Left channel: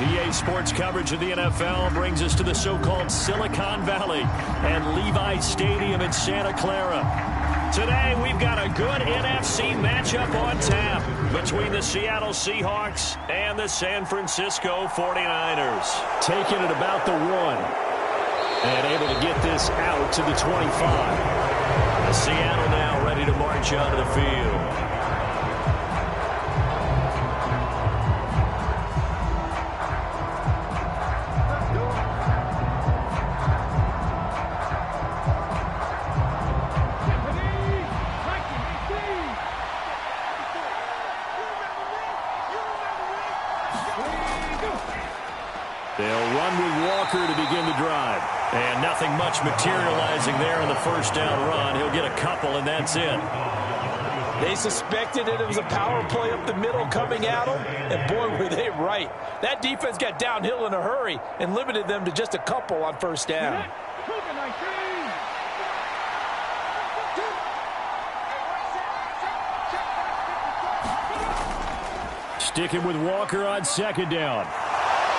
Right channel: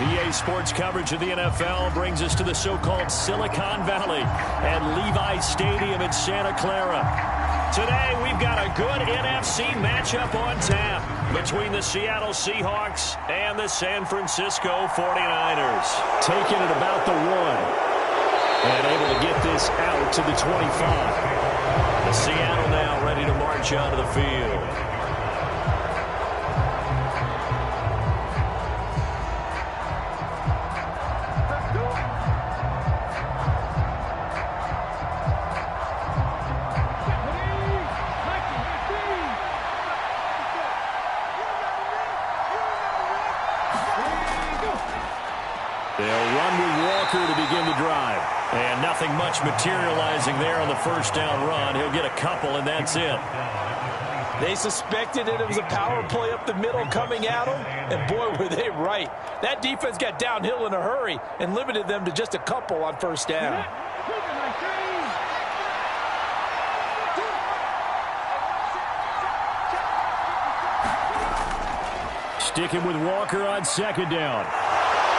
EA Sports coverage of the NFL brings us to the so-called Silicon Valley and Levi's Stadium in Santa Clara. Today, we've got a good NFC matchup on tap between the Seattle Seahawks and the San Francisco 49ers. Taking it about the 1 and able to get this out to the 25. The Seattle now ready to march onto the field. They'll run with Walker to begin the drive. And nothing much materializing there on the first down run. He'll get a couple, and that's it. They suspected it was a power play up the middle coming at them, and boy, were they right. That defense got downhill in a hurry and limited them to just a couple on first down. Sticking with Walker on second down.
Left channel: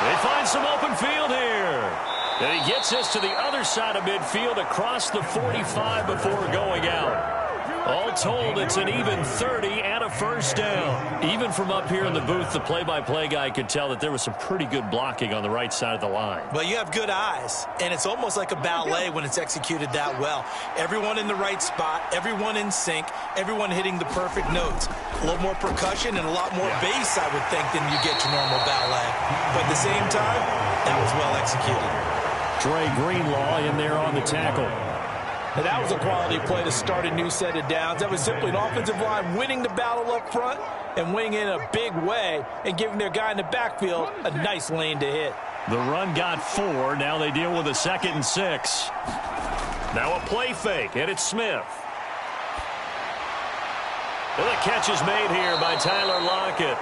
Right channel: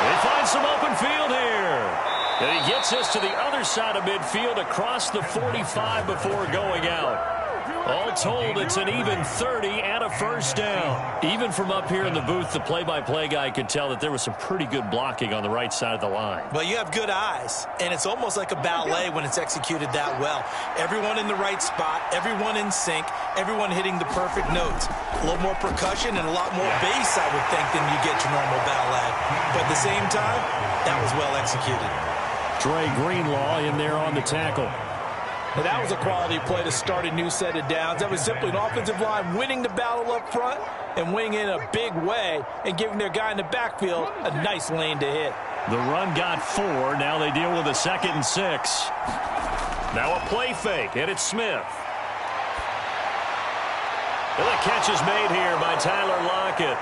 They find some open field here. And he gets us to the other side of midfield across the 45 before going out. All told, it's an even 30 and a first down. Even from up here in the booth, the play-by-play guy could tell that there was some pretty good blocking on the right side of the line. Well, you have good eyes, and it's almost like a ballet when it's executed that well. Everyone in the right spot, everyone in sync, everyone hitting the perfect notes. A little more percussion and a lot more bass, I would think, than you get your normal ballet. But at the same time, that was well executed. Dre Greenlaw in there on the tackle. And that was a quality play to start a new set of downs. That was simply an offensive line winning the battle up front and winning in a big way and giving their guy in the backfield a nice lane to hit. The run got 4. Now they deal with a 2nd and 6. Now a play fake, and it's Smith. And the catch is made here by Tyler Lockett.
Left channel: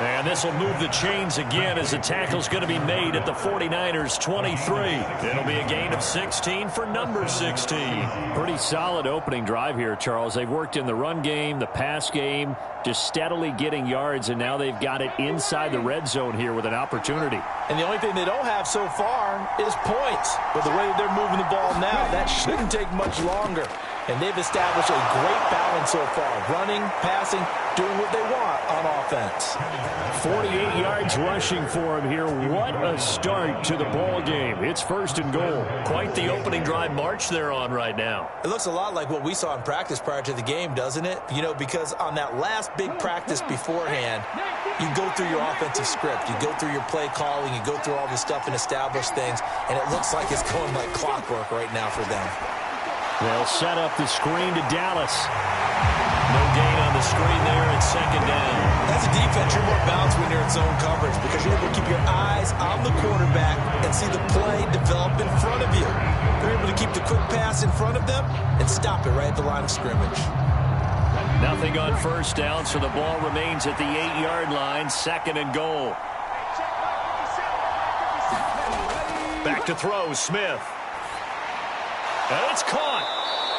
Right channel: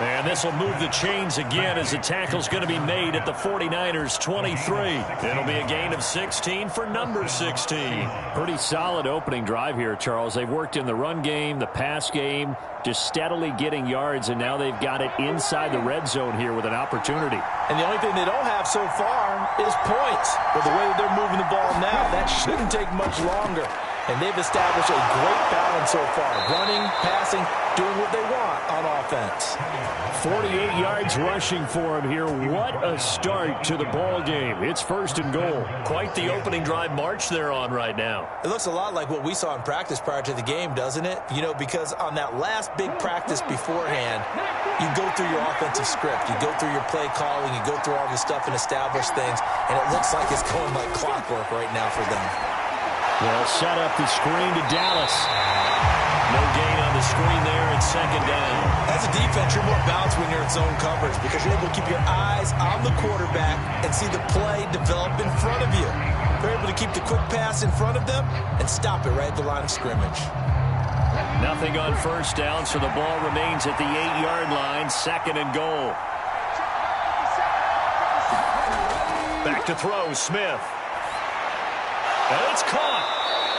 And this will move the chains again as the tackle's going to be made at the 49ers 23. It'll be a gain of 16 for number 16. Pretty solid opening drive here, Charles. They've worked in the run game, the pass game, just steadily getting yards, and now they've got it inside the red zone here with an opportunity. And the only thing they don't have so far is points. But the way that they're moving the ball now, that shouldn't take much longer. And they've established a great balance so far. Running, passing, doing what they want on offense. 48 yards rushing for him here. What a start to the ball game. It's 1st and goal. Quite the opening drive march they're on right now. It looks a lot like what we saw in practice prior to the game, doesn't it? You know, because on that last big practice beforehand, you go through your offensive script. You go through your play calling. You go through all this stuff and establish things. And it looks like it's going like clockwork right now for them. They'll set up the screen to Dallas. No gain on the screen there at 2nd down. As a defense, you're more balanced when you're in zone coverage because you're able to keep your eyes on the quarterback and see the play develop in front of you. They're able to keep the quick pass in front of them and stop it right at the line of scrimmage. Nothing on first down, so the ball remains at the 8-yard line, 2nd and goal. Back to throw, Smith. And it's caught.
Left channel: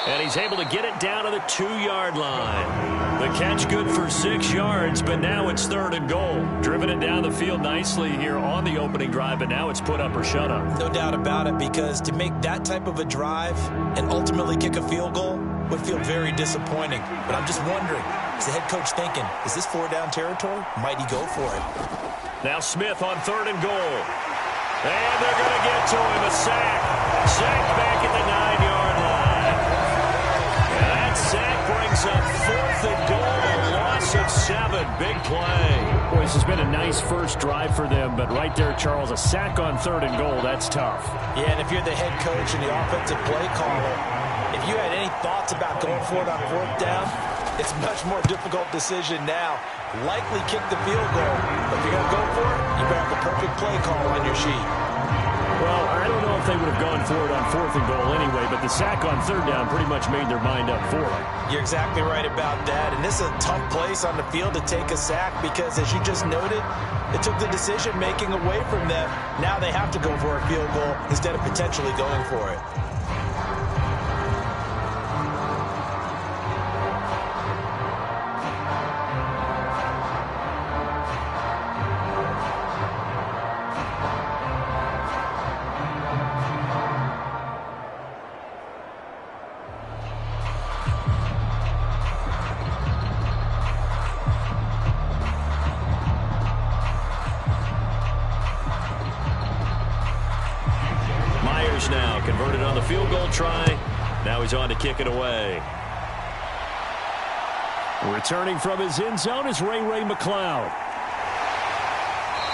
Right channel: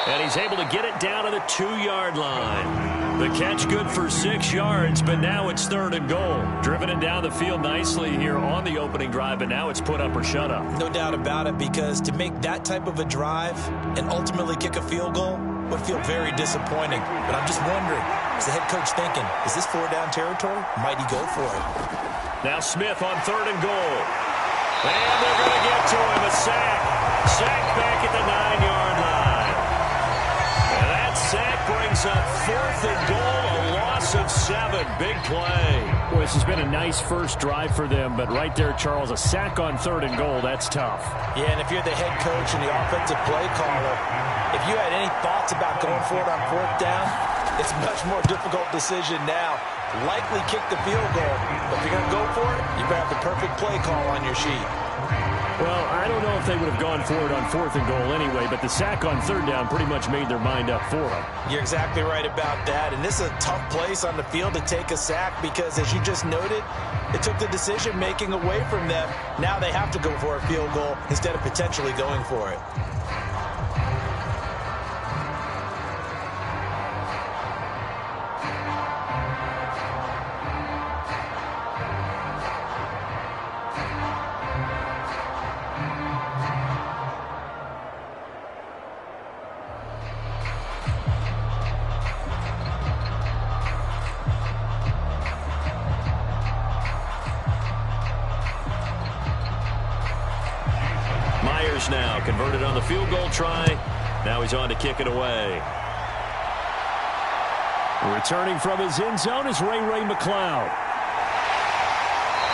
And he's able to get it down to the 2-yard line. The catch good for 6 yards, but now it's 3rd and goal. Driven it down the field nicely here on the opening drive, but now it's put up or shut up. No doubt about it, because to make that type of a drive and ultimately kick a field goal would feel very disappointing. But I'm just wondering, is the head coach thinking, is this 4-down territory? Might he go for it? Now Smith on 3rd and goal. And they're going to get to him, a sack. Sack back at the 9-yard line. And that sack brings up 4th and goal, a loss of 7. Big play. Boy, this has been a nice first drive for them, but right there, Charles, a sack on 3rd and goal, that's tough. Yeah, and if you're the head coach and the offensive play caller, if you had any thoughts about going for it on 4th down, it's a much more difficult decision now. Likely kick the field goal, but if you're going to go for it, you better have the perfect play call on your sheet. Well, I don't know if they would have gone for it on 4th and goal anyway, but the sack on 3rd down pretty much made their mind up for them. You're exactly right about that, and this is a tough place on the field to take a sack because, as you just noted, it took the decision-making away from them. Now they have to go for a field goal instead of potentially going for it. yards now. Converted on the field goal try. Now he's on to kick it away. Returning from his end zone is Ray McCloud.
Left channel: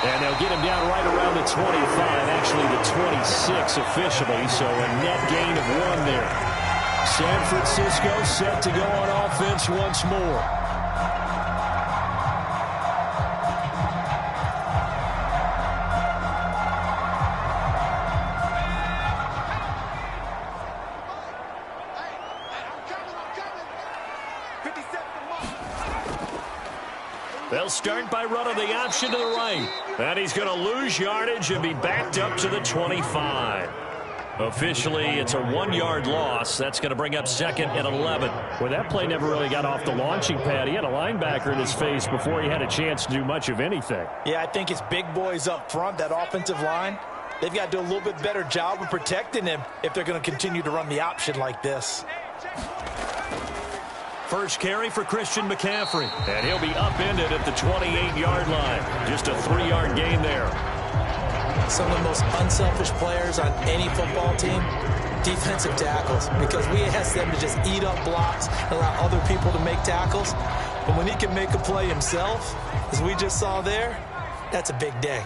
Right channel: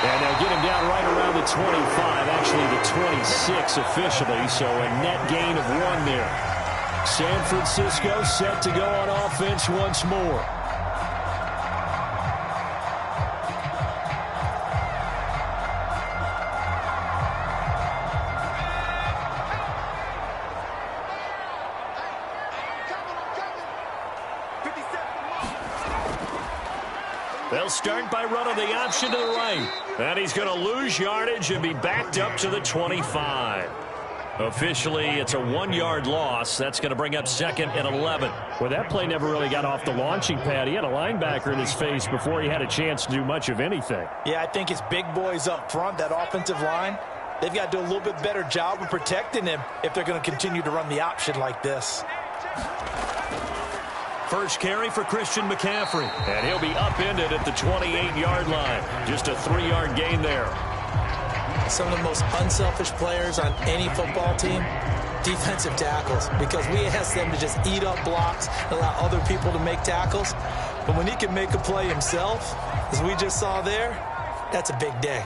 And they'll get him down right around the 25, actually the 26 officially, so a net gain of 1 there. San Francisco set to go on offense once more. They'll start by running the option to the right. And he's going to lose yardage and be backed up to the 25. Officially, it's a 1-yard loss. That's going to bring up 2nd and 11. Well, that play never really got off the launching pad. He had a linebacker in his face before he had a chance to do much of anything. Yeah, I think it's big boys up front, that offensive line. They've got to do a little bit better job of protecting him if they're going to continue to run the option like this. First carry for Christian McCaffrey. And he'll be upended at the 28-yard line. Just a 3-yard gain there. Some of the most unselfish players on any football team, defensive tackles, because we ask them to just eat up blocks and allow other people to make tackles. But when he can make a play himself, as we just saw there, that's a big day.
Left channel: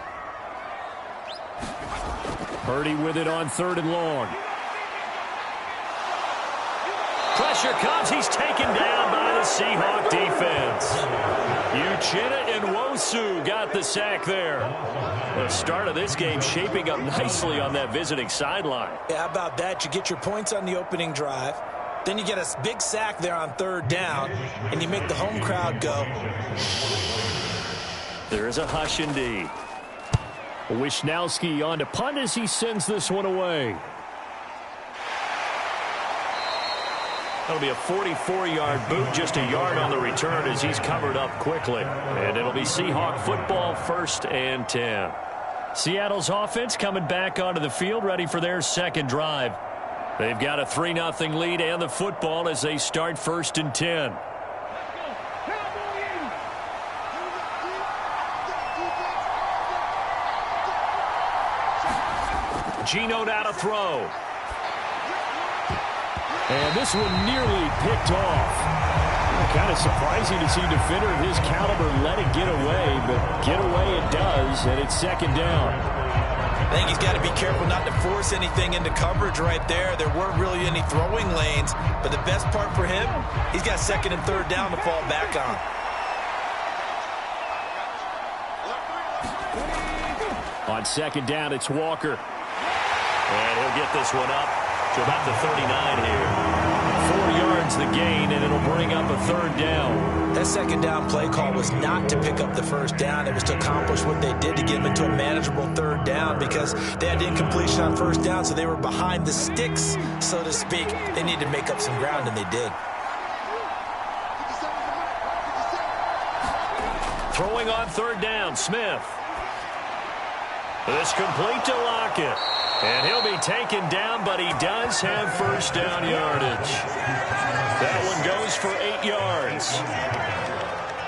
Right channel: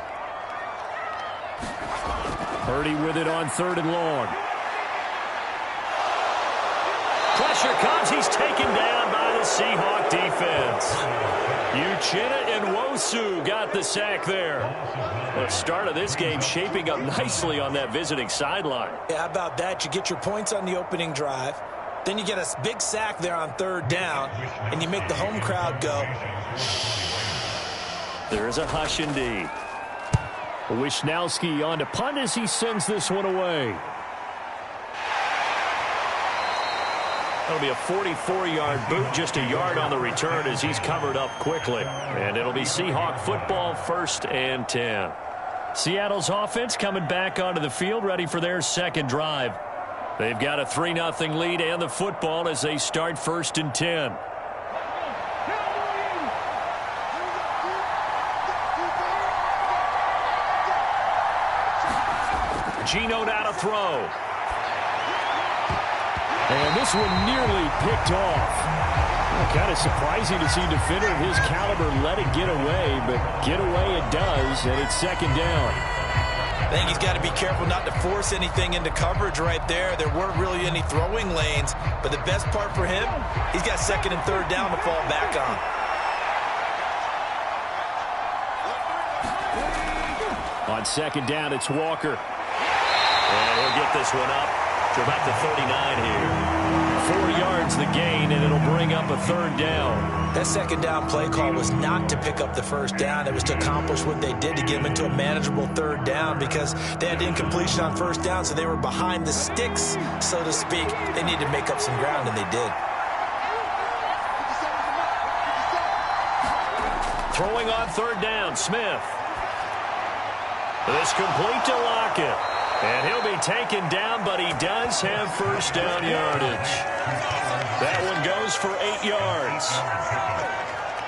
Purdy with it on 3rd and long. Pressure comes. He's taken down by the Seahawk defense. Uchenna and Nwosu got the sack there. The start of this game shaping up nicely on that visiting sideline. Yeah, how about that? You get your points on the opening drive. Then you get a big sack there on 3rd down, and you make the home crowd go. There is a hush indeed. Wishnowski on to punt as he sends this one away. That'll be a 44-yard boot, just a yard on the return as he's covered up quickly. And it'll be Seahawk football, 1st and 10. Seattle's offense coming back onto the field, ready for their 2nd drive. They've got a 3-0 lead and the football as they start 1st and 10. Geno now to throw. And this one nearly picked off. Kind of surprising to see a defender of his caliber let it get away, but get away it does, and it's 2nd down. I think he's got to be careful not to force anything into coverage right there. There weren't really any throwing lanes, but the best part for him, he's got 2nd and 3rd down to fall back on. On 2nd down, it's Walker. And he'll get this one up to about the 39 here. 4 yards the gain, and it'll bring up a 3rd down. That 2nd down play call was not to pick up the 1st down. It was to accomplish what they did to get them into a manageable 3rd down because they had incompletion on 1st down, so they were behind the sticks, so to speak. They needed to make up some ground, and they did. Throwing on 3rd down, Smith. This complete to Lockett. And he'll be taken down, but he does have 1st down yardage. That one goes for 8 yards.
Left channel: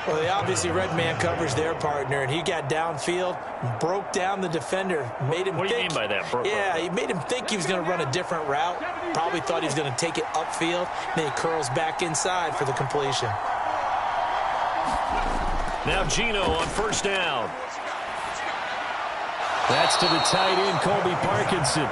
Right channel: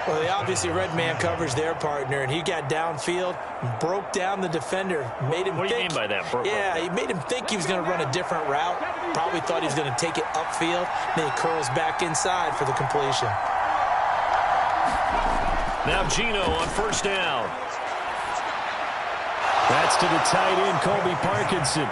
Well, they obviously read man coverage their partner, and he got downfield, broke down the defender, made him What do you mean by that? Yeah, he made him think he was going to run a different route. Probably thought he was going to take it upfield. Then he curls back inside for the completion. Now Geno on 1st down. That's to the tight end, Colby Parkinson.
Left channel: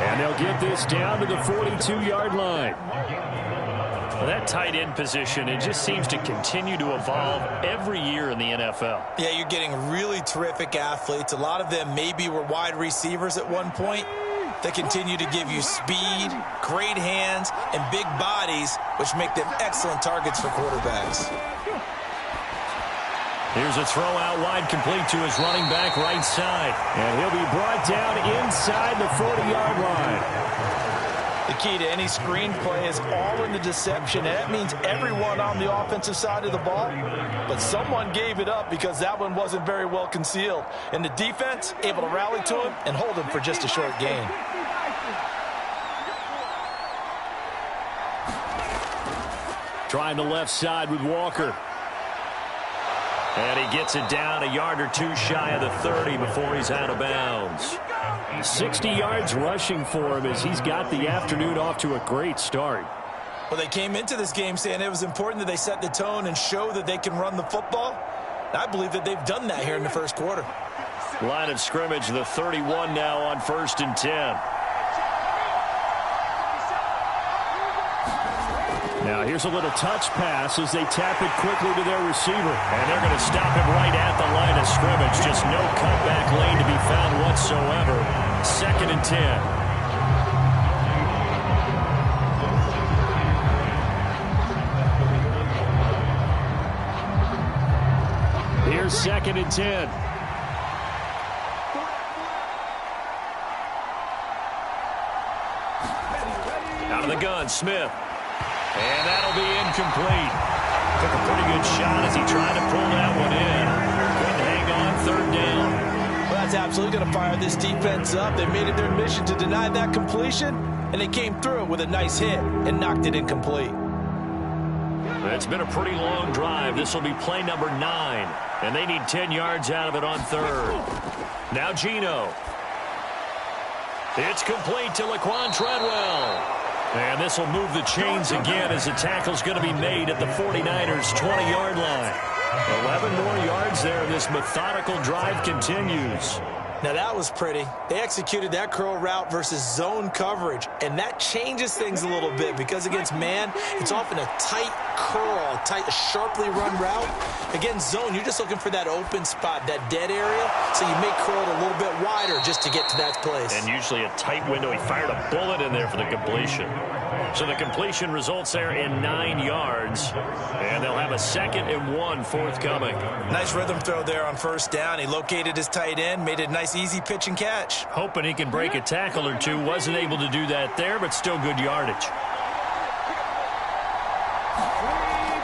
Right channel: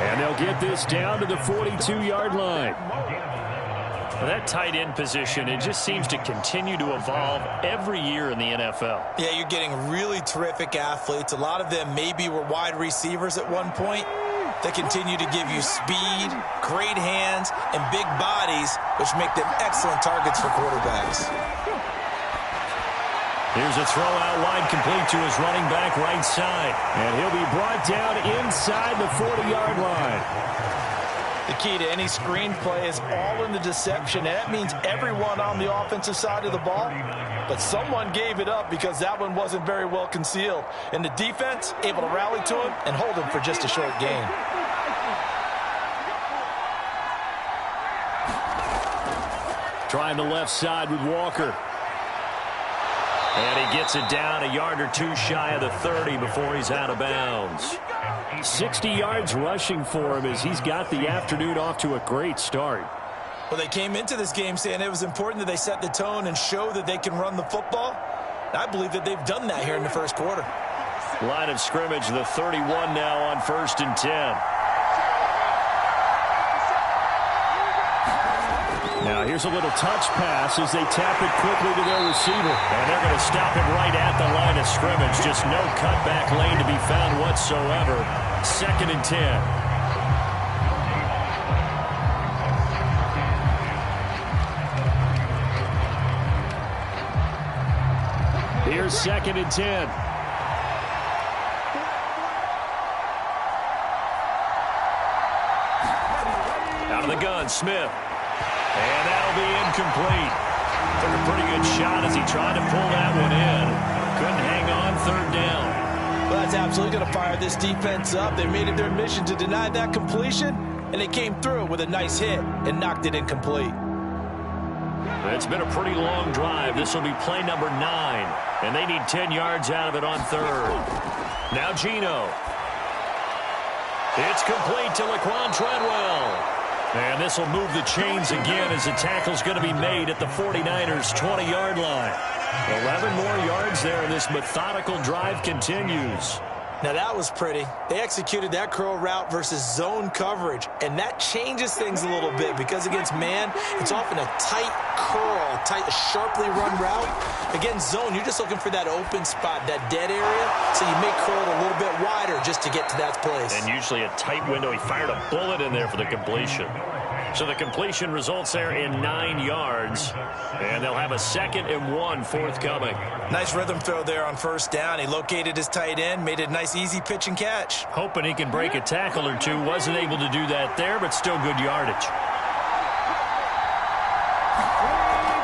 And they'll get this down to the 42-yard line. Well, that tight end position, it just seems to continue to evolve every year in the NFL. Yeah, you're getting really terrific athletes. A lot of them maybe were wide receivers at one point. They continue to give you speed, great hands, and big bodies, which make them excellent targets for quarterbacks. Here's a throw out wide, complete to his running back right side. And he'll be brought down inside the 40-yard line. The key to any screen play is all in the deception, and that means everyone on the offensive side of the ball. But someone gave it up because that one wasn't very well concealed. And the defense able to rally to him and hold him for just a short gain. Trying the left side with Walker. And he gets it down a yard or two shy of the 30 before he's out of bounds. 60 yards rushing for him as he's got the afternoon off to a great start. Well, they came into this game saying it was important that they set the tone and show that they can run the football. And I believe that they've done that here in the first quarter. Line of scrimmage, the 31 now on 1st and 10. Now here's a little touch pass as they tap it quickly to their receiver. And they're going to stop him right at the line of scrimmage. Just no cutback lane to be found whatsoever. 2nd and 10. Here's 2nd and 10. Out of the gun, Smith. And that'll be incomplete. Took a pretty good shot as he tried to pull that one in. Couldn't hang on, 3rd down. Well, that's absolutely going to fire this defense up. They made it their mission to deny that completion, and they came through with a nice hit and knocked it incomplete. It's been a pretty long drive. This will be play number 9, and they need 10 yards out of it on 3rd. Now Geno. It's complete to Laquan Treadwell. And this will move the chains again as the tackle's going to be made at the 49ers' 20-yard line. 11 more yards there, and this methodical drive continues. Now that was pretty. They executed that curl route versus zone coverage, and that changes things a little bit because against man, it's often a tight curl, sharply run route. Against zone, you're just looking for that open spot, that dead area, so you may curl it a little bit wider just to get to that place. And usually a tight window. He fired a bullet in there for the completion. So the completion results there in 9 yards, and they'll have a 2nd and 1 forthcoming. Nice rhythm throw there on 1st down. He located his tight end, made it a nice easy pitch and catch. Hoping he can break a tackle or two. Wasn't able to do that there, but still good yardage.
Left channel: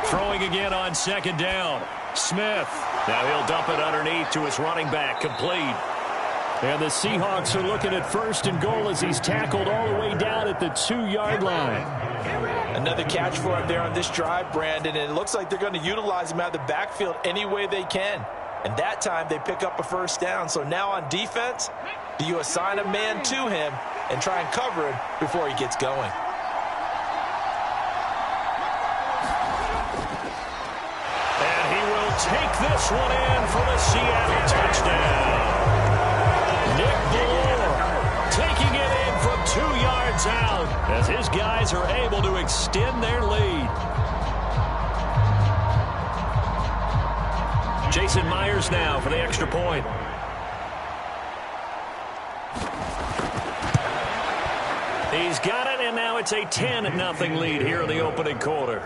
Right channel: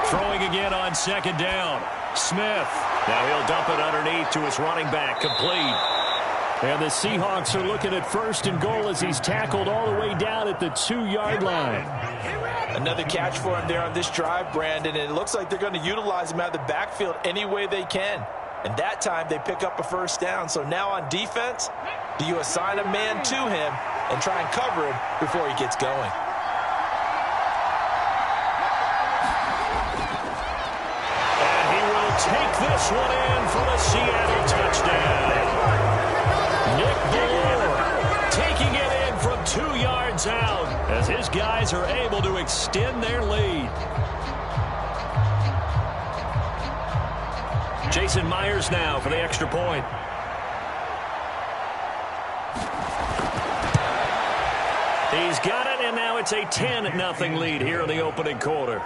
Throwing again on 2nd down. Smith. Now he'll dump it underneath to his running back. Complete. And the Seahawks are looking at 1st and goal as he's tackled all the way down at the 2-yard line. Another catch for him there on this drive, Brandon, and it looks like they're going to utilize him out of the backfield any way they can. And that time they pick up a 1st down. So now on defense, do you assign a man to him and try and cover him before he gets going? And he will take this one in for the Seattle touchdown. Nick Ballore taking it in from 2 yards out as his guys are able to extend their lead. Jason Myers now for the extra point. He's got it, and now it's a 10-0 lead here in the opening quarter.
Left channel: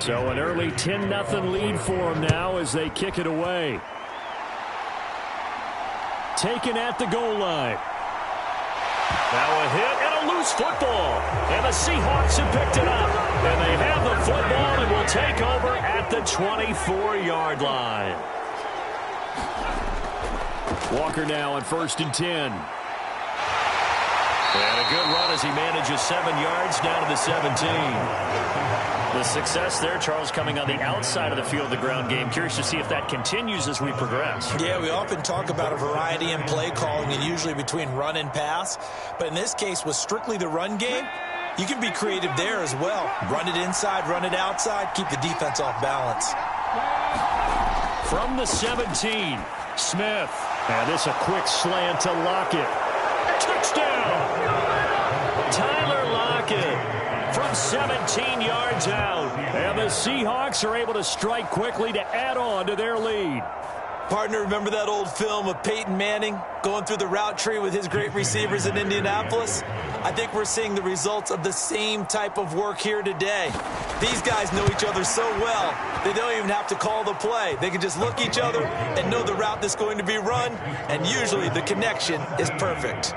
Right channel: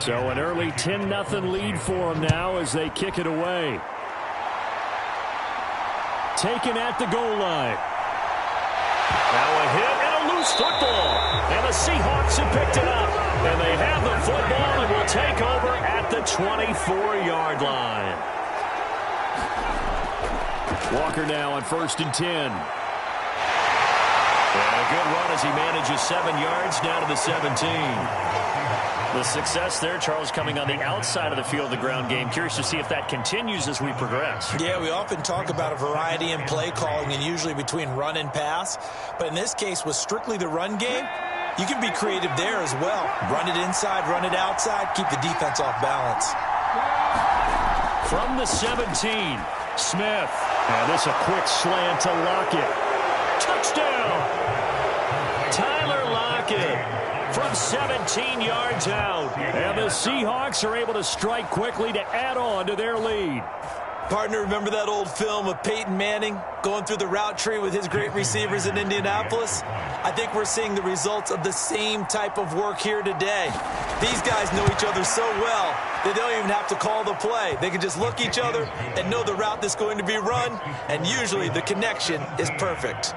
So an early 10-0 lead for them now as they kick it away. Taken at the goal line. Now a hit and a loose football. And the Seahawks have picked it up. And they have the football and will take over at the 24-yard line. Walker now on 1st and 10. And a good run as he manages 7 yards down to the 17. The success there, Charles, coming on the outside of the field, the ground game. Curious to see if that continues as we progress. Yeah, we often talk about a variety in play calling and usually between run and pass. But in this case, with strictly the run game, you can be creative there as well. Run it inside, run it outside, keep the defense off balance. From the 17, Smith. And this a quick slant to Lockett. Touchdown! Tyler Lockett from 17 yards out. And the Seahawks are able to strike quickly to add on to their lead. Partner, remember that old film of Peyton Manning going through the route tree with his great receivers in Indianapolis? I think we're seeing the results of the same type of work here today. These guys know each other so well, they don't even have to call the play. They can just look each other and know the route that's going to be run, and usually the connection is perfect.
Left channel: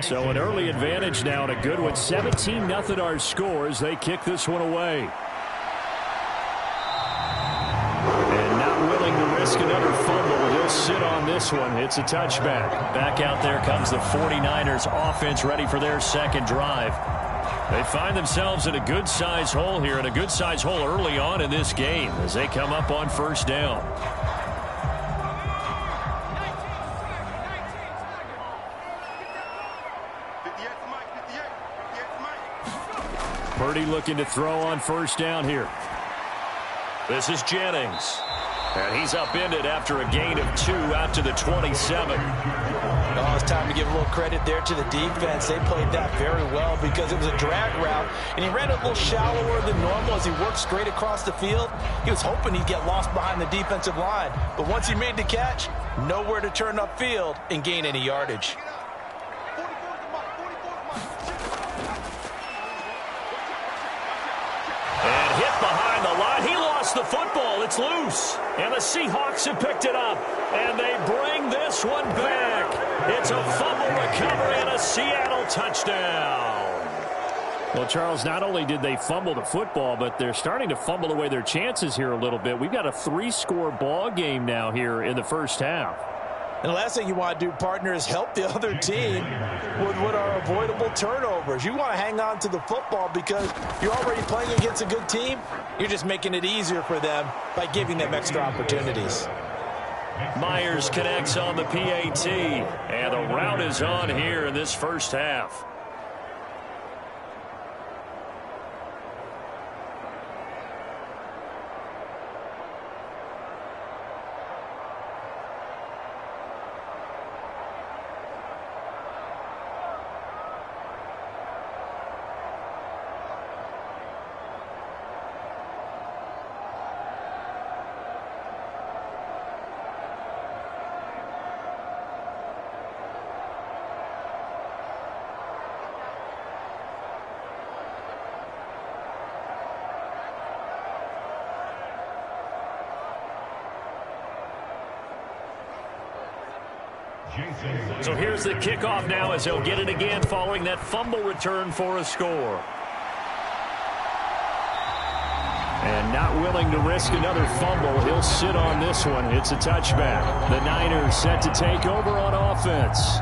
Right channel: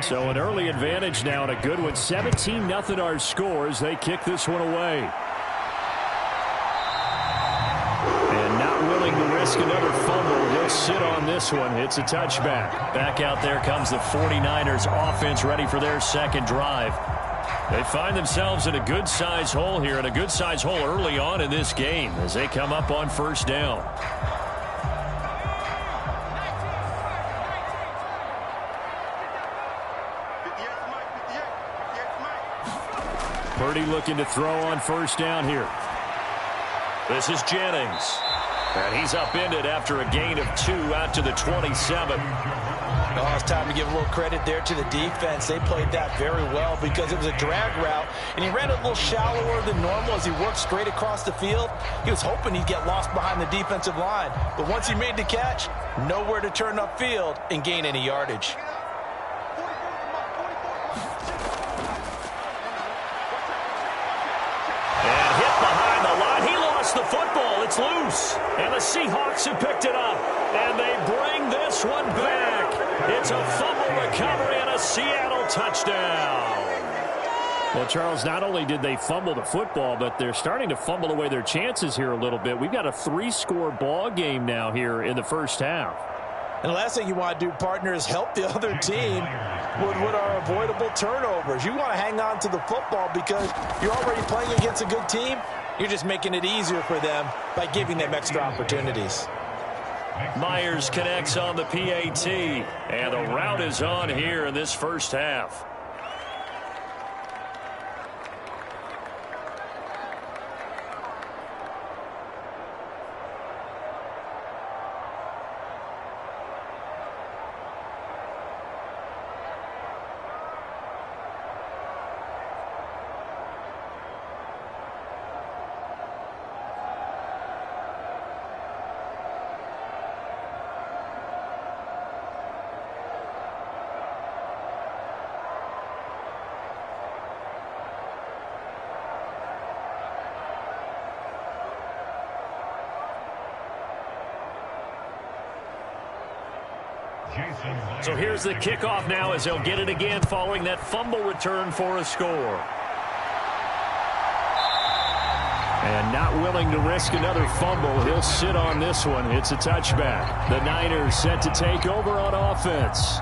So an early advantage now and a good one. 17-0 our score as they kick this one away. And not willing to risk another fumble. He'll sit on this one. It's a touchback. Back out there comes the 49ers offense ready for their second drive. They find themselves in a good-sized hole here, and a good-sized hole early on in this game as they come up on first down. Purdy looking to throw on first down here. This is Jennings. And he's upended after a gain of 2 out to the 27. Oh, it's time to give a little credit there to the defense. They played that very well because it was a drag route, and he ran it a little shallower than normal as he worked straight across the field. He was hoping he'd get lost behind the defensive line, but once he made the catch, nowhere to turn upfield and gain any yardage. And hit behind the line. He lost the football. It's loose. And the Seahawks have picked it up. And they bring this one back. It's a fumble recovery and a Seattle touchdown. Well, Charles, not only did they fumble the football, but they're starting to fumble away their chances here a little bit. We've got a 3-score ball game now here in the first half. And the last thing you want to do, partner, is help the other team with what are avoidable turnovers. You want to hang on to the football because you're already playing against a good team. You're just making it easier for them by giving them extra opportunities. Myers connects on the PAT, and the route is on here in this first half. So here's the kickoff now as they'll get it again following that fumble return for a score. And not willing to risk another fumble. He'll sit on this one. It's a touchback. The Niners set to take over on offense.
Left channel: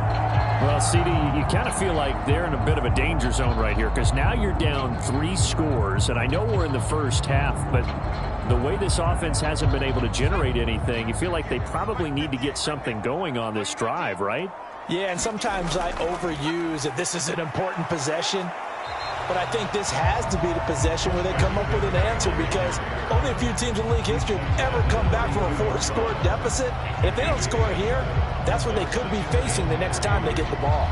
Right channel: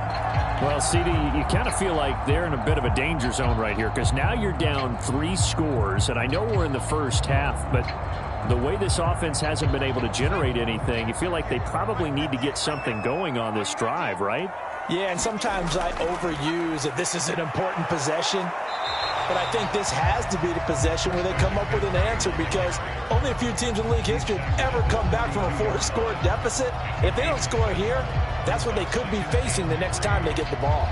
Well, CD, you kind of feel like they're in a bit of a danger zone right here because now you're down 3 scores. And I know we're in the first half, but the way this offense hasn't been able to generate anything, you feel like they probably need to get something going on this drive, right? Yeah, and sometimes I overuse that this is an important possession. But I think this has to be the possession where they come up with an answer because only a few teams in league history have ever come back from a 4-score deficit. And if they don't score here, that's what they could be facing the next time they get the ball.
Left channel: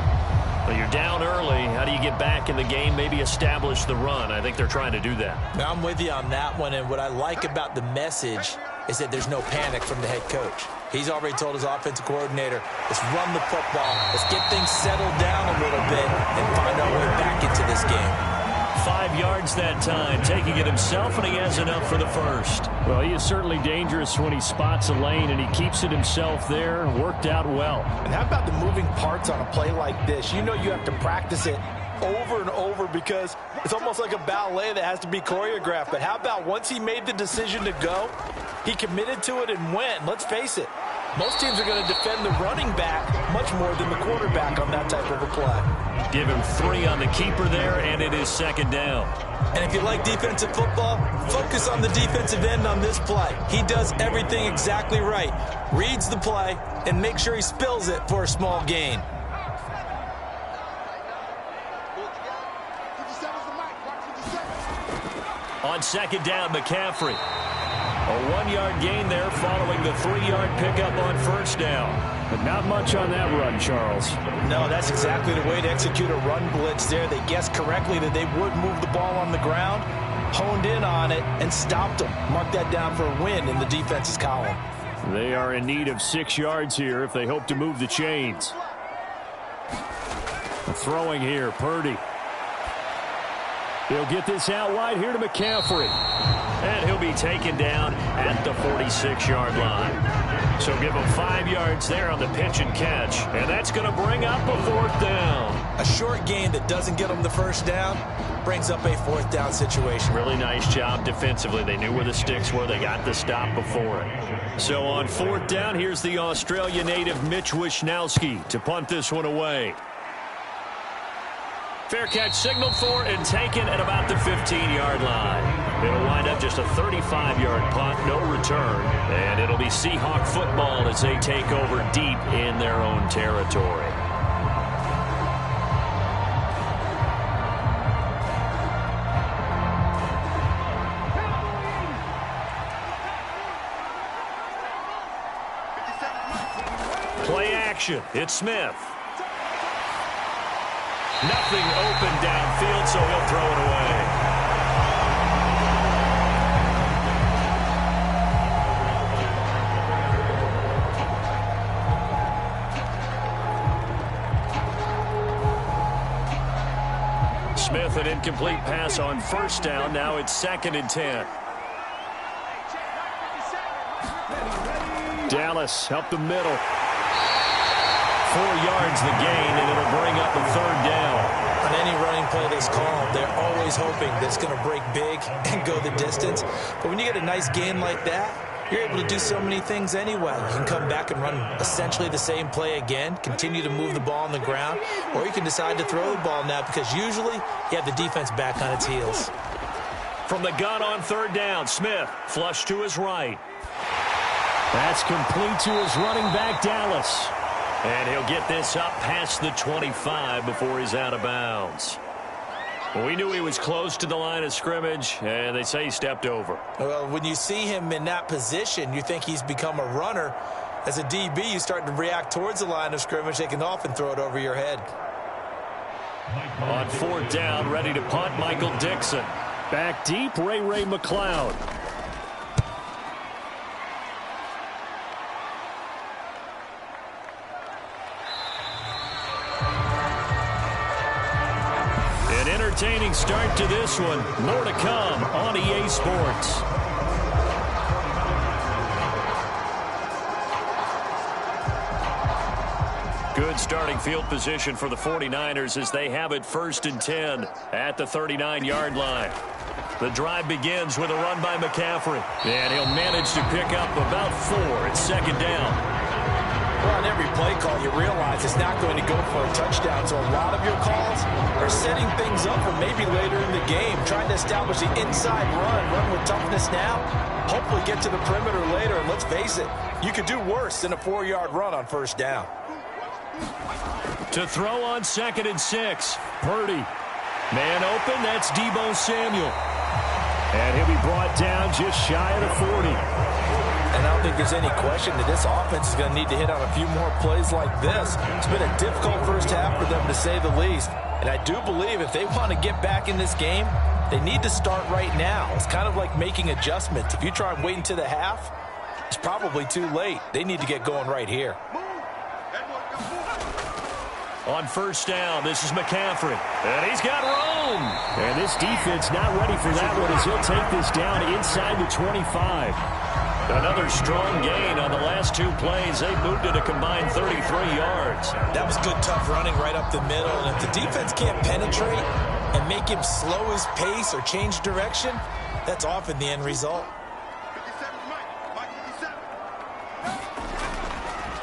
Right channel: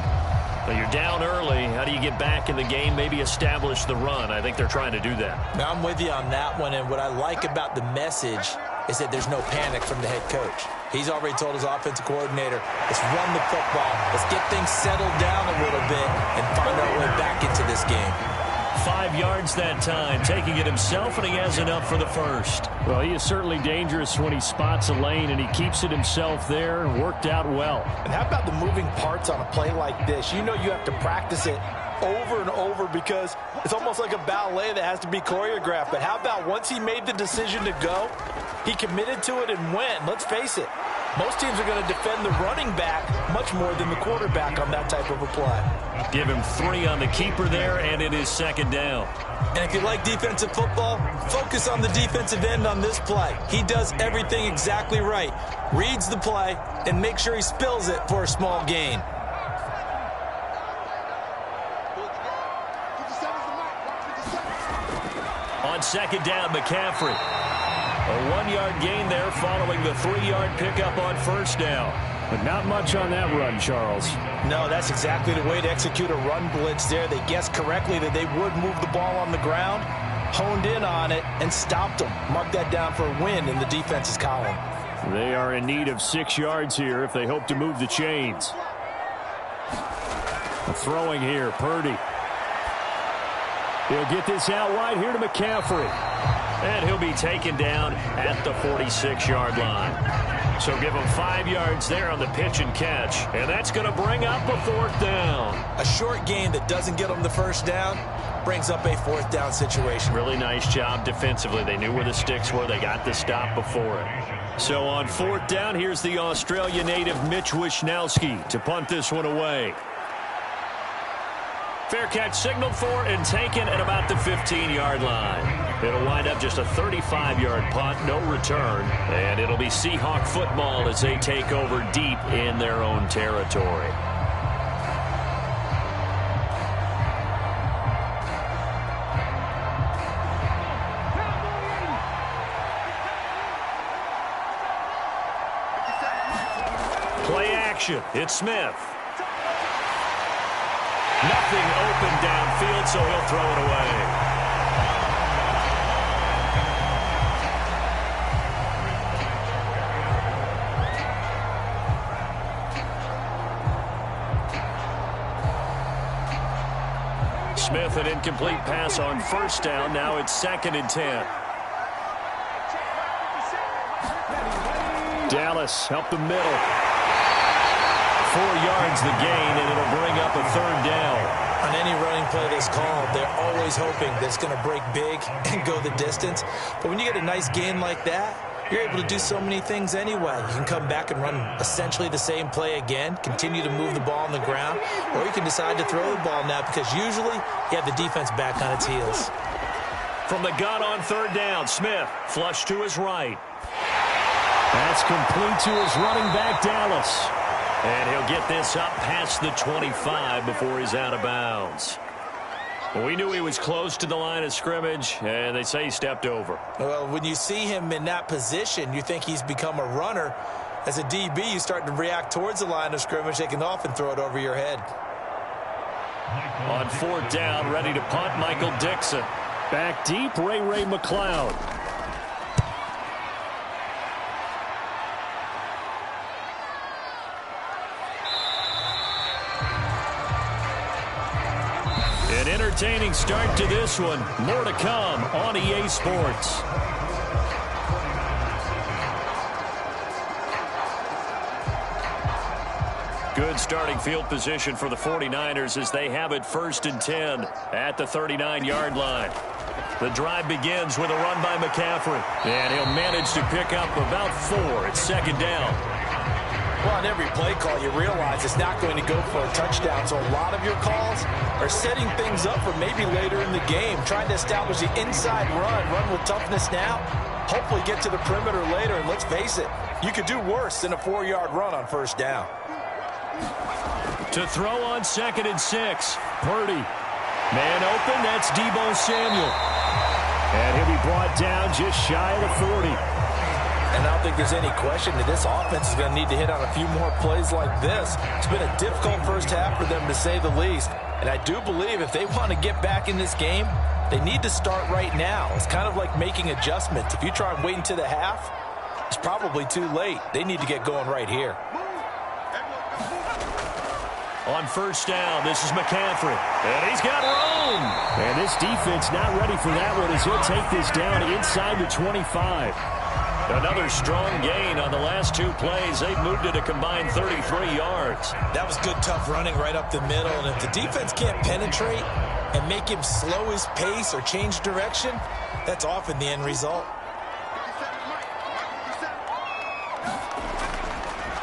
Well, you're down early. How do you get back in the game, maybe establish the run? I think they're trying to do that. Now, I'm with you on that one, and what I like about the message is that there's no panic from the head coach. He's already told his offensive coordinator, let's run the football, let's get things settled down a little bit and find our way back into this game. 5 yards that time, taking it himself, and he has enough for the first. Well, he is certainly dangerous when he spots a lane, and he keeps it himself there. Worked out well. And how about the moving parts on a play like this? You know you have to practice it over and over because it's almost like a ballet that has to be choreographed. But how about once he made the decision to go, he committed to it and went. Let's face it, Most teams are going to defend the running back much more than the quarterback on that type of a play. Give him 3 on the keeper there, and it is 2nd down. And if you like defensive football, focus on the defensive end on this play. He does everything exactly right. Reads the play and makes sure he spills it for a small gain. On 2nd down, McCaffrey. A 1-yard gain there following the 3-yard pickup on 1st down. But not much on that run, Charles. No, that's exactly the way to execute a run blitz there. They guessed correctly that they would move the ball on the ground, honed in on it, and stopped them. Mark that down for a win in the defense's column. They are in need of 6 yards here if they hope to move the chains. Throwing here, Purdy. He'll get this out wide here to McCaffrey. And he'll be taken down at the 46-yard line. So give him 5 yards there on the pitch and catch. And that's going to bring up a 4th down. A short gain that doesn't get them the 1st down brings up a 4th down situation. Really nice job defensively. They knew where the sticks were. They got the stop before it. So on 4th down, here's the Australia native Mitch Wishnowski to punt this one away. Fair catch signaled for and taken at about the 15-yard line. It'll wind up just a 35-yard punt, no return, and it'll be Seahawk football as they take over deep in their own territory. Play action. It's Smith. Nothing open downfield, so he'll throw it away. Smith, an incomplete pass on 1st down. Now it's 2nd and 10. Dallas help the middle. 4 yards the gain, and it'll bring up a 3rd down. On any running play that's called, they're always hoping that it's going to break big and go the distance. But when you get a nice gain like that, you're able to do so many things anyway. You can come back and run essentially the same play again, continue to move the ball on the ground, or you can decide to throw the ball now because usually you have the defense back on its heels. From the gun on 3rd down, Smith flush to his right. That's complete to his running back, Dallas. And he'll get this up past the 25 before he's out of bounds. Well, we knew he was close to the line of scrimmage, and they say he stepped over. Well, when you see him in that position, you think he's become a runner. As a DB, you start to react towards the line of scrimmage. They can often throw it over your head. On 4th down, ready to punt, Michael Dixon. Back deep, Ray McLeod. An entertaining start to this one. More to come on EA Sports. Good starting field position for the 49ers as they have it 1st and 10 at the 39-yard line. The drive begins with a run by McCaffrey, and he'll manage to pick up about 4 at 2nd down. Well, on every play call, you realize it's not going to go for a touchdown. So a lot of your calls are setting things up for maybe later in the game, trying to establish the inside run with toughness now, hopefully get to the perimeter later. And let's face it, you could do worse than a 4-yard run on 1st down. To throw on 2nd and 6, Purdy. Man open, that's Deebo Samuel. And he'll be brought down just shy of the 40. And I don't think there's any question that this offense is going to need to hit on a few more plays like this. It's been a difficult 1st half for them, to say the least. And I do believe if they want to get back in this game, they need to start right now. It's kind of like making adjustments. If you try and wait until the half, it's probably too late. They need to get going right here. On 1st down, this is McCaffrey. And he's got room. And this defense not ready for that one as he'll take this down inside the 25. Another strong gain on the last 2 plays. They've moved it a combined 33 yards. That was good, tough running right up the middle. And if the defense can't penetrate and make him slow his pace or change direction, that's often the end result.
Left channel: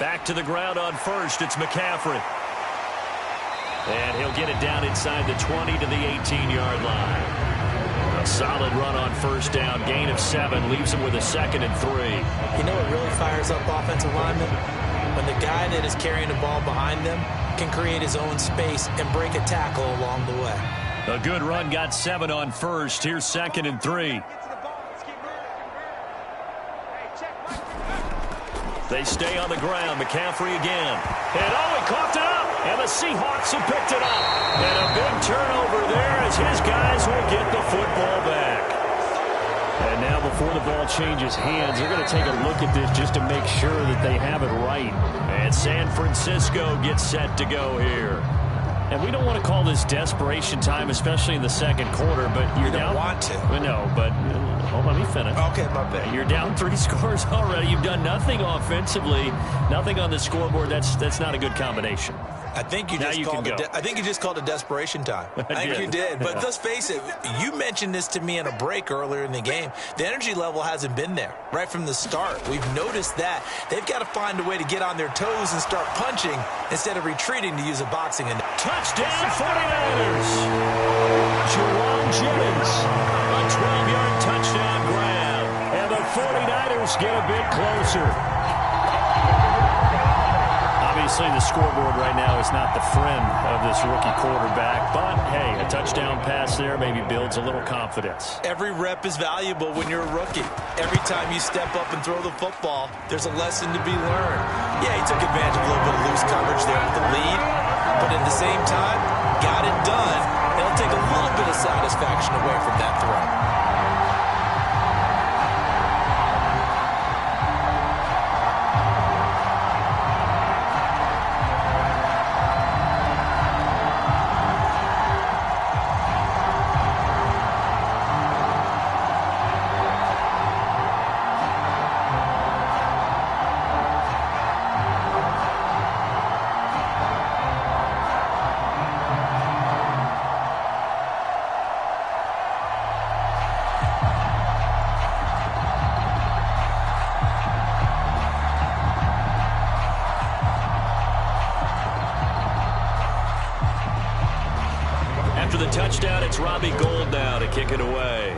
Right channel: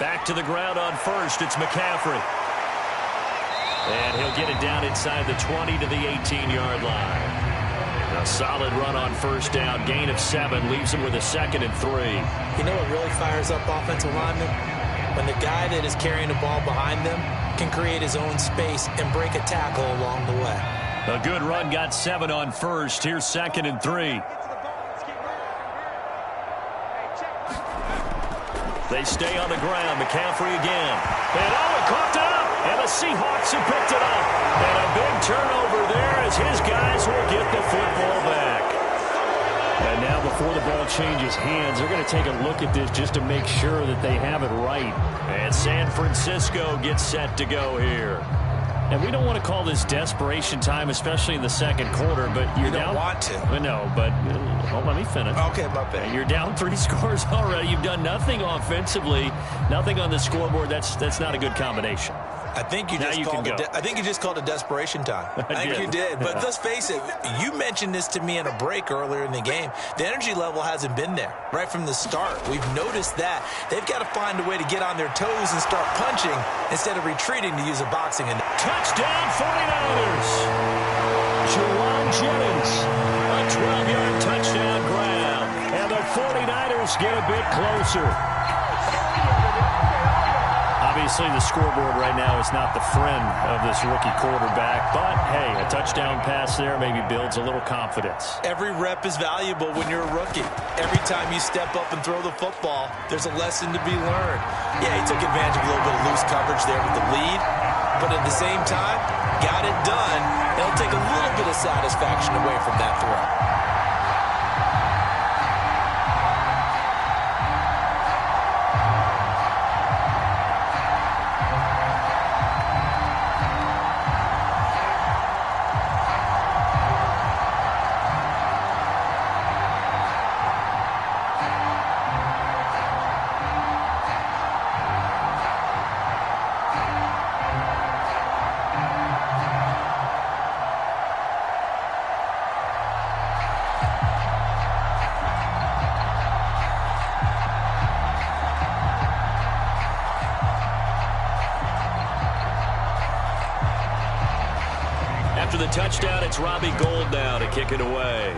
Back to the ground on first. It's McCaffrey. And he'll get it down inside the 20 to the 18-yard line. A solid run on first down. Gain of 7 leaves him with a 2nd and 3. You know what really fires up offensive linemen? When the guy that is carrying the ball behind them can create his own space and break a tackle along the way. A good run got 7 on first. Here's 2nd and 3. They stay on the ground. McCaffrey again. And he coughed it up. And the Seahawks have picked it up. And a big turnover there as his guys will get the football back. And now before the ball changes hands, they're going to take a look at this just to make sure that they have it right. And San Francisco gets set to go here. And we don't want to call this desperation time, especially in the second quarter, but you're you down. Don't want to. No, but let me finish. Okay, my bad. You're down 3 scores already. You've done nothing offensively, nothing on the scoreboard. That's not a good combination. I think you just called it desperation time. I think you did. But let's face it, you mentioned this to me in a break earlier in the game. The energy level hasn't been there right from the start. We've noticed that. They've got to find a way to get on their toes and start punching instead of retreating to use a boxing. And touchdown 49ers. Juwan Jennings, a 12-yard touchdown grab. And the 49ers get a bit closer. Obviously, the scoreboard right now is not the friend of this rookie quarterback. But, hey, a touchdown pass there maybe builds a little confidence. Every rep is valuable when you're a rookie. Every time you step up and throw the football, there's a lesson to be learned. Yeah, he took advantage of a little bit of loose coverage there with the lead. But at the same time, got it done. It'll take a little bit of satisfaction away from that throw. After the touchdown, it's Robbie Gould now to kick it away.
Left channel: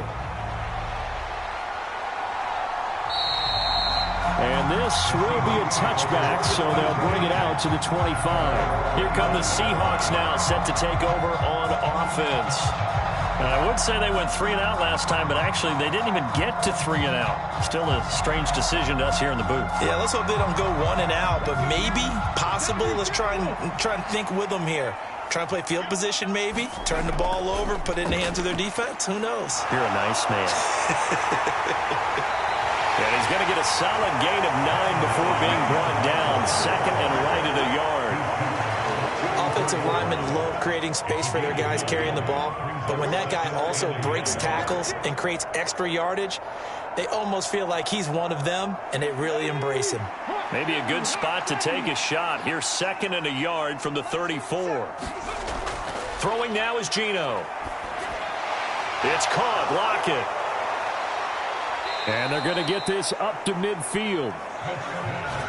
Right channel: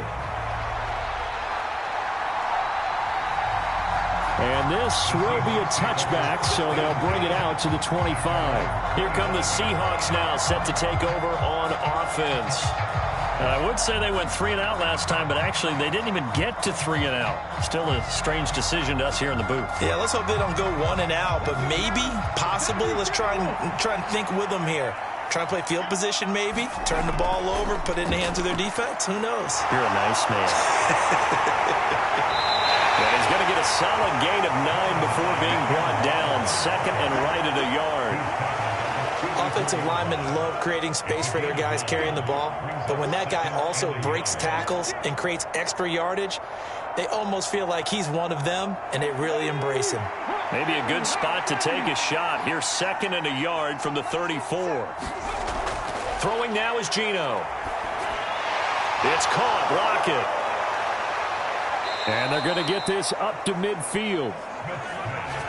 And this will be a touchback, so they'll bring it out to the 25. Here come the Seahawks now, set to take over on offense. And I would say they went 3 and out last time, but actually they didn't even get to 3 and out. Still a strange decision to us here in the booth. Yeah, let's hope they don't go 1 and out, but maybe, possibly, let's try and think with them here. Try and play field position maybe, turn the ball over, put it in the hands of their defense. Who knows? You're a nice man. And he's going to get a solid gain of 9 before being brought down. 2nd and right at a yard. Offensive linemen love creating space for their guys carrying the ball, but when that guy also breaks tackles and creates extra yardage, they almost feel like he's one of them, and they really embrace him. Maybe a good spot to take a shot. Here's 2nd and a yard from the 34. Throwing now is Geno. It's caught. Lockett. And they're going to get this up to midfield.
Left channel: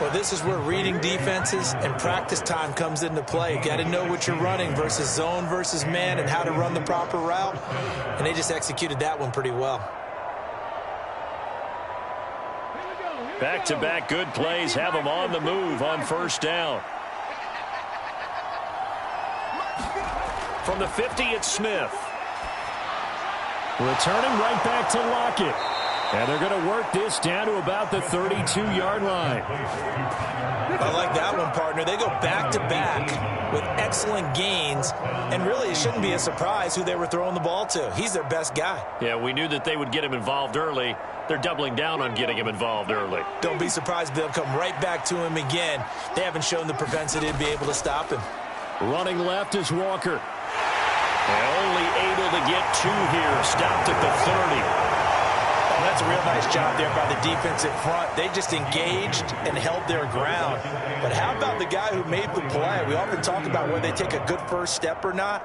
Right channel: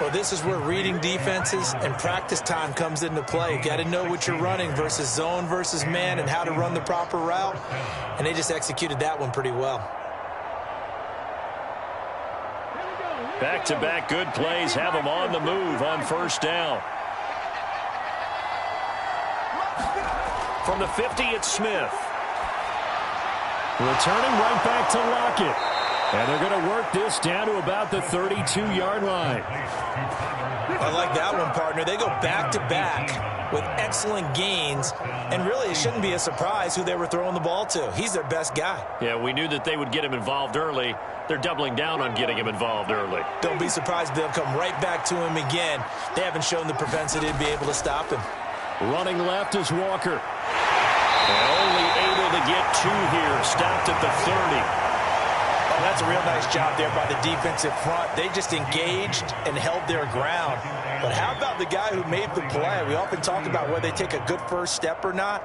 Well, this is where reading defenses and practice time comes into play. Got to know what you're running versus zone versus man and how to run the proper route. And they just executed that one pretty well. Back-to-back good plays have them on the move on first down. From the 50, it's Smith. Returning right back to Lockett. And they're going to work this down to about the 32-yard line. I like that one, partner. They go back-to-back with excellent gains. And really, it shouldn't be a surprise who they were throwing the ball to. He's their best guy. Yeah, we knew that they would get him involved early. They're doubling down on getting him involved early. Don't be surprised they'll come right back to him again. They haven't shown the propensity to be able to stop him. Running left is Walker. And only able to get 2 here. Stopped at the 30. Oh, that's a real nice job there by the defensive front. They just engaged and held their ground. But how about the guy who made the play? We often talk about whether they take a good first step or not.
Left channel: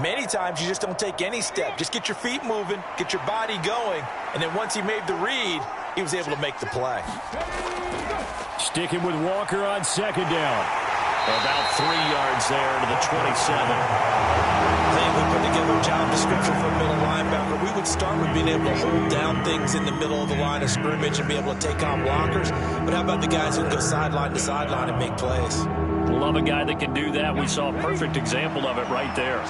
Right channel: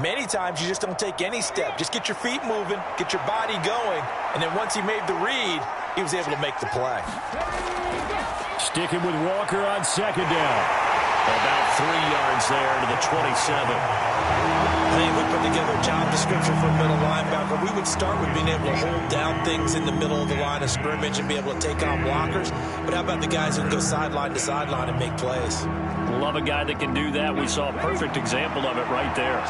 Many times you just don't take any step. Just get your feet moving, get your body going, and then once he made the read, he was able to make the play. Sticking with Walker on second down. About 3 yards there to the 27. I think if we put together a job description for a middle linebacker, we would start with being able to hold down things in the middle of the line of scrimmage and be able to take on blockers. But how about the guys who can go sideline to sideline and make plays? Love a guy that can do that. We saw a perfect example of it right there.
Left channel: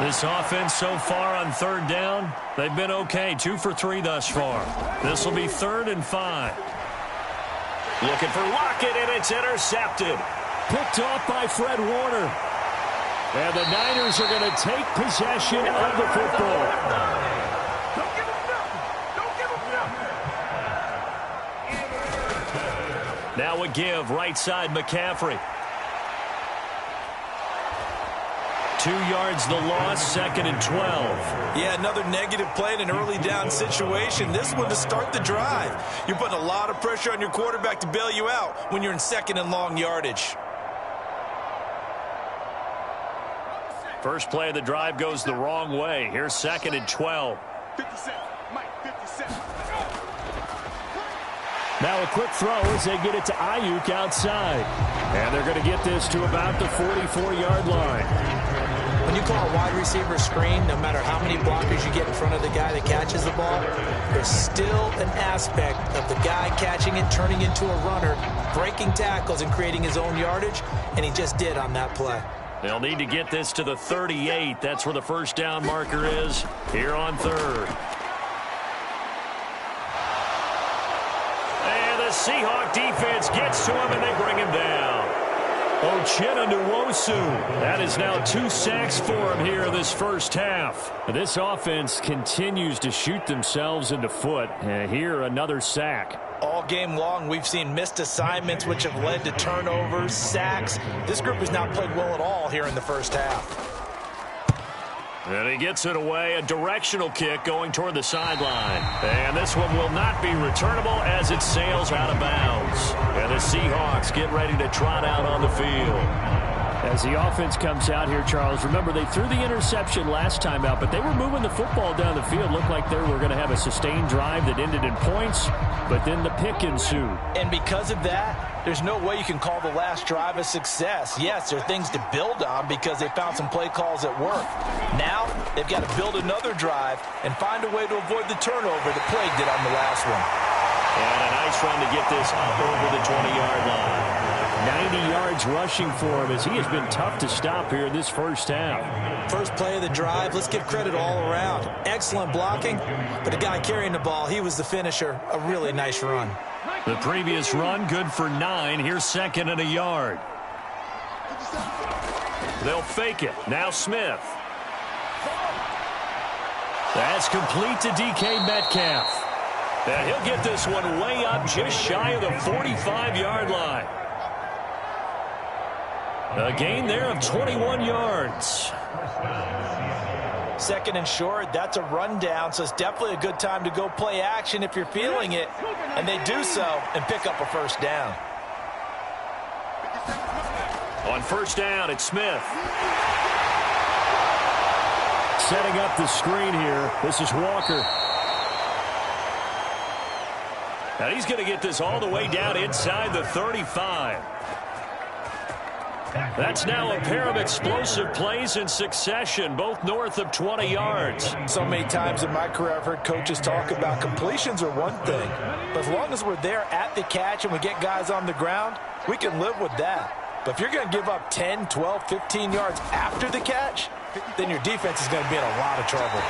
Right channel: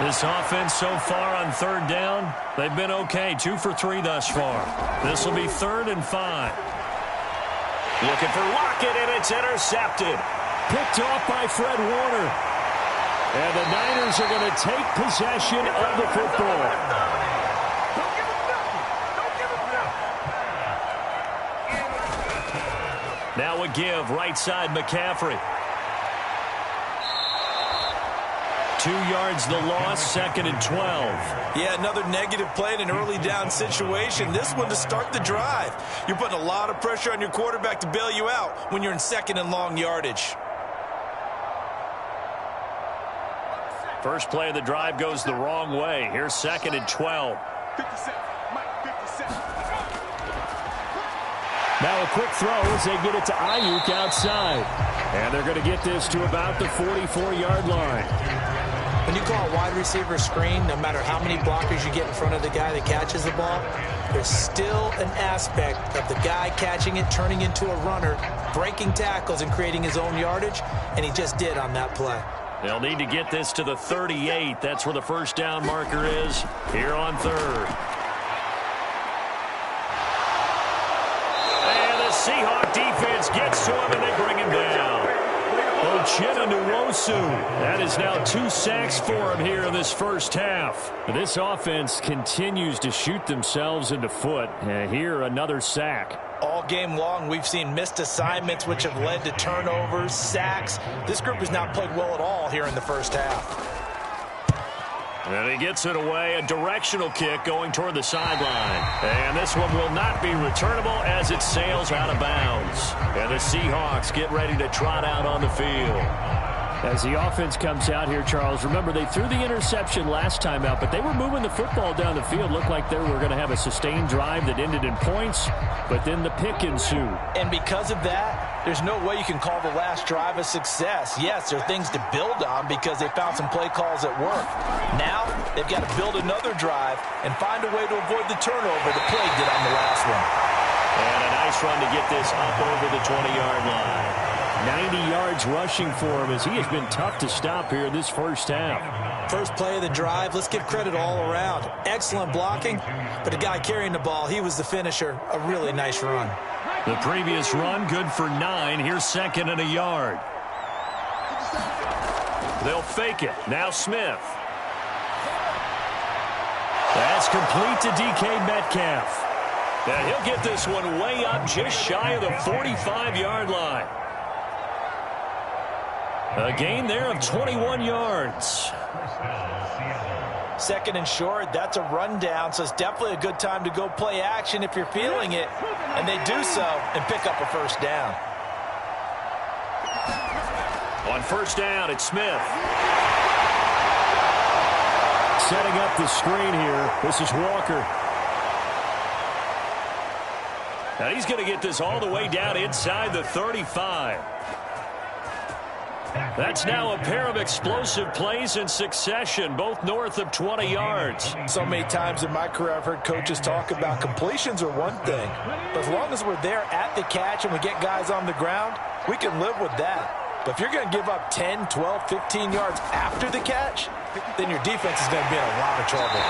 This offense so far on third down, they've been okay. 2 for 3 thus far. This will be 3rd and 5. Looking for Lockett, and it's intercepted. Picked off by Fred Warner. And the Niners are going to take possession of the football. Don't give him nothing. Don't give him nothing. Now a give, right side McCaffrey. 2 yards the loss, 2nd and 12. Yeah, another negative play in an early down situation. This one to start the drive. You're putting a lot of pressure on your quarterback to bail you out when you're in 2nd and long yardage. First play of the drive goes the wrong way. Here's 2nd and 12. 57. Mike, 57. Now a quick throw as they get it to Ayuk outside. And they're going to get this to about the 44-yard line. When you call a wide receiver screen, no matter how many blockers you get in front of the guy that catches the ball, there's still an aspect of the guy catching it, turning into a runner, breaking tackles and creating his own yardage, and he just did on that play. They'll need to get this to the 38. That's where the first down marker is here on 3rd. And the Seahawk defense gets to him, and they bring him down. Uchenna Nwosu. That is now 2 sacks for him here in this first half. This offense continues to shoot themselves in the foot. Here, another sack. All game long, we've seen missed assignments, which have led to turnovers, sacks. This group has not played well at all here in the first half. And he gets it away, a directional kick going toward the sideline. And this one will not be returnable as it sails out of bounds. And the Seahawks get ready to trot out on the field. As the offense comes out here, Charles, remember they threw the interception last time out, but they were moving the football down the field. Looked like they were going to have a sustained drive that ended in points, but then the pick ensued. And because of that, there's no way you can call the last drive a success. Yes, there are things to build on because they found some play calls that work. Now, they've got to build another drive and find a way to avoid the turnover that plagued it on the last one. And a nice run to get this up over the 20-yard line. 90 yards rushing for him as he has been tough to stop here in this first half. First play of the drive, let's give credit all around. Excellent blocking, but the guy carrying the ball, he was the finisher. A really nice run. The previous run, good for 9. Here's 2nd and a yard. They'll fake it. Now Smith. That's complete to DK Metcalf. And he'll get this one way up just shy of the 45-yard line. A gain there of 21 yards. 2nd and short, that's a rundown, so it's definitely a good time to go play action if you're feeling it. And they do so and pick up a first down. On first down, it's Smith. Setting up the screen here. This is Walker. And he's going to get this all the way down inside the 35. That's now a pair of explosive plays in succession, both north of 20 yards. So many times in my career I've heard coaches talk about completions are one thing, but as long as we're there at the catch and we get guys on the ground, we can live with that. But if you're going to give up 10, 12, 15 yards after the catch, then your defense is going to be in a lot of trouble.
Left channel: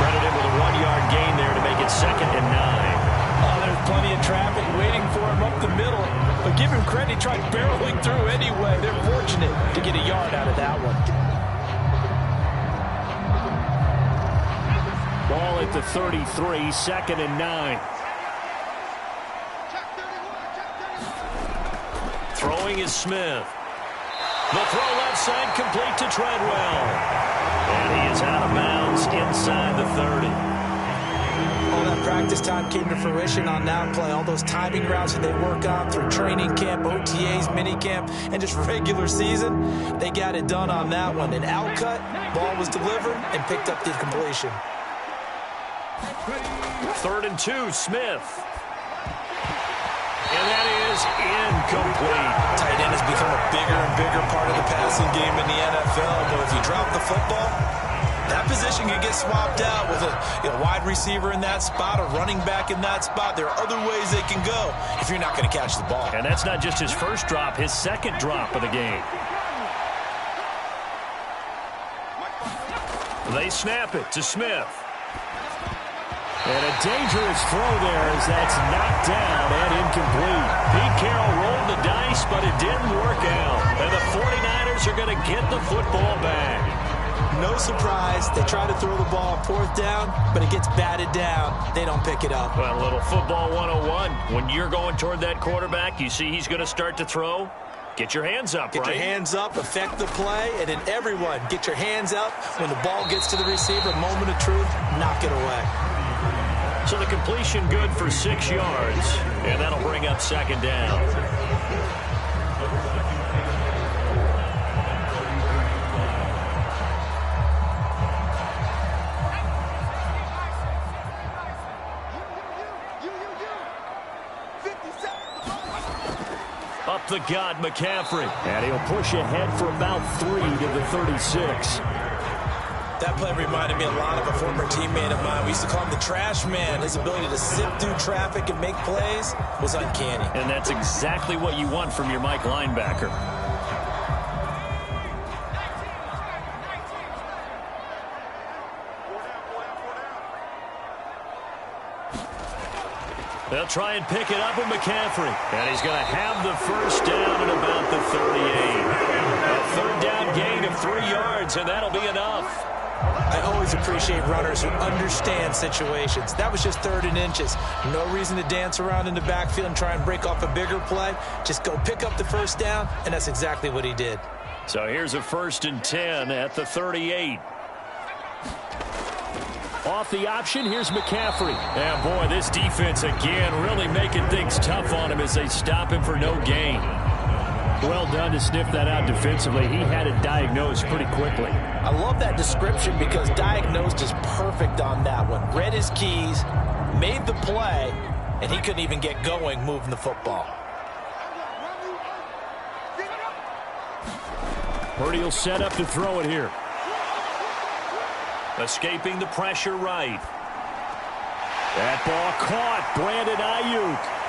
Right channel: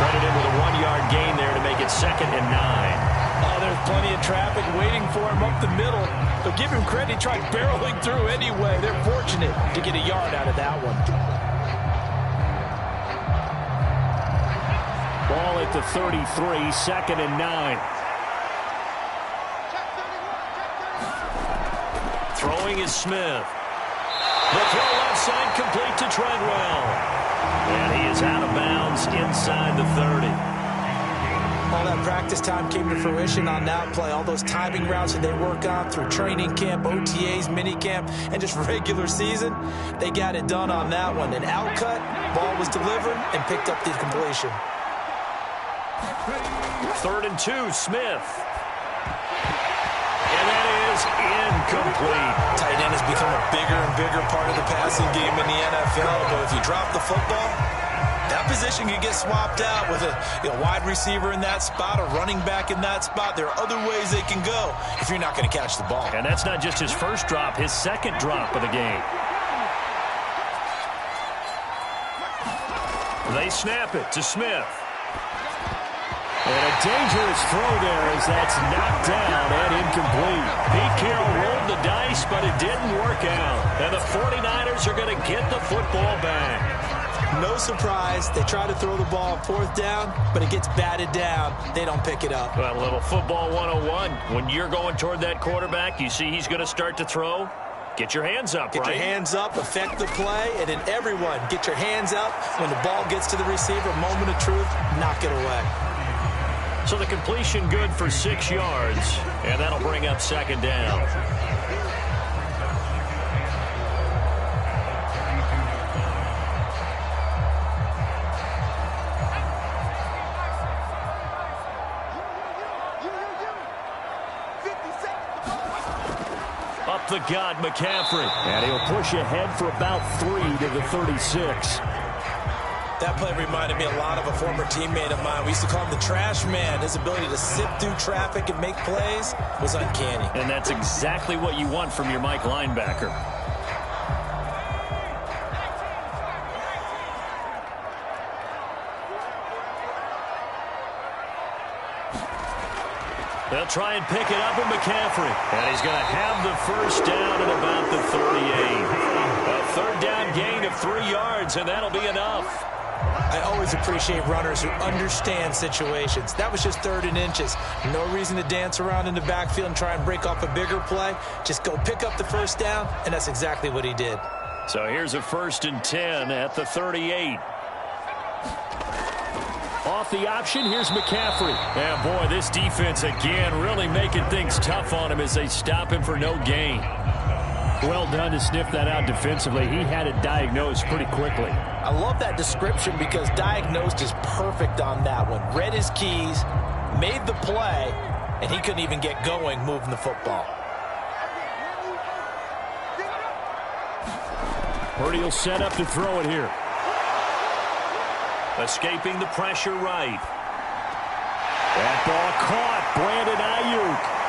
Credit him with a 1-yard gain there to make it 2nd and 9. Oh, there's plenty of traffic waiting for him up the middle. But give him credit, he tried barreling through anyway. They're fortunate to get a yard out of that one. Ball at the 33, 2nd and 9. Throwing is Smith. The throw left side complete to Treadwell. And he is out of bounds inside the 30. All that practice time came to fruition on that play. All those timing routes that they work on through training camp, OTAs, minicamp, and just regular season, they got it done on that one. An outcut, ball was delivered, and picked up the completion. 3rd and 2, Smith. And that is incomplete. Tight end has become a bigger and bigger part of the passing game in the NFL, but if you drop the football, that position can get swapped out with a wide receiver in that spot, a running back in that spot. There are other ways they can go if you're not going to catch the ball. And that's not just his first drop, his second drop of the game. They snap it to Smith. And a dangerous throw there as that's knocked down and incomplete. Pete Carroll rolled the dice, but it didn't work out. And the 49ers are going to get the football back. No surprise, they try to throw the ball on fourth down, but it gets batted down. They don't pick it up. Well, a little football 101. When you're going toward that quarterback, you see he's going to start to throw. Get your hands up, Get right? your hands up, affect the play, and then everyone get your hands up. When the ball gets to the receiver, moment of truth, knock it away. So the completion good for 6 yards, and that'll bring up second down. Up the gut, McCaffrey. And he'll push ahead for about 3 to the 36. That play reminded me a lot of a former teammate of mine. We used to call him the trash man. His ability to sift through traffic and make plays was uncanny. And that's exactly what you want from your Mike linebacker. They'll try and pick it up with McCaffrey. And he's going to have the first down at about the 38. A third down gain of 3 yards, and that'll be enough. I always appreciate runners who understand situations. That was just 3rd and inches. No reason to dance around in the backfield and try and break off a bigger play. Just go pick up the first down, and that's exactly what he did. So here's a 1st and 10 at the 38. Off the option, here's McCaffrey. And boy, this defense again really making things tough on him as they stop him for no gain. Well done to sniff that out defensively. He had it diagnosed pretty quickly. I love that description because diagnosed is perfect on that one. Read his keys, made the play, and he couldn't even get going moving the football. Purdy will set up to throw it here. Escaping the pressure right. That ball caught. Brandon Ayuk.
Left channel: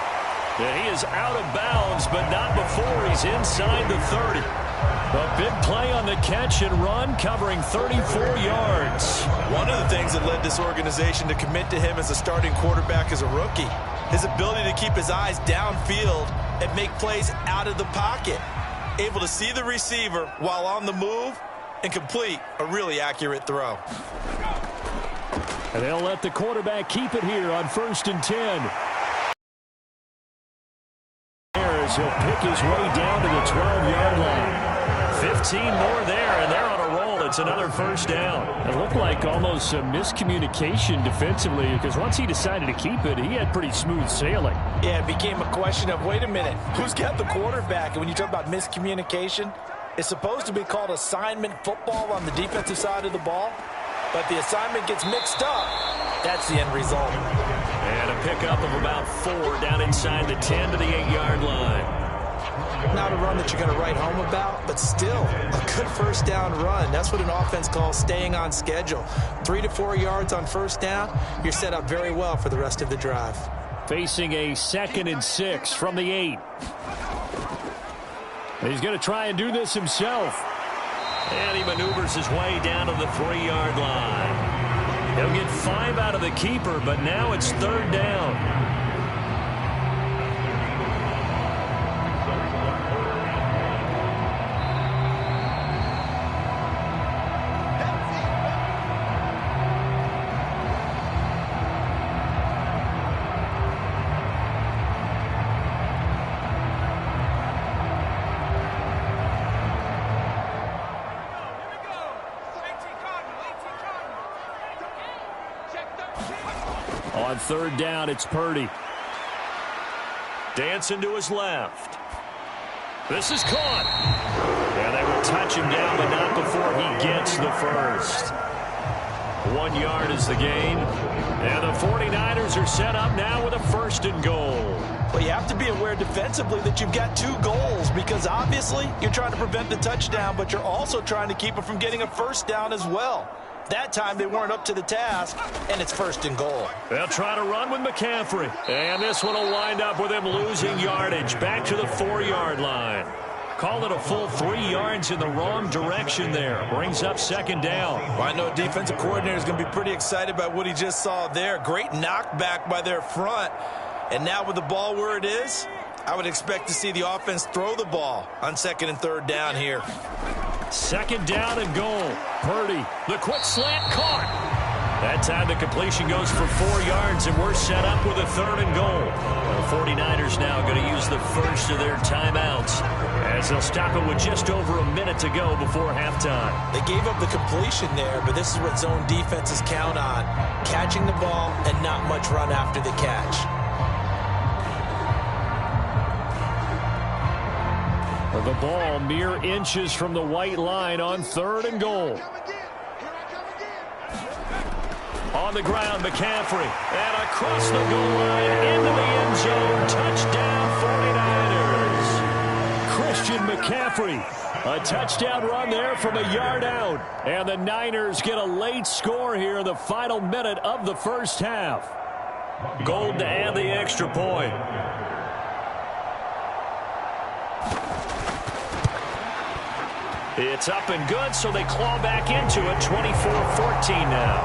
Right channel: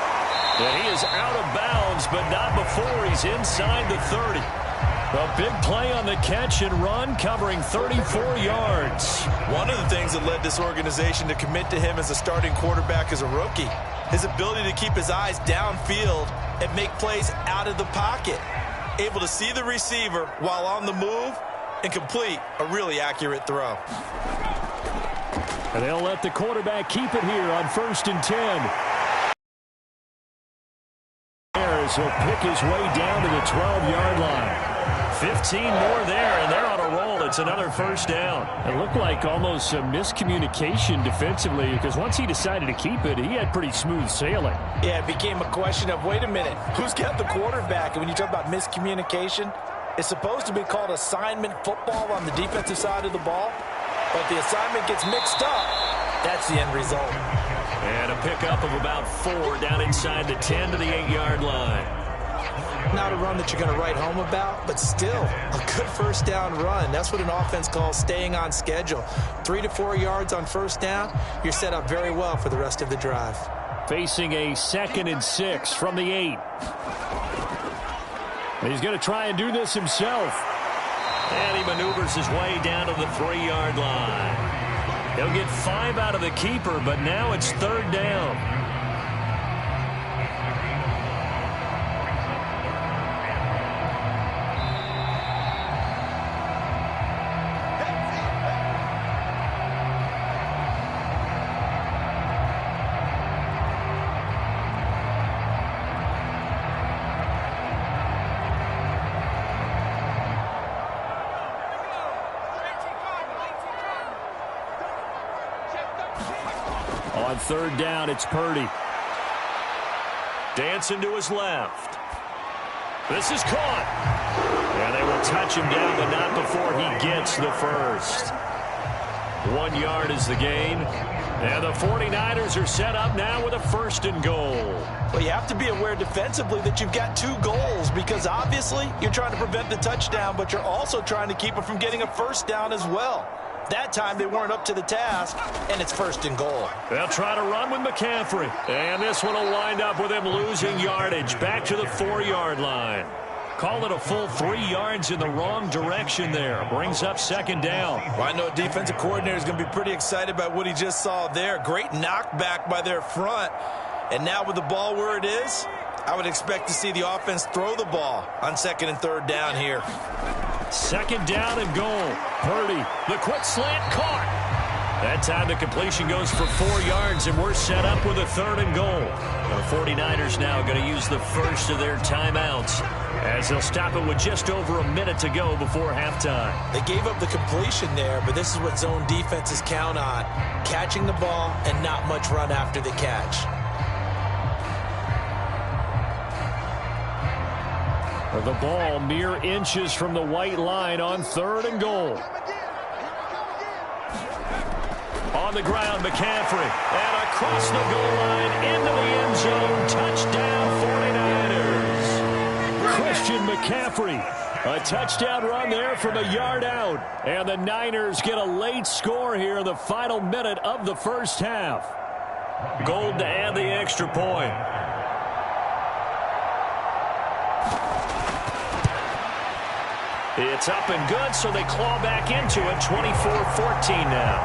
And he is out of bounds, but not before he's inside the 30. A big play on the catch and run, covering 34 yards. One of the things that led this organization to commit to him as a starting quarterback as a rookie, his ability to keep his eyes downfield and make plays out of the pocket. Able to see the receiver while on the move and complete a really accurate throw. And they'll let the quarterback keep it here on 1st and 10. He'll pick his way down to the 12-yard line. 15 more there, and they're on a roll. It's another first down. It looked like almost some miscommunication defensively because once he decided to keep it, he had pretty smooth sailing. Yeah, it became a question of, wait a minute, who's got the quarterback? And when you talk about miscommunication, it's supposed to be called assignment football on the defensive side of the ball. But the assignment gets mixed up. That's the end result. And a pickup of about 4 down inside the 10 to the 8-yard line. Not a run that you're going to write home about, but still a good first down run. That's what an offense calls staying on schedule. 3 to 4 yards on first down, you're set up very well for the rest of the drive. Facing a 2nd and 6 from the 8. He's going to try and do this himself. And he maneuvers his way down to the 3-yard line. He'll get 5 out of the keeper, but now it's 3rd down. On 3rd down, it's Purdy. Dancing to his left. This is caught. And they will touch him down, but not before he gets the first. 1 yard is the gain. And the 49ers are set up now with a 1st and goal. Well, you have to be aware defensively that you've got 2 goals because obviously you're trying to prevent the touchdown, but you're also trying to keep it from getting a 1st down as well. That time they weren't up to the task, and it's 1st and goal. They'll try to run with McCaffrey. And this one will wind up with him losing yardage back to the 4-yard line. Call it a full 3 yards in the wrong direction there. Brings up 2nd down. Well, I know defensive coordinator is going to be pretty excited about what he just saw there. Great knockback by their front. And now with the ball where it is, I would expect to see the offense throw the ball on 2nd and 3rd down here. 2nd down and goal. Purdy, the quick slant caught. That time the completion goes for 4 yards, and we're set up with a 3rd and goal. The 49ers now going to use the first of their timeouts as they'll stop it with just over a minute to go before halftime. They gave up the completion there, but this is what zone defenses count on. Catching the ball and not much run after the catch. The ball mere inches from the white line on 3rd and goal. On the ground, McCaffrey. And across the goal line into the end zone. Touchdown, 49ers. Christian McCaffrey. A touchdown run there from a yard out. And the Niners get a late score here in the final minute of the first half. Gold to add the extra point. It's up and good, so they claw back into it. 24-14 now.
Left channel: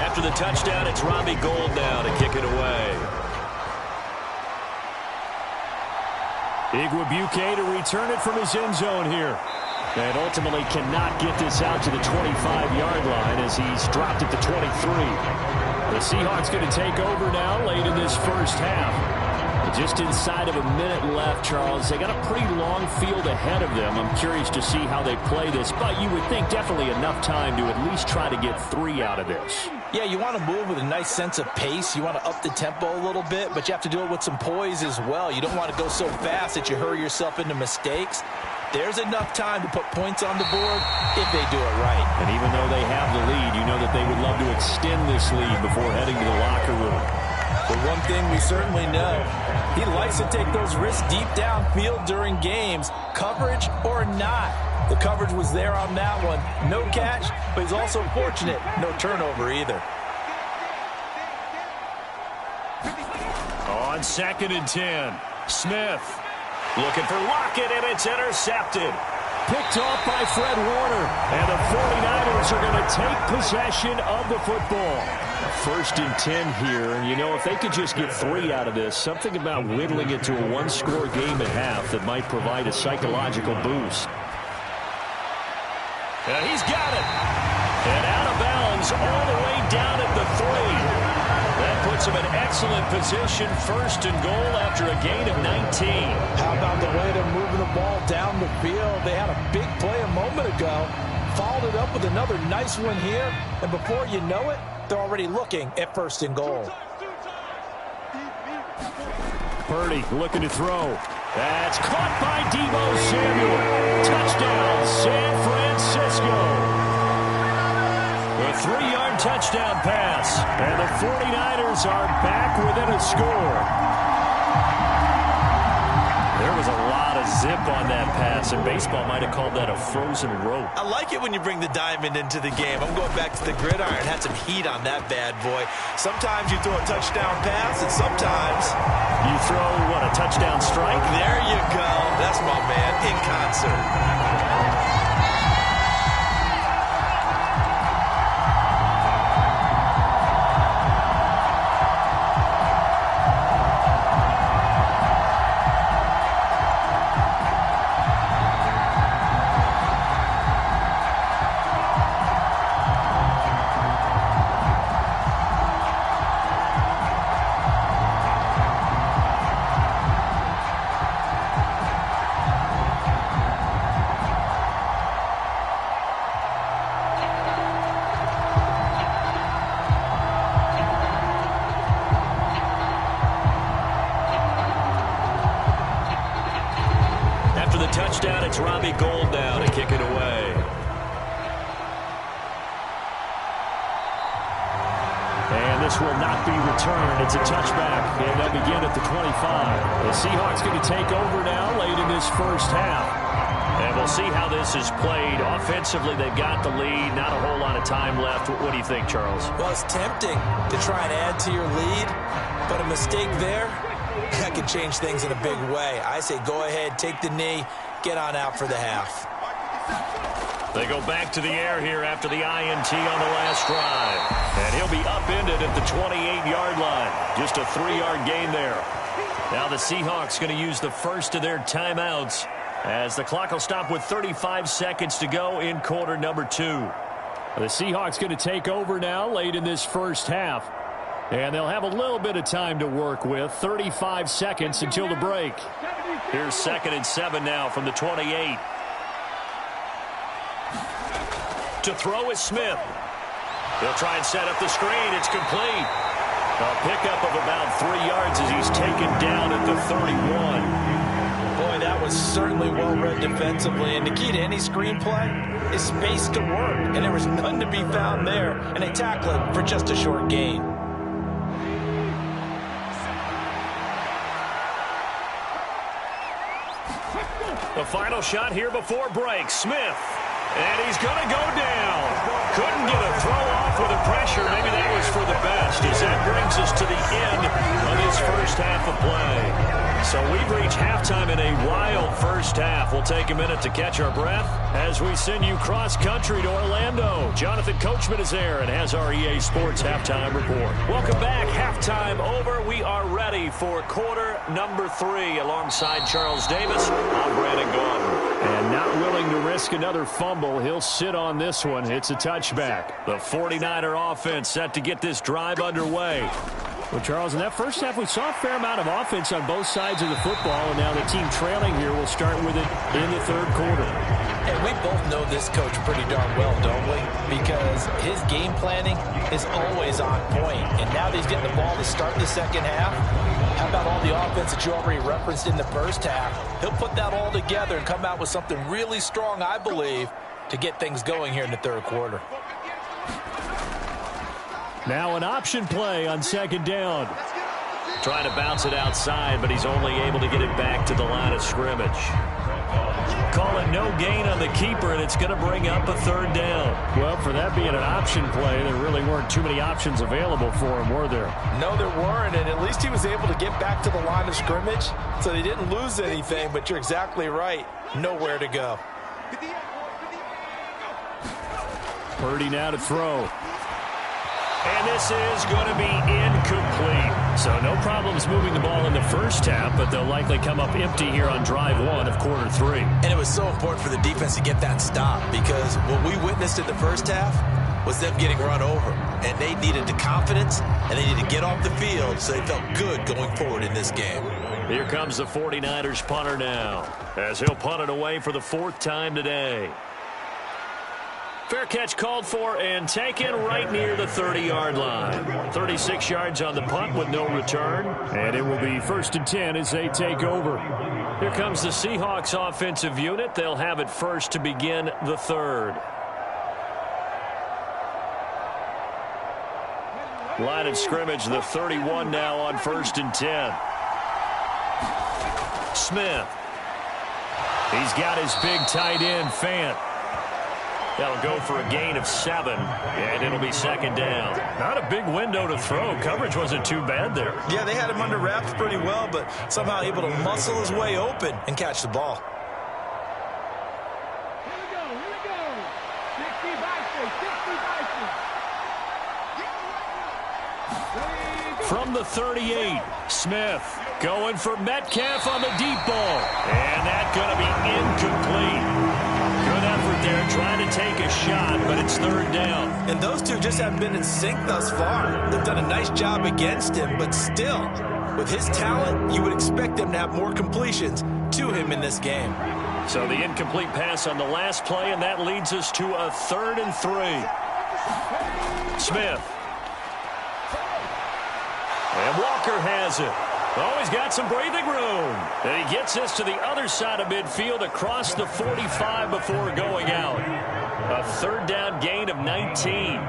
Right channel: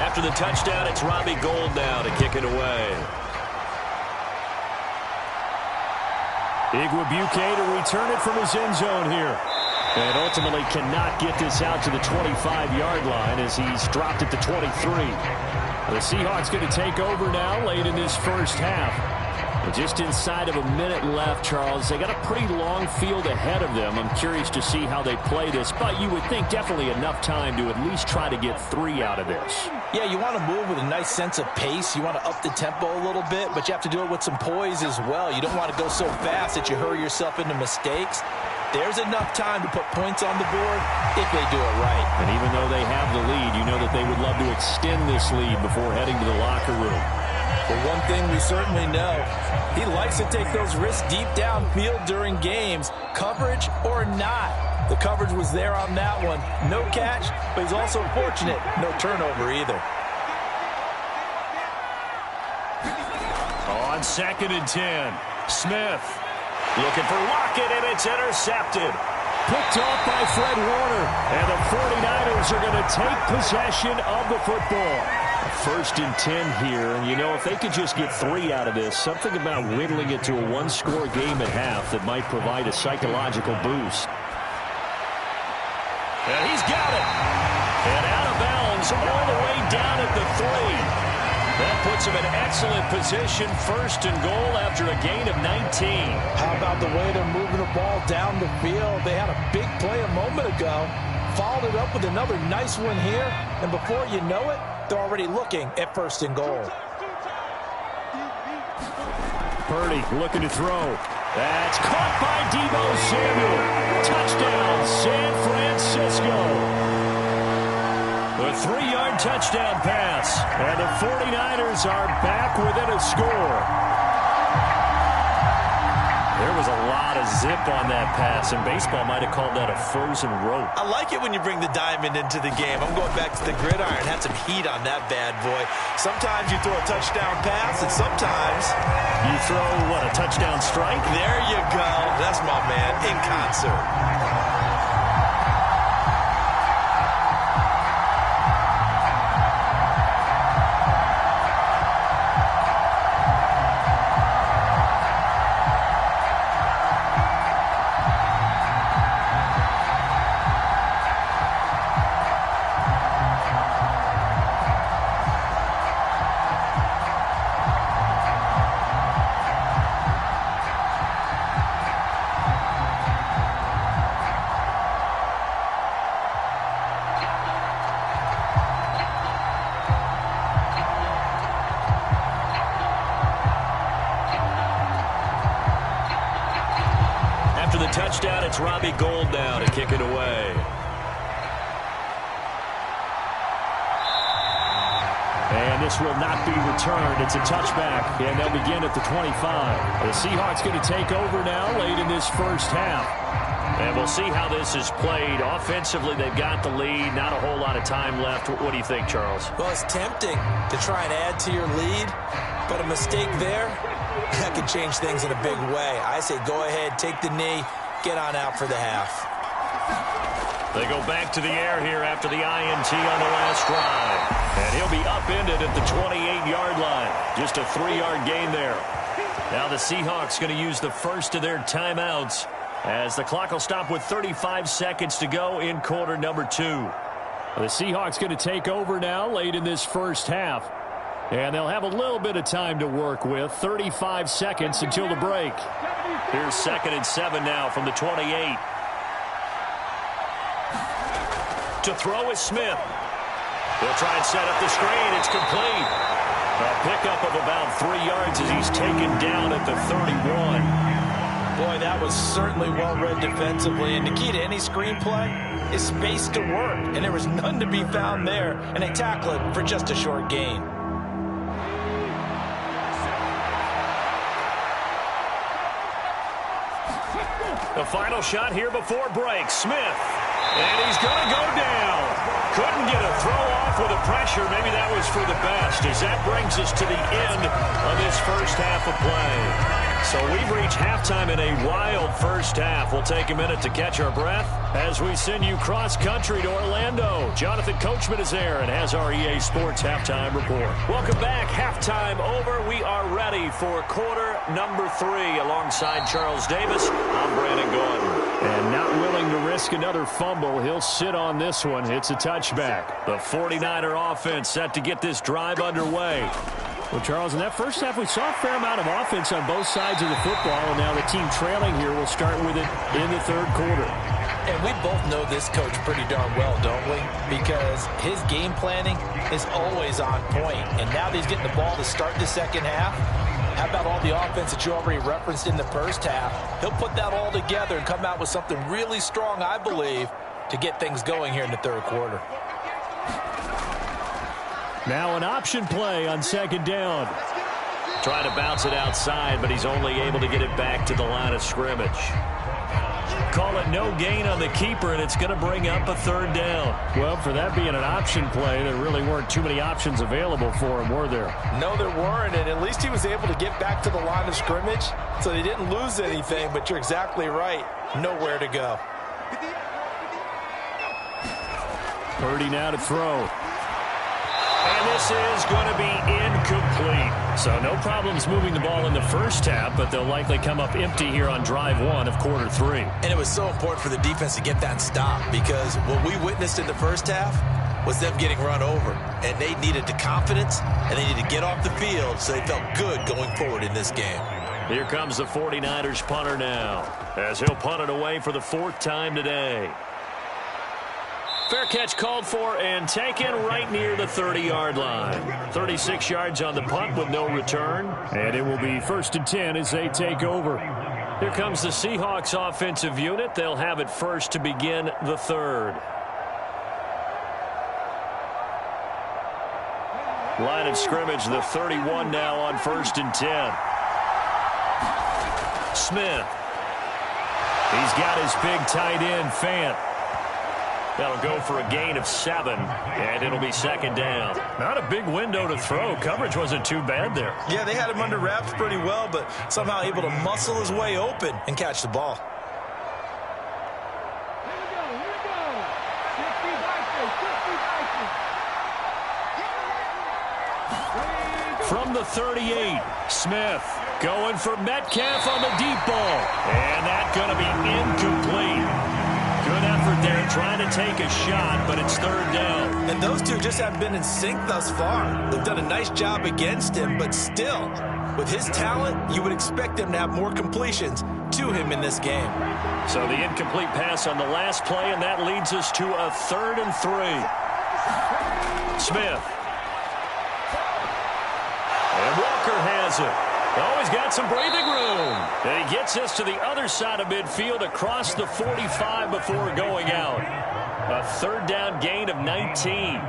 After the touchdown, it's Robbie Gould now to kick it away. Igwebuike to return it from his end zone here. And ultimately cannot get this out to the 25-yard line as he's dropped at the 23. The Seahawks going to take over now late in this first half. Just inside of a minute left, Charles. They got a pretty long field ahead of them. I'm curious to see how they play this, but you would think definitely enough time to at least try to get 3 out of this. Yeah, you want to move with a nice sense of pace. You want to up the tempo a little bit, but you have to do it with some poise as well. You don't want to go so fast that you hurry yourself into mistakes. There's enough time to put points on the board if they do it right. And even though they have the lead, you know that they would love to extend this lead before heading to the locker room. But one thing we certainly know, he likes to take those risks deep downfield during games, coverage or not. The coverage was there on that one. No catch, but he's also fortunate. No turnover either. On 2nd and 10, Smith looking for Lockett, and it's intercepted. Picked off by Fred Warner, and the 49ers are going to take possession of the football. 1st and 10 here, and you know, if they could just get 3 out of this, something about whittling it to a 1-score game at half that might provide a psychological boost. And he's got it. And out of bounds all the way down at the 3. That puts him in excellent position, 1st and goal after a gain of 19. How about the way they're moving the ball down the field? They had a big play a moment ago, followed it up with another nice one here, and before you know it, they're already looking at 1st and goal. Purdy looking to throw. That's caught by Deebo Samuel. Touchdown, San Francisco. A 3-yard touchdown pass. And the 49ers are back within a score. There was a lot of zip on that pass, and baseball might have called that a frozen rope. I like it when you bring the diamond into the game. I'm going back to the gridiron. Had some heat on that bad boy. Sometimes you throw a touchdown pass, and sometimes you throw, what, a touchdown strike? There you go. That's my man in concert. touchdown. It's Robbie Gould now to kick it away. And this will not be returned. It's a touchback, and they'll begin at the 25. The Seahawks going to take over now late in this first half. And we'll see how this is played. Offensively, they've got the lead. Not a whole lot of time left. What do you think, Charles? Well, it's tempting to try and add to your lead, but a mistake there, that can change things in a big way. I say go ahead, take the knee, get on out for the half. They go back to the air here after the INT on the last drive. And he'll be upended at the 28-yard line. Just a 3-yard gain there. Now the Seahawks going to use the first of their timeouts as the clock will stop with 35 seconds to go in quarter number 2. The Seahawks going to take over now late in this first half. And they'll have a little bit of time to work with. 35 seconds until the break. Here's 2nd and 7 now from the 28. To throw is Smith. He'll try and set up the screen. It's complete. A pickup of about 3 yards as he's taken down at the 31. Boy, that was certainly well read defensively. And the key to any screenplay is space to work. And there was none to be found there. And they tackle it for just a short gain. The final shot here before break. Smith. And he's going to go down. Couldn't get a throw off with the pressure. Maybe that was for the best, as that brings us to the end of this first half of play. So we've reached halftime in a wild first half. We'll take a minute to catch our breath as we send you cross-country to Orlando. Jonathan Coachman is there and has our EA Sports halftime report. Welcome back. Halftime over. We are ready for quarter number 3. Alongside Charles Davis, I'm Brandon Gordon. And not willing to risk another fumble, he'll sit on this one. It's a touchback. The 49er offense set to get this drive underway. Well, Charles, in that first half, we saw a fair amount of offense on both sides of the football, and now the team trailing here will start with it in the third quarter. And we both know this coach pretty darn well, don't we? Because his game planning is always on point. And now that he's getting the ball to start the second half, how about all the offense that you already referenced in the first half? He'll put that all together and come out with something really strong, I believe, to get things going here in the third quarter. Now an option play on second down. Trying to bounce it outside, but he's only able to get it back to the line of scrimmage. Call it no gain on the keeper, and it's going to bring up a third down. Well, for that being an option play, there really weren't too many options available for him, were there? No, there weren't, and at least he was able to get back to the line of scrimmage, so they didn't lose anything, but you're exactly right. Nowhere to go. Purdy now to throw. And this is going to be incomplete. So no problems moving the ball in the first half, but they'll likely come up empty here on drive 1 of quarter 3. And it was so important for the defense to get that stop, because what we witnessed in the first half was them getting run over. And they needed the confidence, and they needed to get off the field so they felt good going forward in this game. Here comes the 49ers punter now, as he'll punt it away for the 4th time today. Fair catch called for and taken right near the 30-yard line. 36 yards on the punt with no return. And it will be 1st and 10 as they take over. Here comes the Seahawks offensive unit. They'll have it first to begin the third. Line of scrimmage, the 31 now on 1st and 10. Smith. He's got his big tight end, Fant. That'll go for a gain of 7, and it'll be 2nd down. Not a big window to throw. Coverage wasn't too bad there. Yeah, they had him under wraps pretty well, but somehow able to muscle his way open and catch the ball. Here we go. 60 Vikings. From the 38, Smith going for Metcalf on the deep ball. And that's going to be incomplete. Good effort there, trying to take a shot, but it's 3rd down. And those two just haven't been in sync thus far. They've done a nice job against him, but still, with his talent, you would expect them to have more completions to him in this game. So the incomplete pass on the last play, and that leads us to a 3rd and 3. Smith. And Walker has it. Oh, he's got some breathing room. And he gets this to the other side of midfield across the 45 before going out. A third down gain of 19.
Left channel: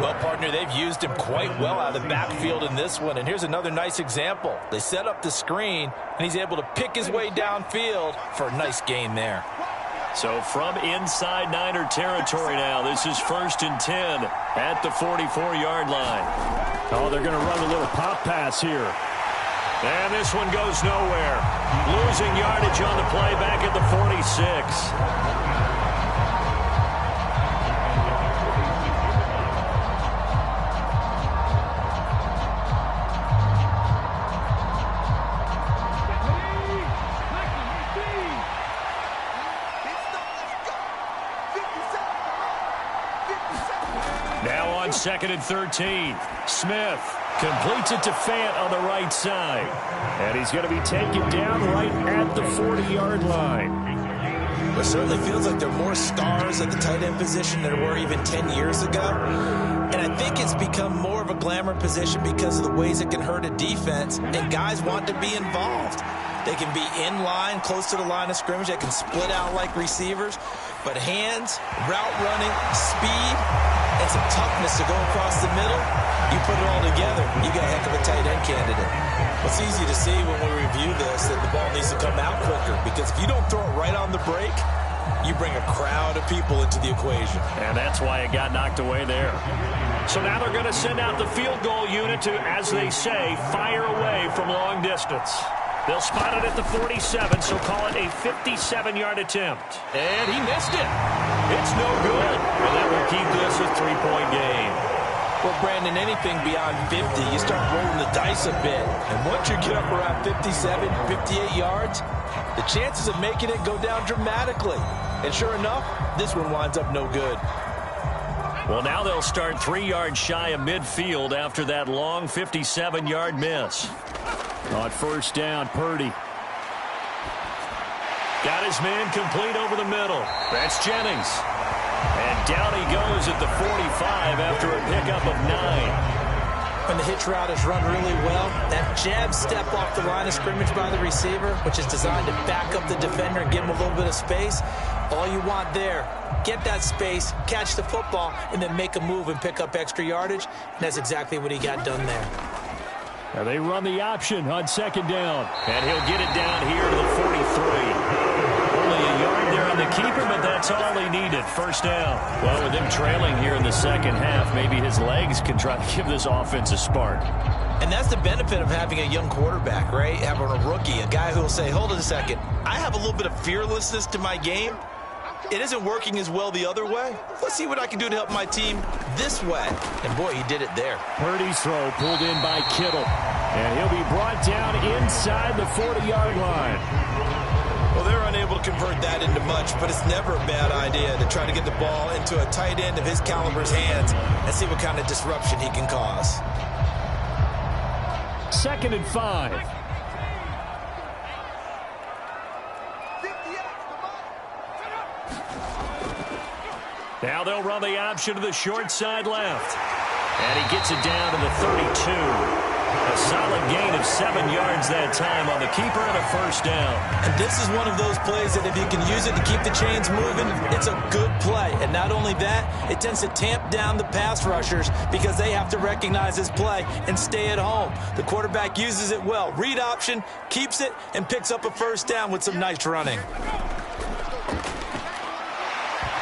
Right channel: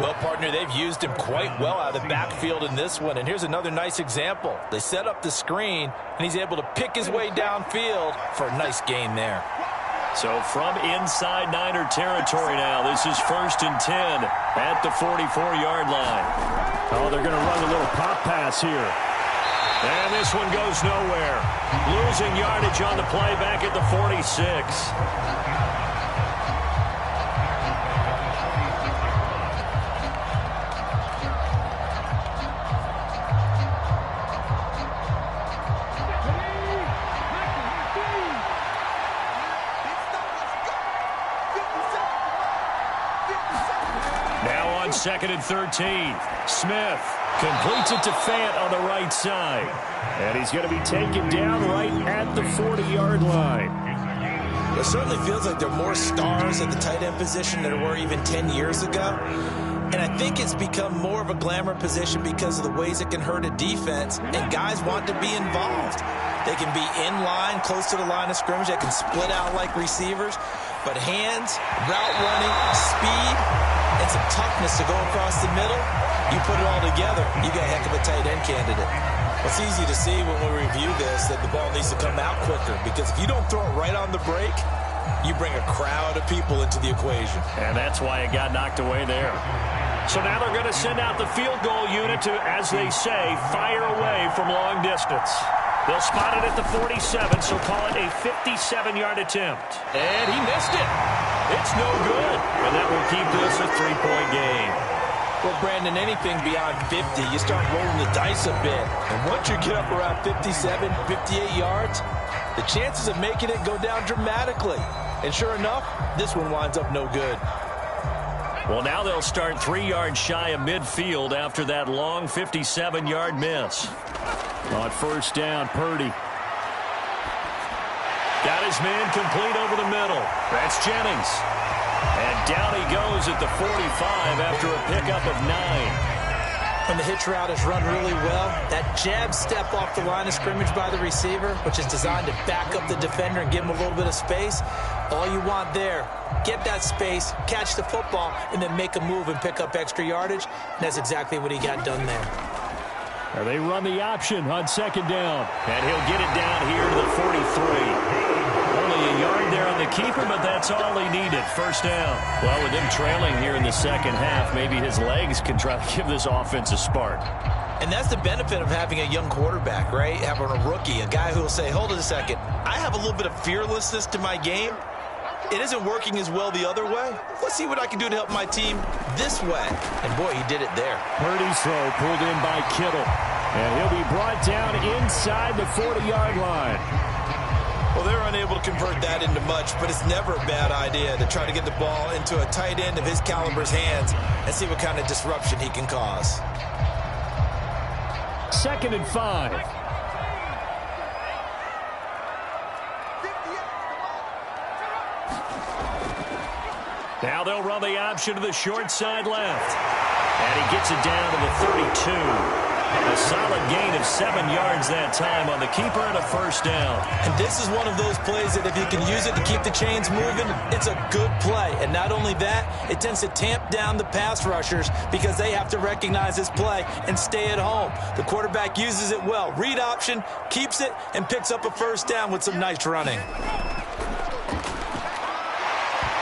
Well, partner, they've used him quite well out of the backfield in this one. And here's another nice example. They set up the screen, and he's able to pick his way downfield for a nice gain there. So from inside Niner territory now, this is 1st and 10 at the 44-yard line. Oh, they're going to run a little pop pass here. And this one goes nowhere. Losing yardage on the play back at the 46. Now on 2nd and 13. Smith completes it to Fant on the right side. And he's going to be taken down right at the 40-yard line. It certainly feels like there are more stars at the tight end position than there were even 10 years ago. And I think it's become more of a glamour position because of the ways it can hurt a defense, and guys want to be involved. They can be in line, close to the line of scrimmage. They can split out like receivers. But hands, route running, speed, and some toughness to go across the middle, you put it all together, you got a heck of a tight end candidate. Well, it's easy to see when we review this that the ball needs to come out quicker, because if you don't throw it right on the break, you bring a crowd of people into the equation. And that's why it got knocked away there. So now they're going to send out the field goal unit to, as they say, fire away from long distance. They'll spot it at the 47, so call it a 57-yard attempt. And he missed it. It's no good. And that will keep this a 3-point game. Well, Brandon, anything beyond 50, you start rolling the dice a bit. And once you get up around 57, 58 yards, the chances of making it go down dramatically. And sure enough, this one winds up no good. Well, now they'll start 3 yards shy of midfield after that long 57-yard miss. On 1st down, Purdy. Got his man complete over the middle. That's Jennings. And down he goes at the 45 after a pickup of 9. When the hitch route is run really well, that jab step off the line of scrimmage by the receiver, which is designed to back up the defender and give him a little bit of space, all you want there, get that space, catch the football, and then make a move and pick up extra yardage. And that's exactly what he got done there. They run the option on 2nd down. And he'll get it down here to the 43. Only a yard there on the keeper, but that's all he needed. 1st down. Well, with him trailing here in the second half, maybe his legs can try to give this offense a spark. And that's the benefit of having a young quarterback, right? Having a rookie, a guy who will say, hold it a second, I have a little bit of fearlessness to my game. It isn't working as well the other way. Let's see what I can do to help my team this way. And, boy, he did it there. Purdy's throw pulled in by Kittle. And he'll be brought down inside the 40-yard line. Well, they're unable to convert that into much, but it's never a bad idea to try to get the ball into a tight end of his caliber's hands and see what kind of disruption he can cause. 2nd and 5. Now they'll run the option to the short side left. And he gets it down to the 32. A solid gain of 7 yards that time on the keeper and a 1st down. And this is one of those plays that if you can use it to keep the chains moving, it's a good play. And not only that, it tends to tamp down the pass rushers because they have to recognize this play and stay at home. The quarterback uses it well. Read option, keeps it, and picks up a 1st down with some nice running.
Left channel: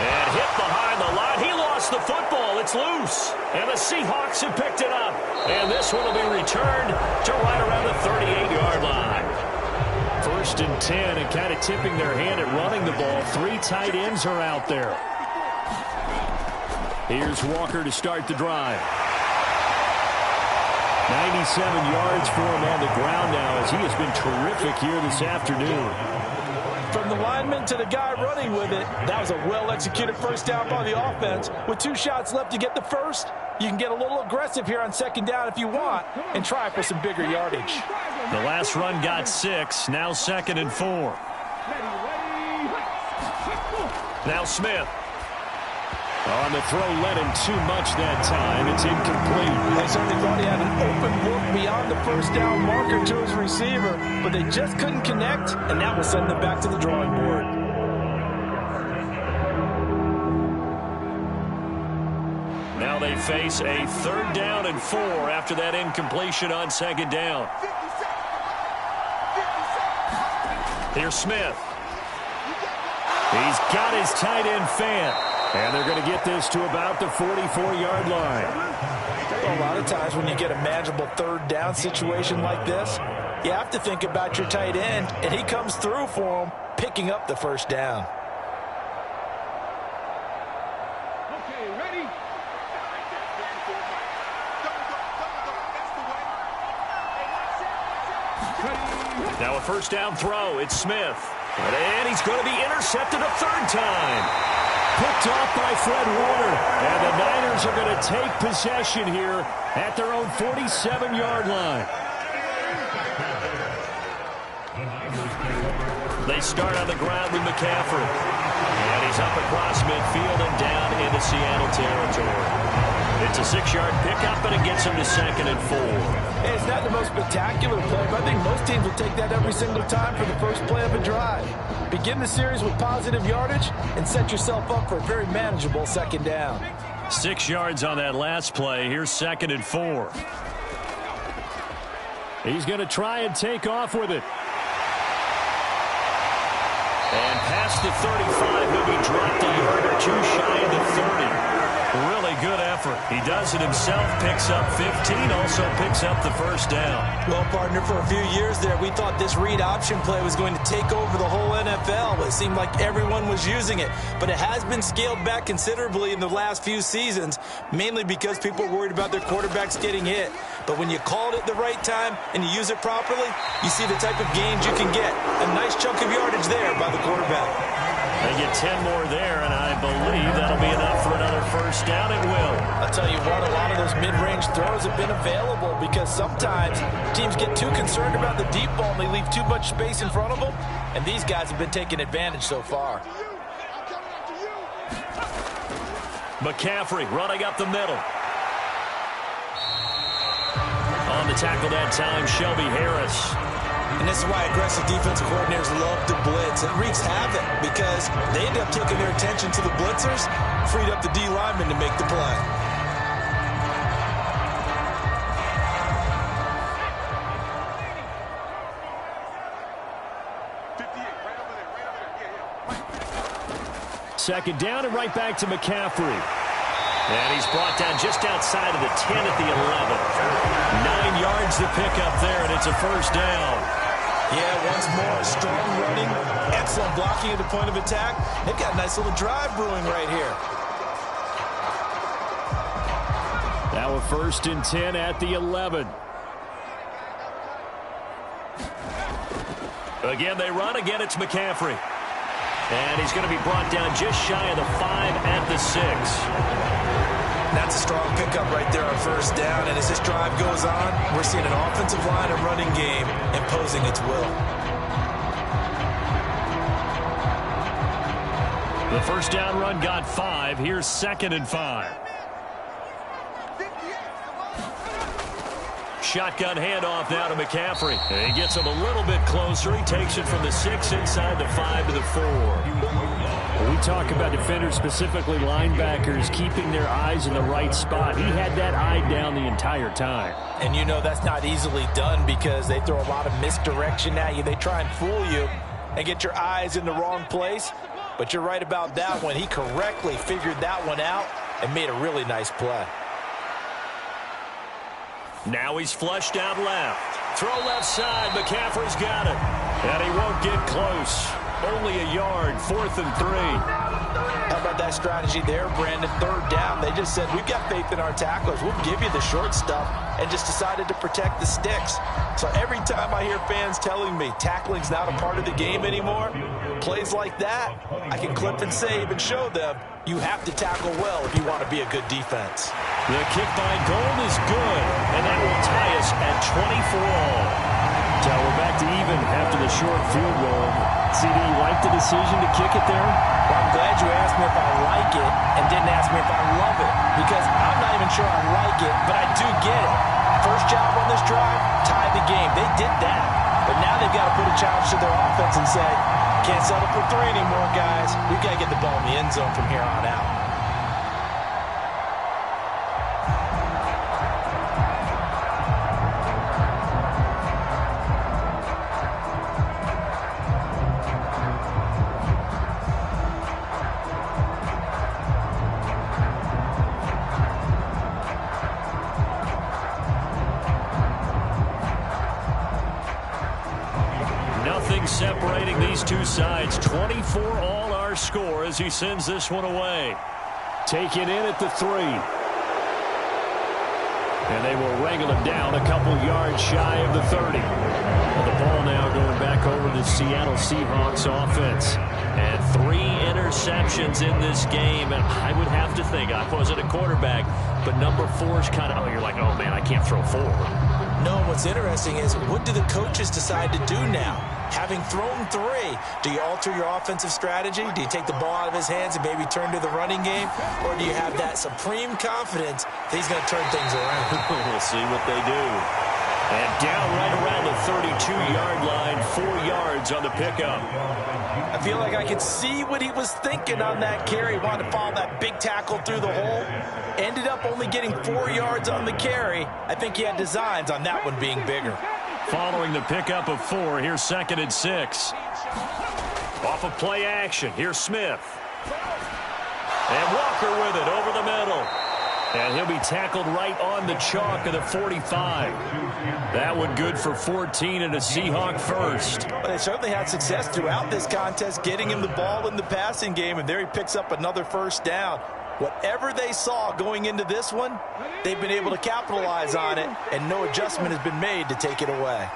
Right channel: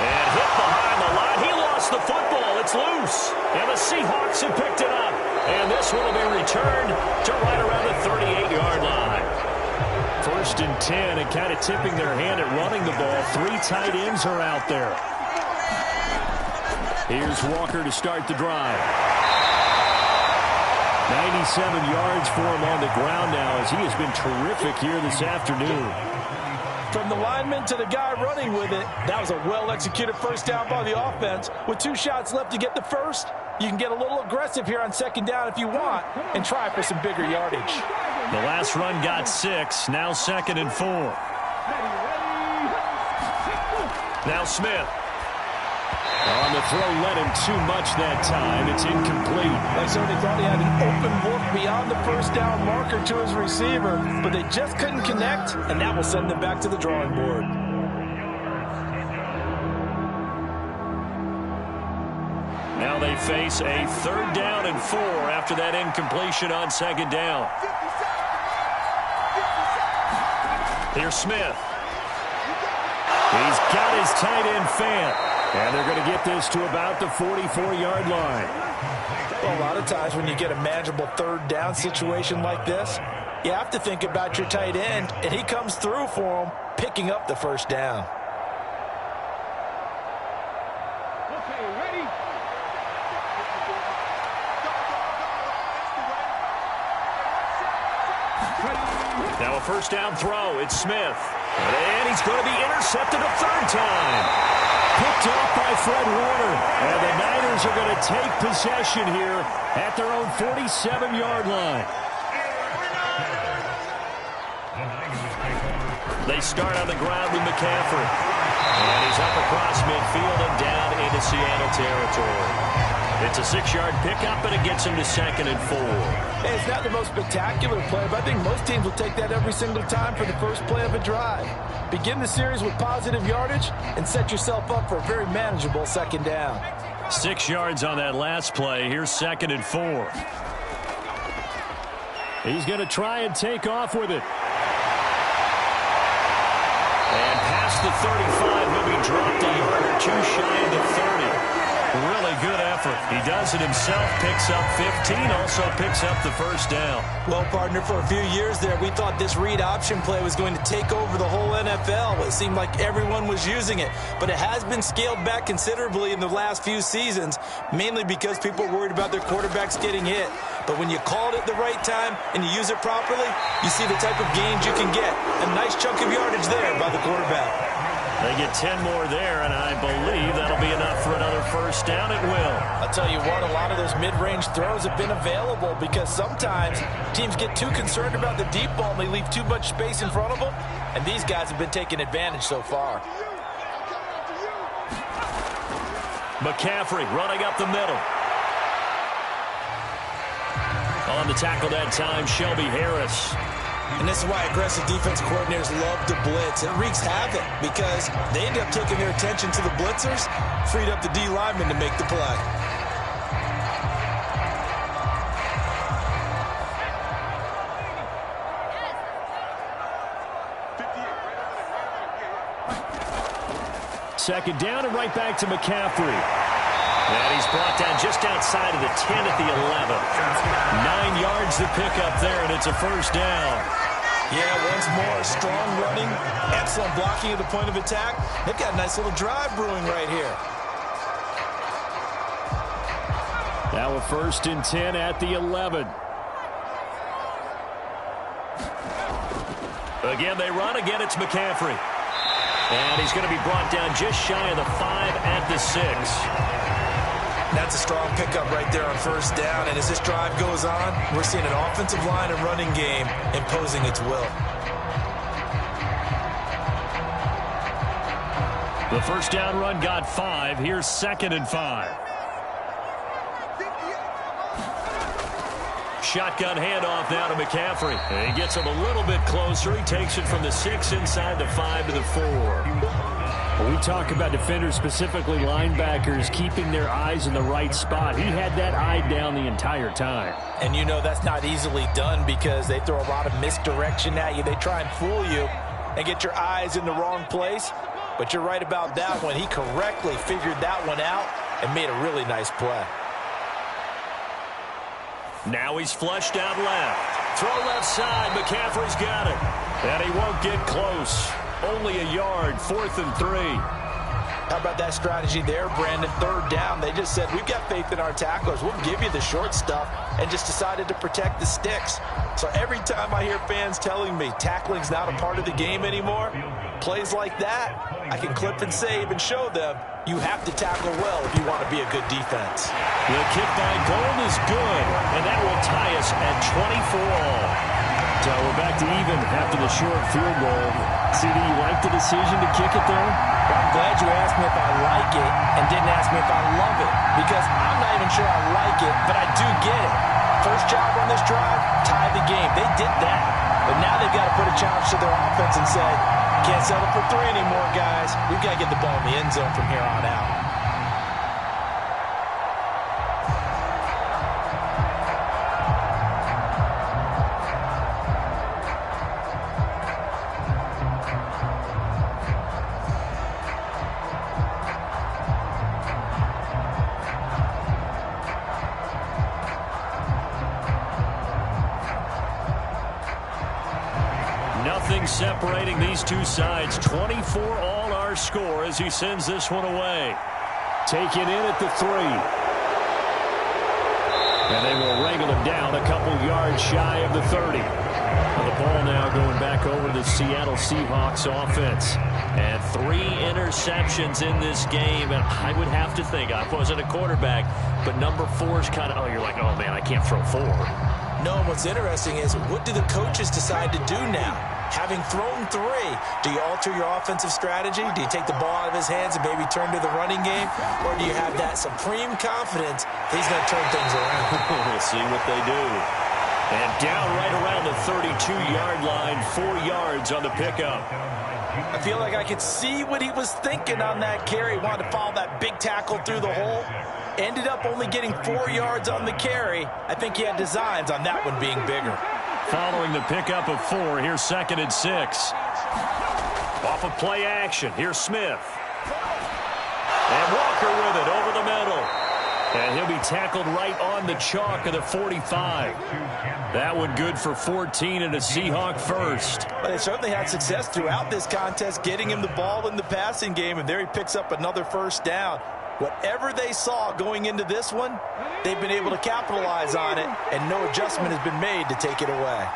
And hit behind the line. He lost the football. It's loose. And the Seahawks have picked it up. And this one will be returned to right around the 38-yard line. 1st and 10, and kind of tipping their hand at running the ball. 3 tight ends are out there. Here's Walker to start the drive. 97 yards for him on the ground now, as he has been terrific here this afternoon. From the lineman to the guy running with it, that was a well-executed 1st down by the offense. With 2 shots left to get the first, you can get a little aggressive here on 2nd down if you want and try for some bigger yardage. The last run got 6. Now 2nd and 4. Now Smith. On the throw, led him too much that time. It's incomplete. They certainly thought he had an open look beyond the first down marker to his receiver, but they just couldn't connect, and that will send them back to the drawing board. Now they face a 3rd down and 4 after that incompletion on 2nd down. Here's Smith. He's got his tight end Fant. And they're going to get this to about the 44-yard line. Well, a lot of times when you get a manageable 3rd down situation like this, you have to think about your tight end, and he comes through for him, picking up the 1st down. Okay, ready? Now a 1st down throw. It's Smith. And he's going to be intercepted a 3rd time. Picked off by Fred Warner. And the Niners are going to take possession here at their own 47-yard line. They start on the ground with McCaffrey. And he's up across midfield and down into Seattle territory. It's a 6-yard pickup, and it gets him to 2nd and 4. Hey, it's not the most spectacular play, but I think most teams will take that every single time for the first play of a drive. Begin the series with positive yardage and set yourself up for a very manageable 2nd down. 6 yards on that last play. Here's 2nd and 4. He's going to try and take off with it. And past the 35, he'll be dropped a yard or 2 shy of the 30. Really good effort. He does it himself, picks up 15, also picks up the 1st down. Well, partner, for a few years there, we thought this read option play was going to take over the whole NFL. It seemed like everyone was using it, but it has been scaled back considerably in the last few seasons, mainly because people are worried about their quarterbacks getting hit. But when you call it at the right time and you use it properly, you see the type of gains you can get. A nice chunk of yardage there by the quarterback. They get 10 more there, and I believe that'll be enough for another 1st down. It will. I'll tell you what, a lot of those mid-range throws have been available because sometimes teams get too concerned about the deep ball and they leave too much space in front of them, and these guys have been taking advantage so far. McCaffrey running up the middle. On the tackle that time, Shelby Harris. And this is why aggressive defensive coordinators love to blitz. It wreaks havoc because they end up taking their attention to the blitzers, freed up the D lineman to make the play. Second down and right back to McCaffrey. And he's brought down just outside of the 10 at the 11. 9 yards to pick up there, and it's a 1st down. Yeah, once more, strong running, excellent blocking at the point of attack. They've got a nice little drive brewing right here. Now a 1st and 10 at the 11. Again, they run. Again, it's McCaffrey. And he's going to be brought down just shy of the 5 at the 6. That's a strong pickup right there on 1st down. And as this drive goes on, we're seeing an offensive line and running game imposing its will. The 1st down run got 5. Here's 2nd and 5. Shotgun handoff now to McCaffrey. And he gets him a little bit closer. He takes it from the 6 inside the 5 to the 4. When we talk about defenders, specifically linebackers, keeping their eyes in the right spot, he had that eye down the entire time. And you know that's not easily done because they throw a lot of misdirection at you. They try and fool you and get your eyes in the wrong place. But you're right about that one. He correctly figured that one out and made a really nice play. Now he's flushed out left. Throw left side. McCaffrey's got it. And he won't get close. Only a yard. 4th and 3. How about that strategy there, Brandon? 3rd down. They just said, we've got faith in our tacklers. We'll give you the short stuff, and just decided to protect the sticks. So every time I hear fans telling me tackling's not a part of the game anymore, plays like that, I can clip and save and show them you have to tackle well if you want to be a good defense. The kick by Gold is good, and that will tie us at 24 all. So we're back to even after the short field goal. CD, you like the decision to kick it there? Well, I'm glad you asked me if I like it and didn't ask me if I love it, because I'm not even sure I like it, but I do get it. First job on this drive, tie the game. They did that. But now they've got to put a challenge to their offense and say, can't settle for 3 anymore, guys. We've got to get the ball in the end zone from here on out. Nothing separating these two sides. 24 all our score as he sends this one away. Taken in at the 3. And they will wrangle him down a couple yards shy of the 30. Now the ball now going back over to the Seattle Seahawks offense. And 3 interceptions in this game. And I would have to think, I wasn't a quarterback, but number 4 is kind of, oh, you're like, oh, man, I can't throw 4. No, what's interesting is, what do the coaches decide to do now? Having thrown 3, do you alter your offensive strategy? Do you take the ball out of his hands and maybe turn to the running game? Or do you have that supreme confidence that he's going to turn things around? We'll see what they do. And down right around the 32-yard line, 4 yards on the pickup. I feel like I could see what he was thinking on that carry. Wanted to follow that big tackle through the hole. Ended up only getting 4 yards on the carry. I think he had designs on that one being bigger. Following the pickup of 4, here's 2nd and 6. Off of play action, here's Smith. And Walker with it over the middle. And he'll be tackled right on the chalk of the 45. That one good for 14 and a Seahawk first. Well, they certainly had success throughout this contest, getting him the ball in the passing game, and there he picks up another first down. Whatever they saw going into this one, they've been able to capitalize on it, and no adjustment has been made to take it away.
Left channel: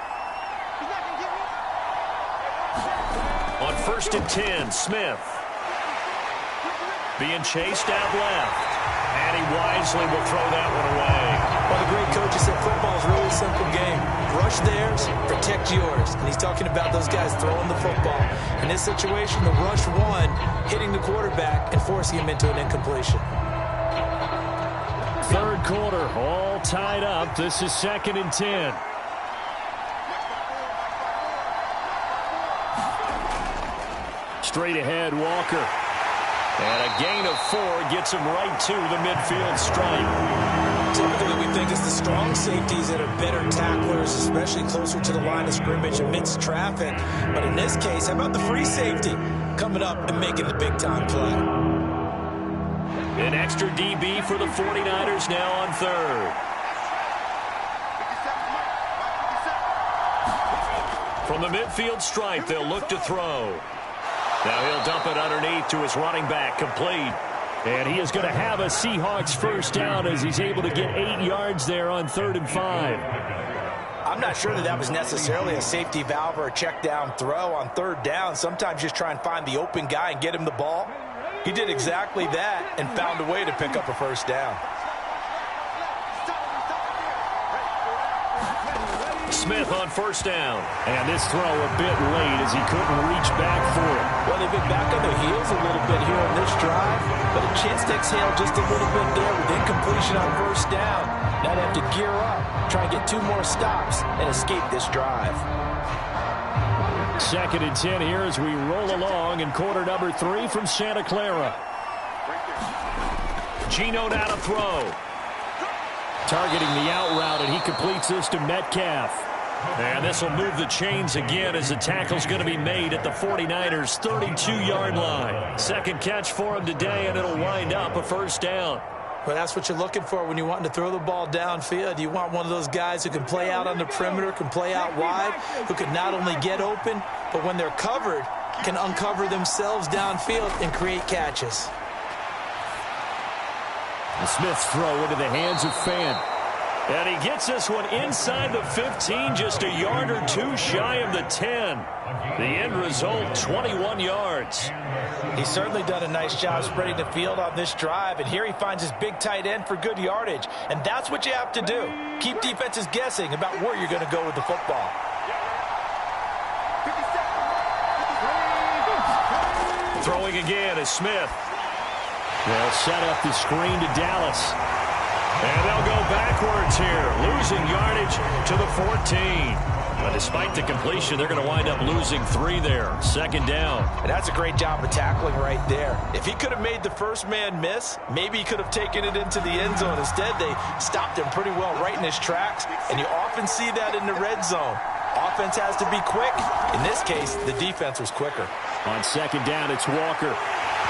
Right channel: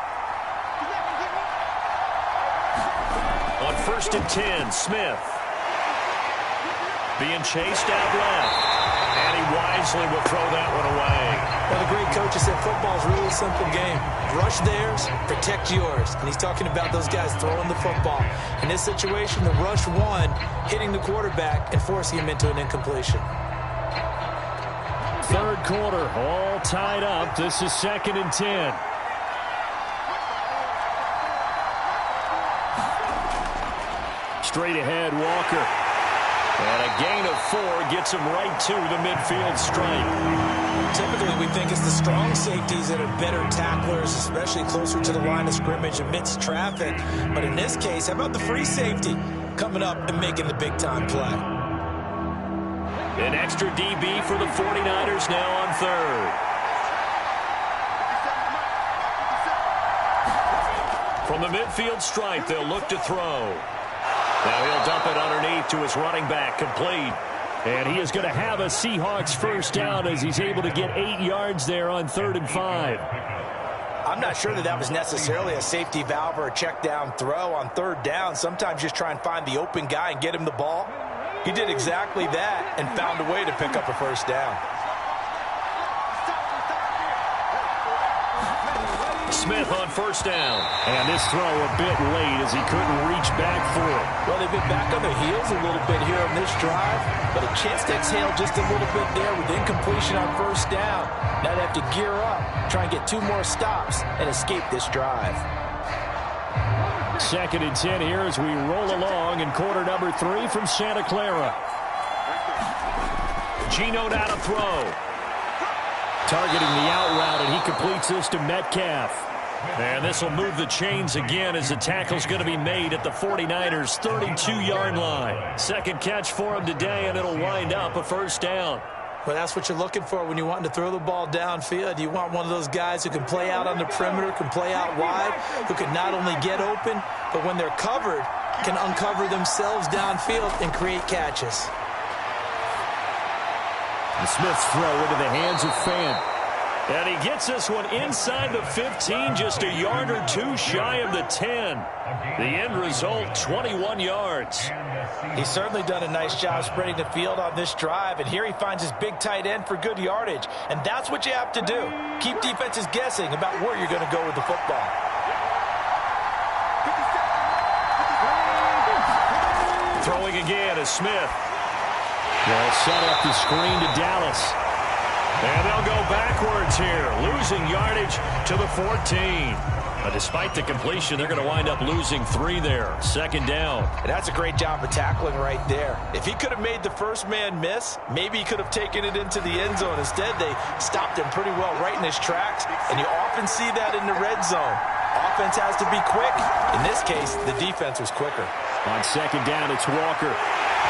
On 1st and 10, Smith. Being chased out left. And he wisely will throw that one away. Well, the great coach said football is really a simple game. Rush theirs, protect yours. And he's talking about those guys throwing the football. In this situation, the rush one, hitting the quarterback and forcing him into an incompletion. 3rd quarter, all tied up. This is 2nd and 10. Straight ahead, Walker. And a gain of 4 gets him right to the midfield stripe. Typically, we think it's the strong safeties that are better tacklers, especially closer to the line of scrimmage amidst traffic. But in this case, how about the free safety coming up and making the big-time play? An extra DB for the 49ers now on 3rd. From the midfield stripe, they'll look to throw. Now he'll dump it underneath to his running back, complete. And he is going to have a Seahawks first down as he's able to get 8 yards there on 3rd and 5. I'm not sure that was necessarily a safety valve or a check down throw on 3rd down. Sometimes just try and find the open guy and get him the ball. He did exactly that and found a way to pick up a first down. Smith on 1st down. And this throw a bit late as he couldn't reach back for it. Well, they've been back on their heels a little bit here in this drive, but a chance to exhale just a little bit there with incompletion on 1st down. Now they have to gear up, try and get 2 more stops and escape this drive. 2nd and 10 here as we roll along in quarter number 3 from Santa Clara. Geno now to throw. Targeting the out route, and he completes this to Metcalf. And this will move the chains again as the tackle's going to be made at the 49ers' 32-yard line. 2nd catch for him today, and it'll wind up a first down. Well, that's what you're looking for when you want to throw the ball downfield. You want one of those guys who can play out on the perimeter, can play out wide, who can not only get open, but when they're covered, can uncover themselves downfield and create catches. The Smith's throw into the hands of Fan. And he gets this one inside the 15, just a yard or 2 shy of the 10. The end result, 21 yards. He's certainly done a nice job spreading the field on this drive, and here he finds his big tight end for good yardage. And that's what you have to do. Keep defenses guessing about where you're going to go with the football. Throwing again is Smith. They'll set up the screen to Dallas. And they'll go backwards here, losing yardage to the 14. But despite the completion, they're going to wind up losing 3 there. Second down. And that's a great job of tackling right there. If he could have made the first man miss, maybe he could have taken it into the end zone. Instead, they stopped him pretty well right in his tracks. And you often see that in the red zone. Offense has to be quick. In this case, the defense was quicker. On second down, it's Walker.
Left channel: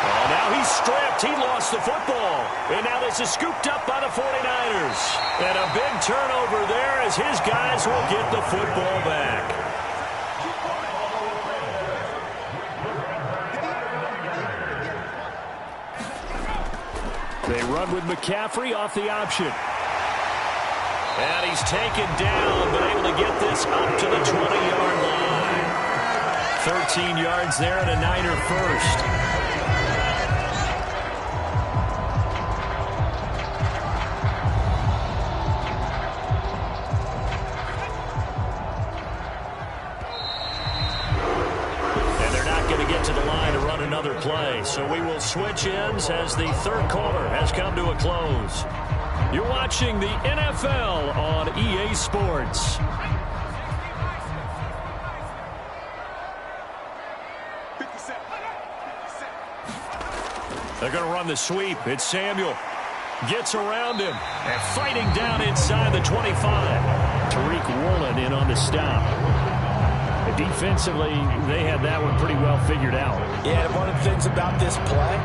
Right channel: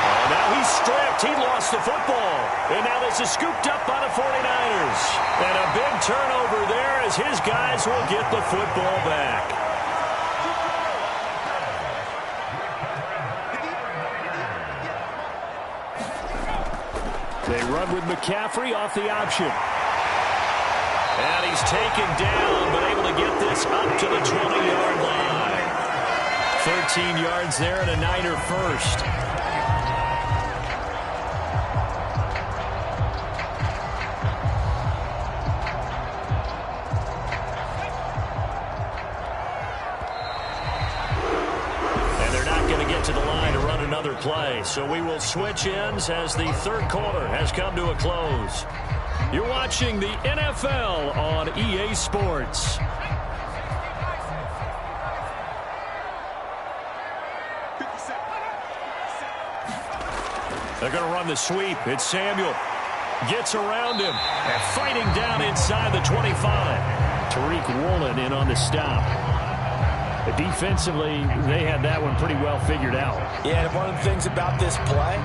Oh, now he's stripped. He lost the football. And now this is scooped up by the 49ers. And a big turnover there as his guys will get the football back. They run with McCaffrey off the option. And he's taken down, but able to get this up to the 20-yard line. 13 yards there and a Niner first. To the line to run another play. So we will switch ends as the third quarter has come to a close. You're watching the NFL on EA Sports. They're going to run the sweep. It's Samuel. Gets around him and fighting down inside the 25. Tariq Woolen in on the stop. Defensively, they had that one pretty well figured out. Yeah, and one of the things about this play,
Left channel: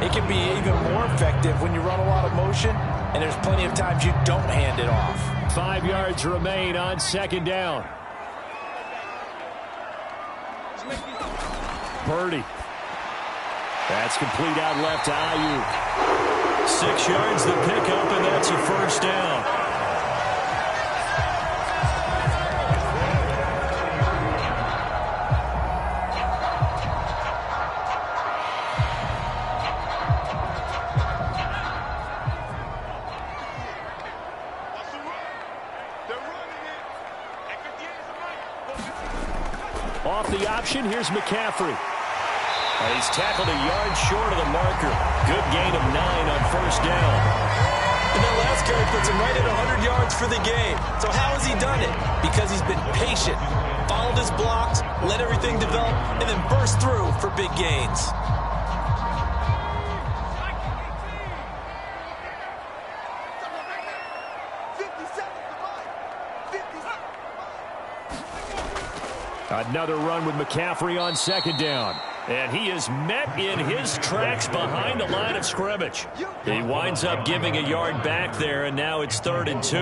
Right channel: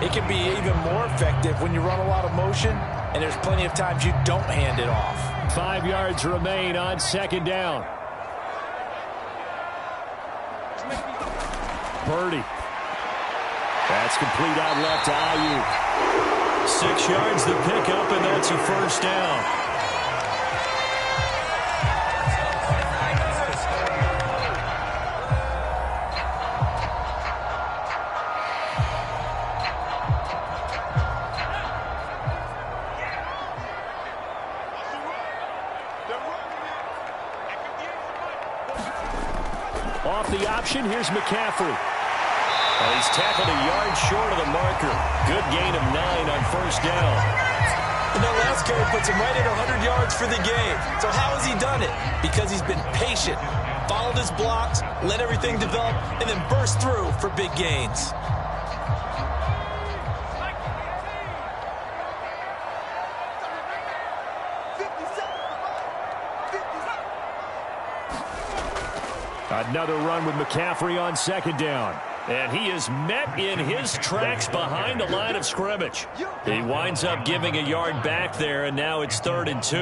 it can be even more effective when you run a lot of motion, and there's plenty of times you don't hand it off. 5 yards remain on second down. Purdy. That's complete out left to Ayuk. 6 yards the pickup, and that's a first down. Off the option, here's McCaffrey. And he's tackled a yard short of the marker. Good gain of 9 on first down. And that last carry puts him right at 100 yards for the game. So how has he done it? Because he's been patient, followed his blocks, let everything develop, and then burst through for big gains. Another run with McCaffrey on second down. And he is met in his tracks behind the line of scrimmage. He winds up giving a yard back there, and now it's 3rd and 2.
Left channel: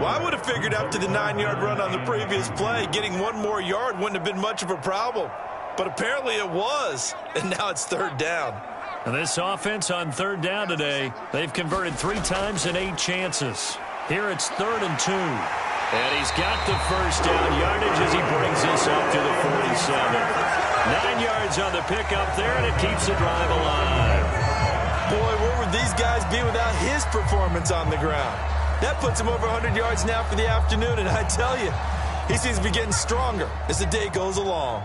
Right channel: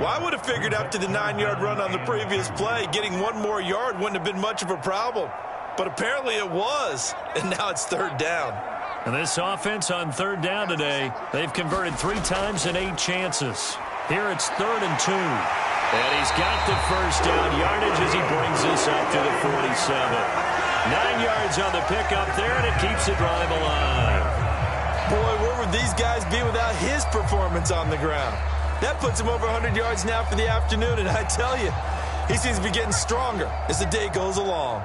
Well, I would have figured after the 9-yard run on the previous play, getting 1 more yard wouldn't have been much of a problem. But apparently it was, and now it's 3rd down. And this offense on 3rd down today, they've converted 3 times in 8 chances. Here it's 3rd and 2. And he's got the first down yardage as he brings this up to the 47. 9 yards on the pickup there, and it keeps the drive alive. Boy, where would these guys be without his performance on the ground? That puts him over 100 yards now for the afternoon, and I tell you, he seems to be getting stronger as the day goes along.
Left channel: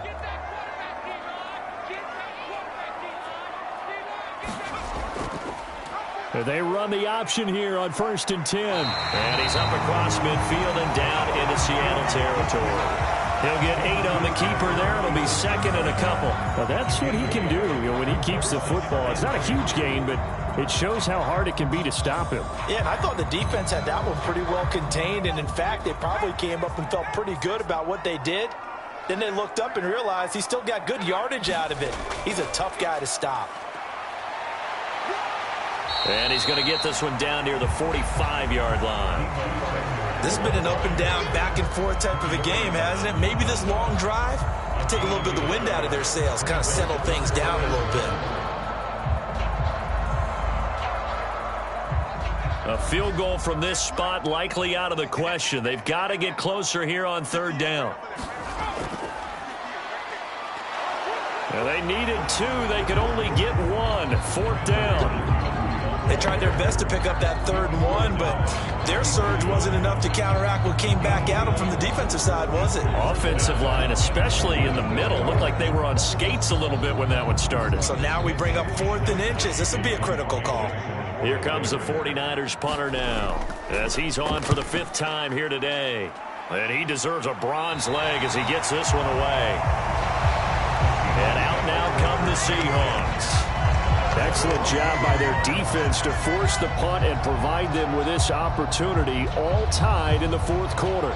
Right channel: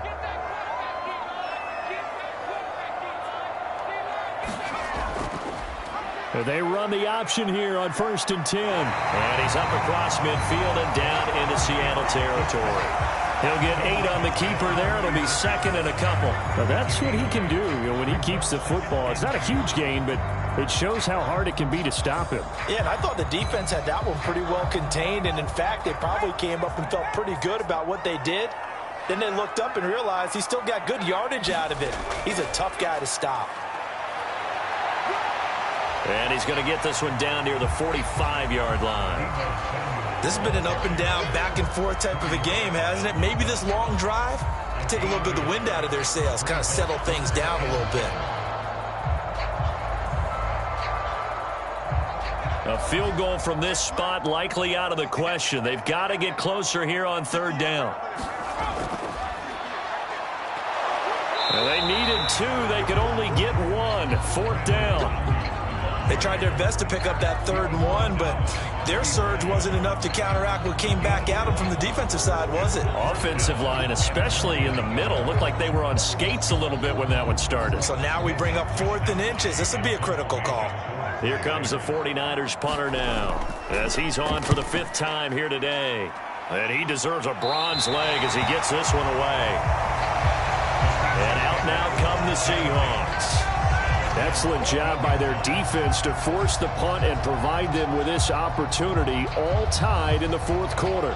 They run the option here on 1st and 10. And he's up across midfield and down into Seattle territory. He'll get 8 on the keeper there. It'll be 2nd and a couple. Now that's what he can do, when he keeps the football. It's not a huge gain, but it shows how hard it can be to stop him. Yeah, and I thought the defense had that one pretty well contained. And, in fact, they probably came up and felt pretty good about what they did. Then they looked up and realized he still got good yardage out of it. He's a tough guy to stop. And he's going to get this one down near the 45-yard line. This has been an up-and-down, back-and-forth type of a game, hasn't it? Maybe this long drive can take a little bit of the wind out of their sails, kind of settle things down a little bit. A field goal from this spot likely out of the question. They've got to get closer here on 3rd down. And they needed 2. They could only get 1. 4th down. They tried their best to pick up that 3rd and 1, but their surge wasn't enough to counteract what came back at them from the defensive side, was it? Offensive line, especially in the middle, looked like they were on skates a little bit when that one started. So now we bring up 4th and inches. This would be a critical call. Here comes the 49ers punter now, as he's on for the 5th time here today. And he deserves a bronze leg as he gets this one away. And out now come the Seahawks. Excellent job by their defense to force the punt and provide them with this opportunity, all tied in the 4th quarter.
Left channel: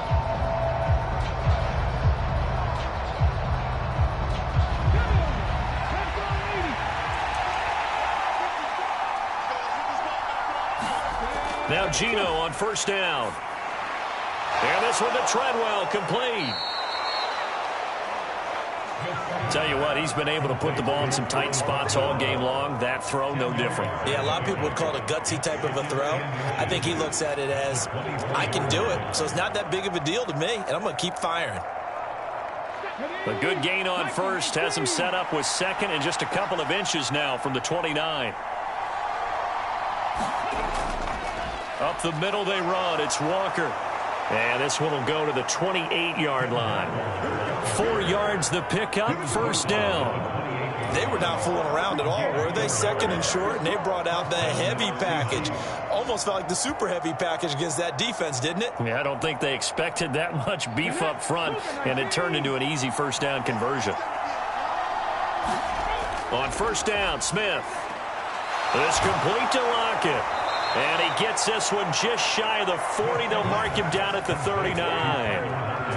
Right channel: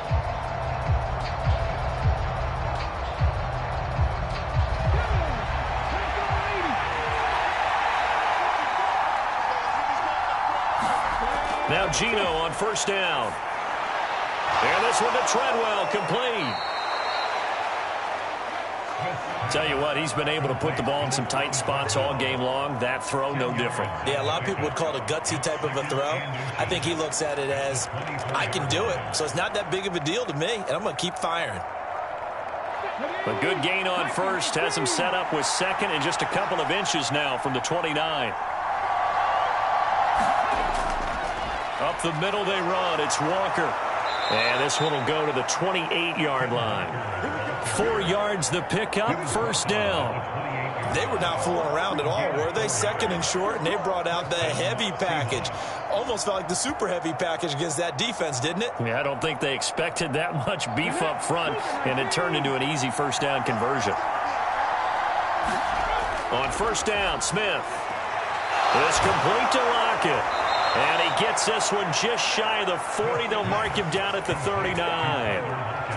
Now Gino on 1st down. And this one to Treadwell, complete. Tell you what, he's been able to put the ball in some tight spots all game long. That throw, no different. Yeah, a lot of people would call it a gutsy type of a throw. I think he looks at it as, I can do it, so it's not that big of a deal to me, and I'm going to keep firing. A good gain on 1st, has him set up with 2nd and just a couple of inches now from the 29. Up the middle they run. It's Walker. And this one will go to the 28-yard line. 4 yards the pickup, 1st down. They were not fooling around at all, were they? 2nd and short, and they brought out the heavy package. Almost felt like the super heavy package against that defense, didn't it? Yeah, I don't think they expected that much beef up front, and it turned into an easy 1st down conversion. On 1st down, Smith. This complete to Lockett. And he gets this one just shy of the 40. They'll mark him down at the 39.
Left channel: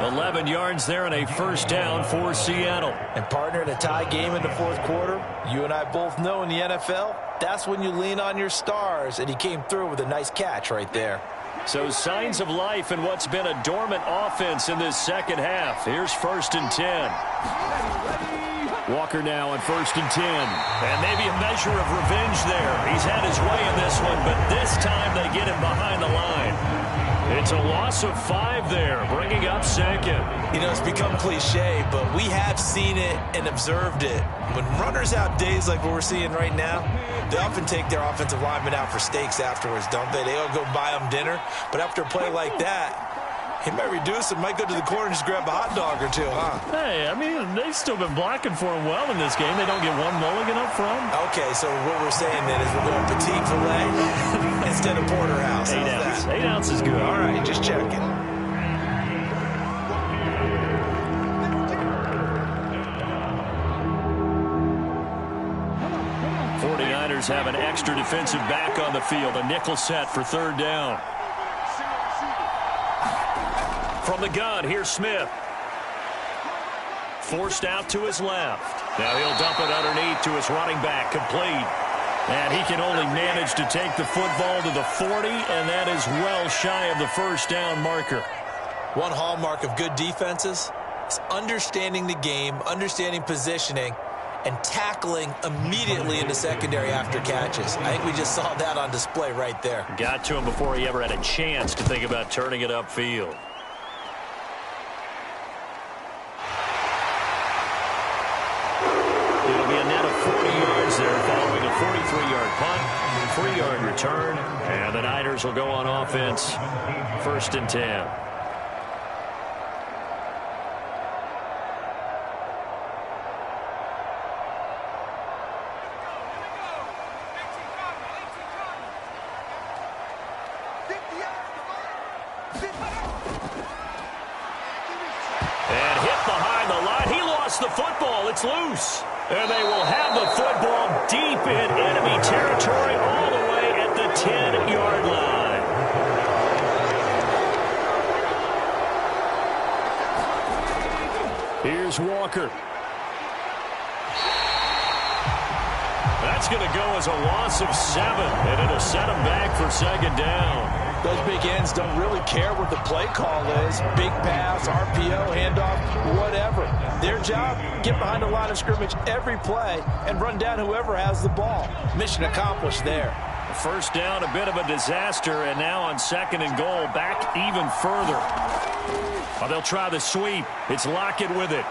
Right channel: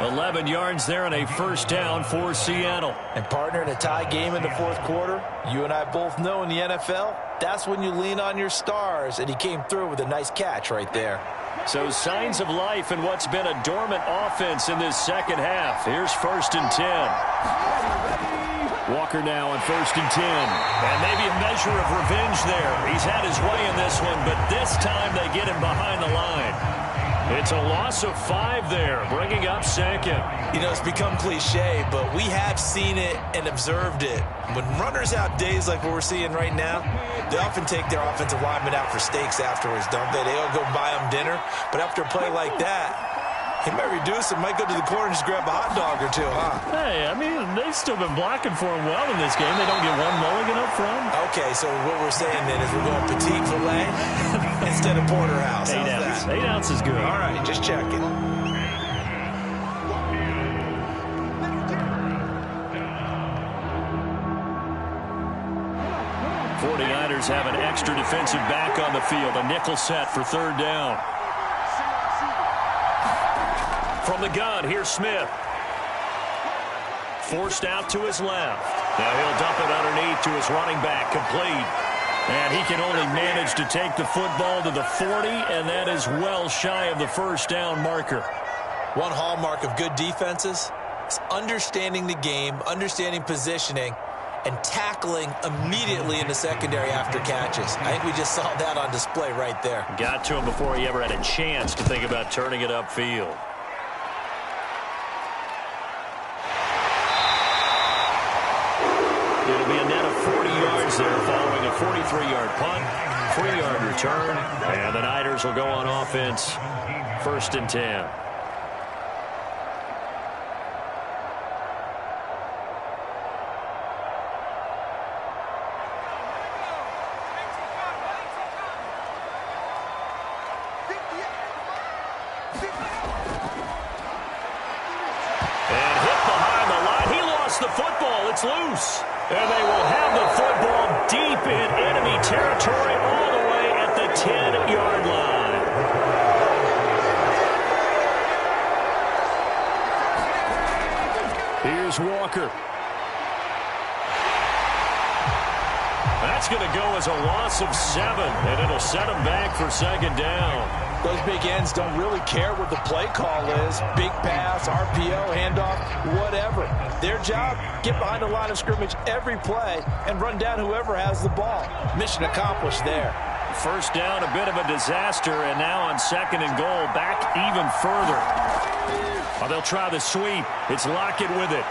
11 yards there and a 1st down for Seattle. And partner, in a tie game in the 4th quarter, you and I both know in the NFL, that's when you lean on your stars. And he came through with a nice catch right there. So signs of life in what's been a dormant offense in this 2nd half. Here's 1st and 10. Walker now on 1st and 10. And maybe a measure of revenge there. He's had his way in this one, but this time they get him behind the line. It's a loss of 5 there, bringing up 2nd. You know, it's become cliche, but we have seen it and observed it. When runners have days like what we're seeing right now, they often take their offensive linemen out for steaks afterwards, don't they? They all go buy them dinner. But after a play like that, he might reduce it, might go to the corner and just grab a hot dog or two, huh? Hey, I mean, they've still been blocking for him well in this game. They don't get one mulligan up front. Okay, so what we're saying then is we're going petite filet instead of porterhouse. 8 ounces. 8 ounces good. All right, just checking. '49ers have an extra defensive back on the field. A nickel set for 3rd down. From the gun, here's Smith. Forced out to his left. Now he'll dump it underneath to his running back, complete. And he can only manage to take the football to the 40, and that is well shy of the 1st down marker. One hallmark of good defenses is understanding the game, understanding positioning, and tackling immediately in the secondary after catches. I think we just saw that on display right there. Got to him before he ever had a chance to think about turning it upfield. It'll be a net of 40 yards there following a 43-yard punt, 3-yard return, and the Niners will go on offense, 1st and 10. And hit behind the line. He lost the football. It's loose. And they will have the football deep in enemy territory all the way at the 10-yard line. Here's Walker. That's going to go as a loss of 7, and it'll set him back for 2nd down. Those big ends don't really care what the play call is. Big pass, RPO, handoff, whatever. Their job, get behind the line of scrimmage every play and run down whoever has the ball. Mission accomplished there. 1st down, a bit of a disaster, and now on 2nd and goal, back even further. Oh, they'll try the sweep. It's Lockett with it.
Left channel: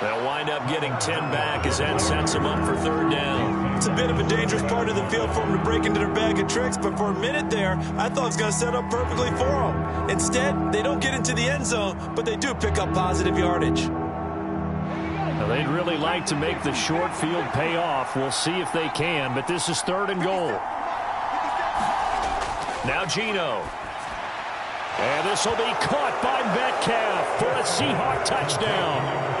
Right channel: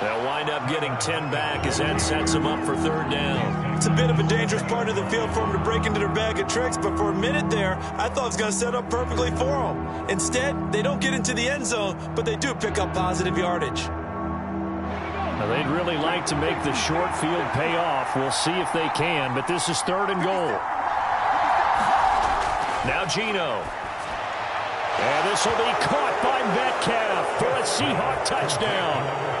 They'll wind up getting 10 back as that sets them up for third down. It's a bit of a dangerous part of the field for them to break into their bag of tricks, but for a minute there, I thought it was going to set up perfectly for them. Instead, they don't get into the end zone, but they do pick up positive yardage. Now, they'd really like to make the short field pay off. We'll see if they can, but this is 3rd and goal. Now Geno. And this will be caught by Metcalf for a Seahawk touchdown.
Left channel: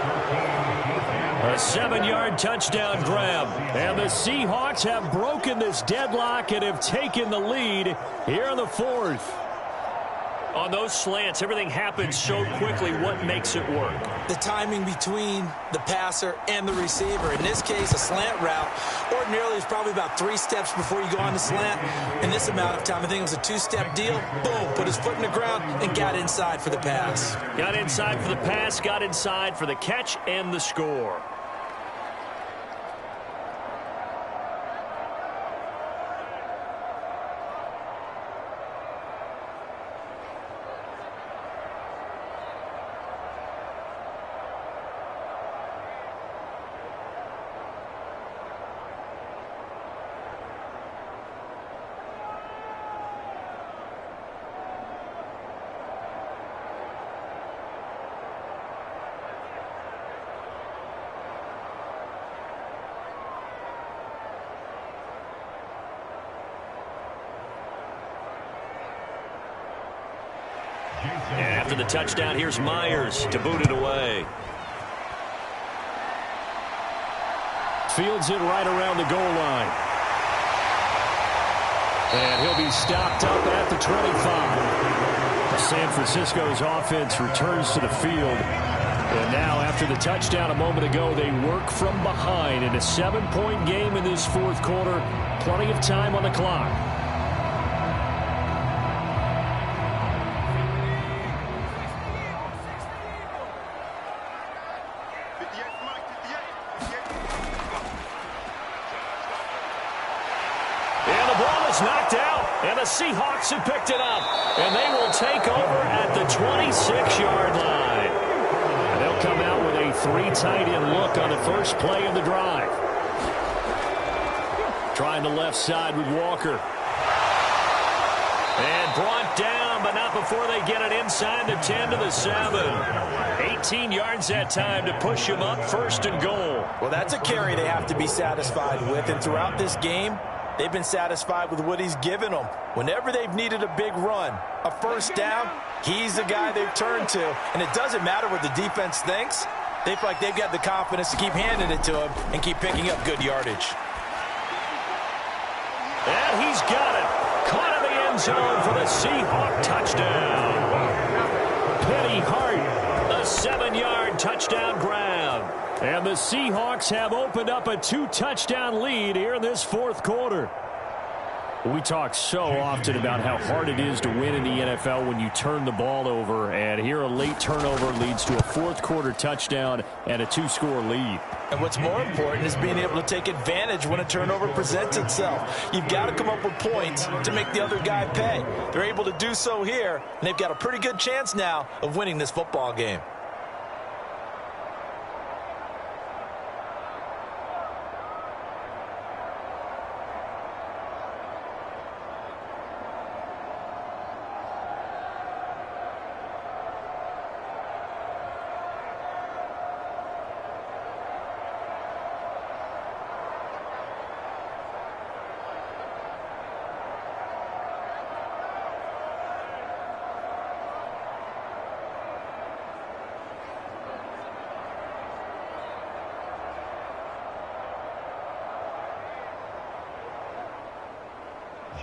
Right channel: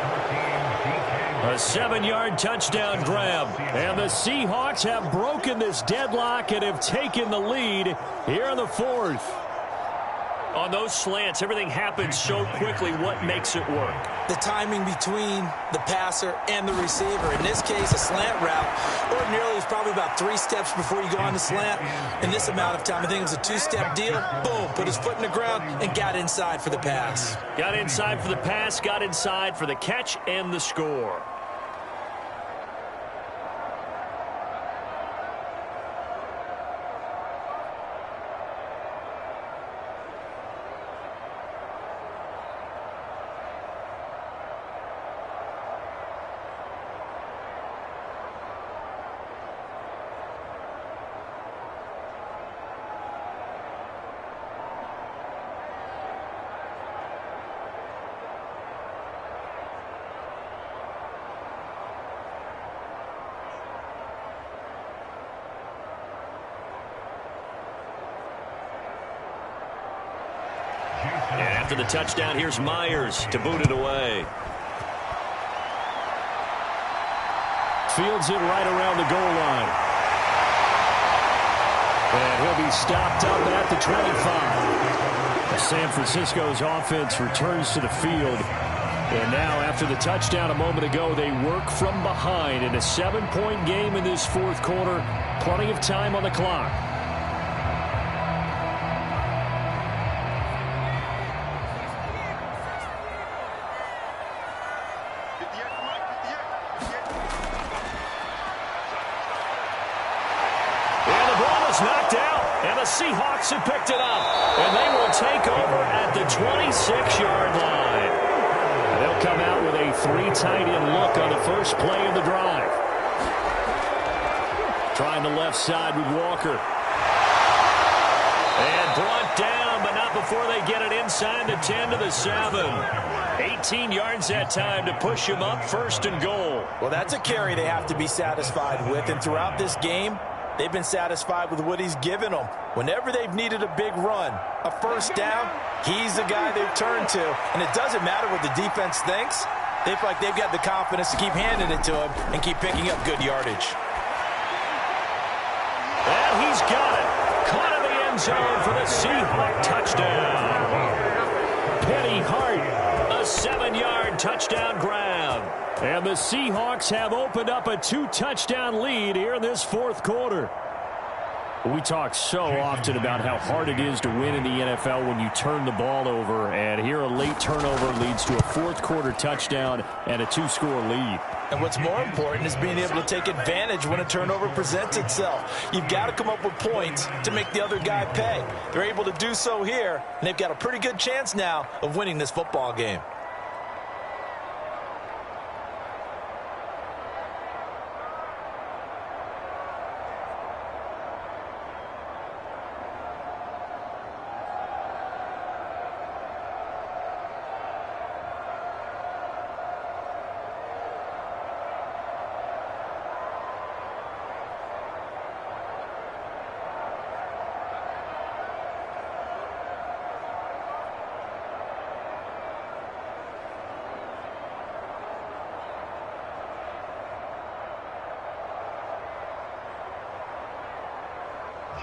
A 7-yard touchdown grab. And the Seahawks have broken this deadlock and have taken the lead here in the 4th. On those slants, everything happens so quickly. What makes it work? The timing between the passer and the receiver. In this case, a slant route ordinarily is probably about 3 steps before you go on the slant. In this amount of time, I think it was a 2-step deal. Boom, put his foot in the ground and got inside for the pass. Got inside for the pass, got inside for the catch and the score. And after the touchdown, here's Myers to boot it away. Fields it right around the goal line. And he'll be stopped up at the 25. San Francisco's offense returns to the field. And now, after the touchdown a moment ago, they work from behind in a 7-point game in this 4th quarter. Plenty of time on the clock. Knocked out, and the Seahawks have picked it up, and they will take over at the 26-yard line. And they'll come out with a 3-tight-end look on the first play of the drive. Trying the left side with Walker. And brought down, but not before they get it inside the 10 to the 7. 18 yards that time to push him up, 1st and goal. Well, that's a carry they have to be satisfied with, and throughout this game, they've been satisfied with what he's given them. Whenever they've needed a big run, a 1st down, he's the guy they've turned to. And it doesn't matter what the defense thinks. They feel like they've got the confidence to keep handing it to him and keep picking up good yardage. And he's got it. Caught in the end zone for the Seahawk touchdown. Penny Hart. A 7-yard touchdown grab. And the Seahawks have opened up a 2-touchdown lead here in this 4th quarter. We talk so often about how hard it is to win in the NFL when you turn the ball over. And here a late turnover leads to a 4th quarter touchdown and a 2-score lead. And what's more important is being able to take advantage when a turnover presents itself. You've got to come up with points to make the other guy pay. They're able to do so here, and they've got a pretty good chance now of winning this football game.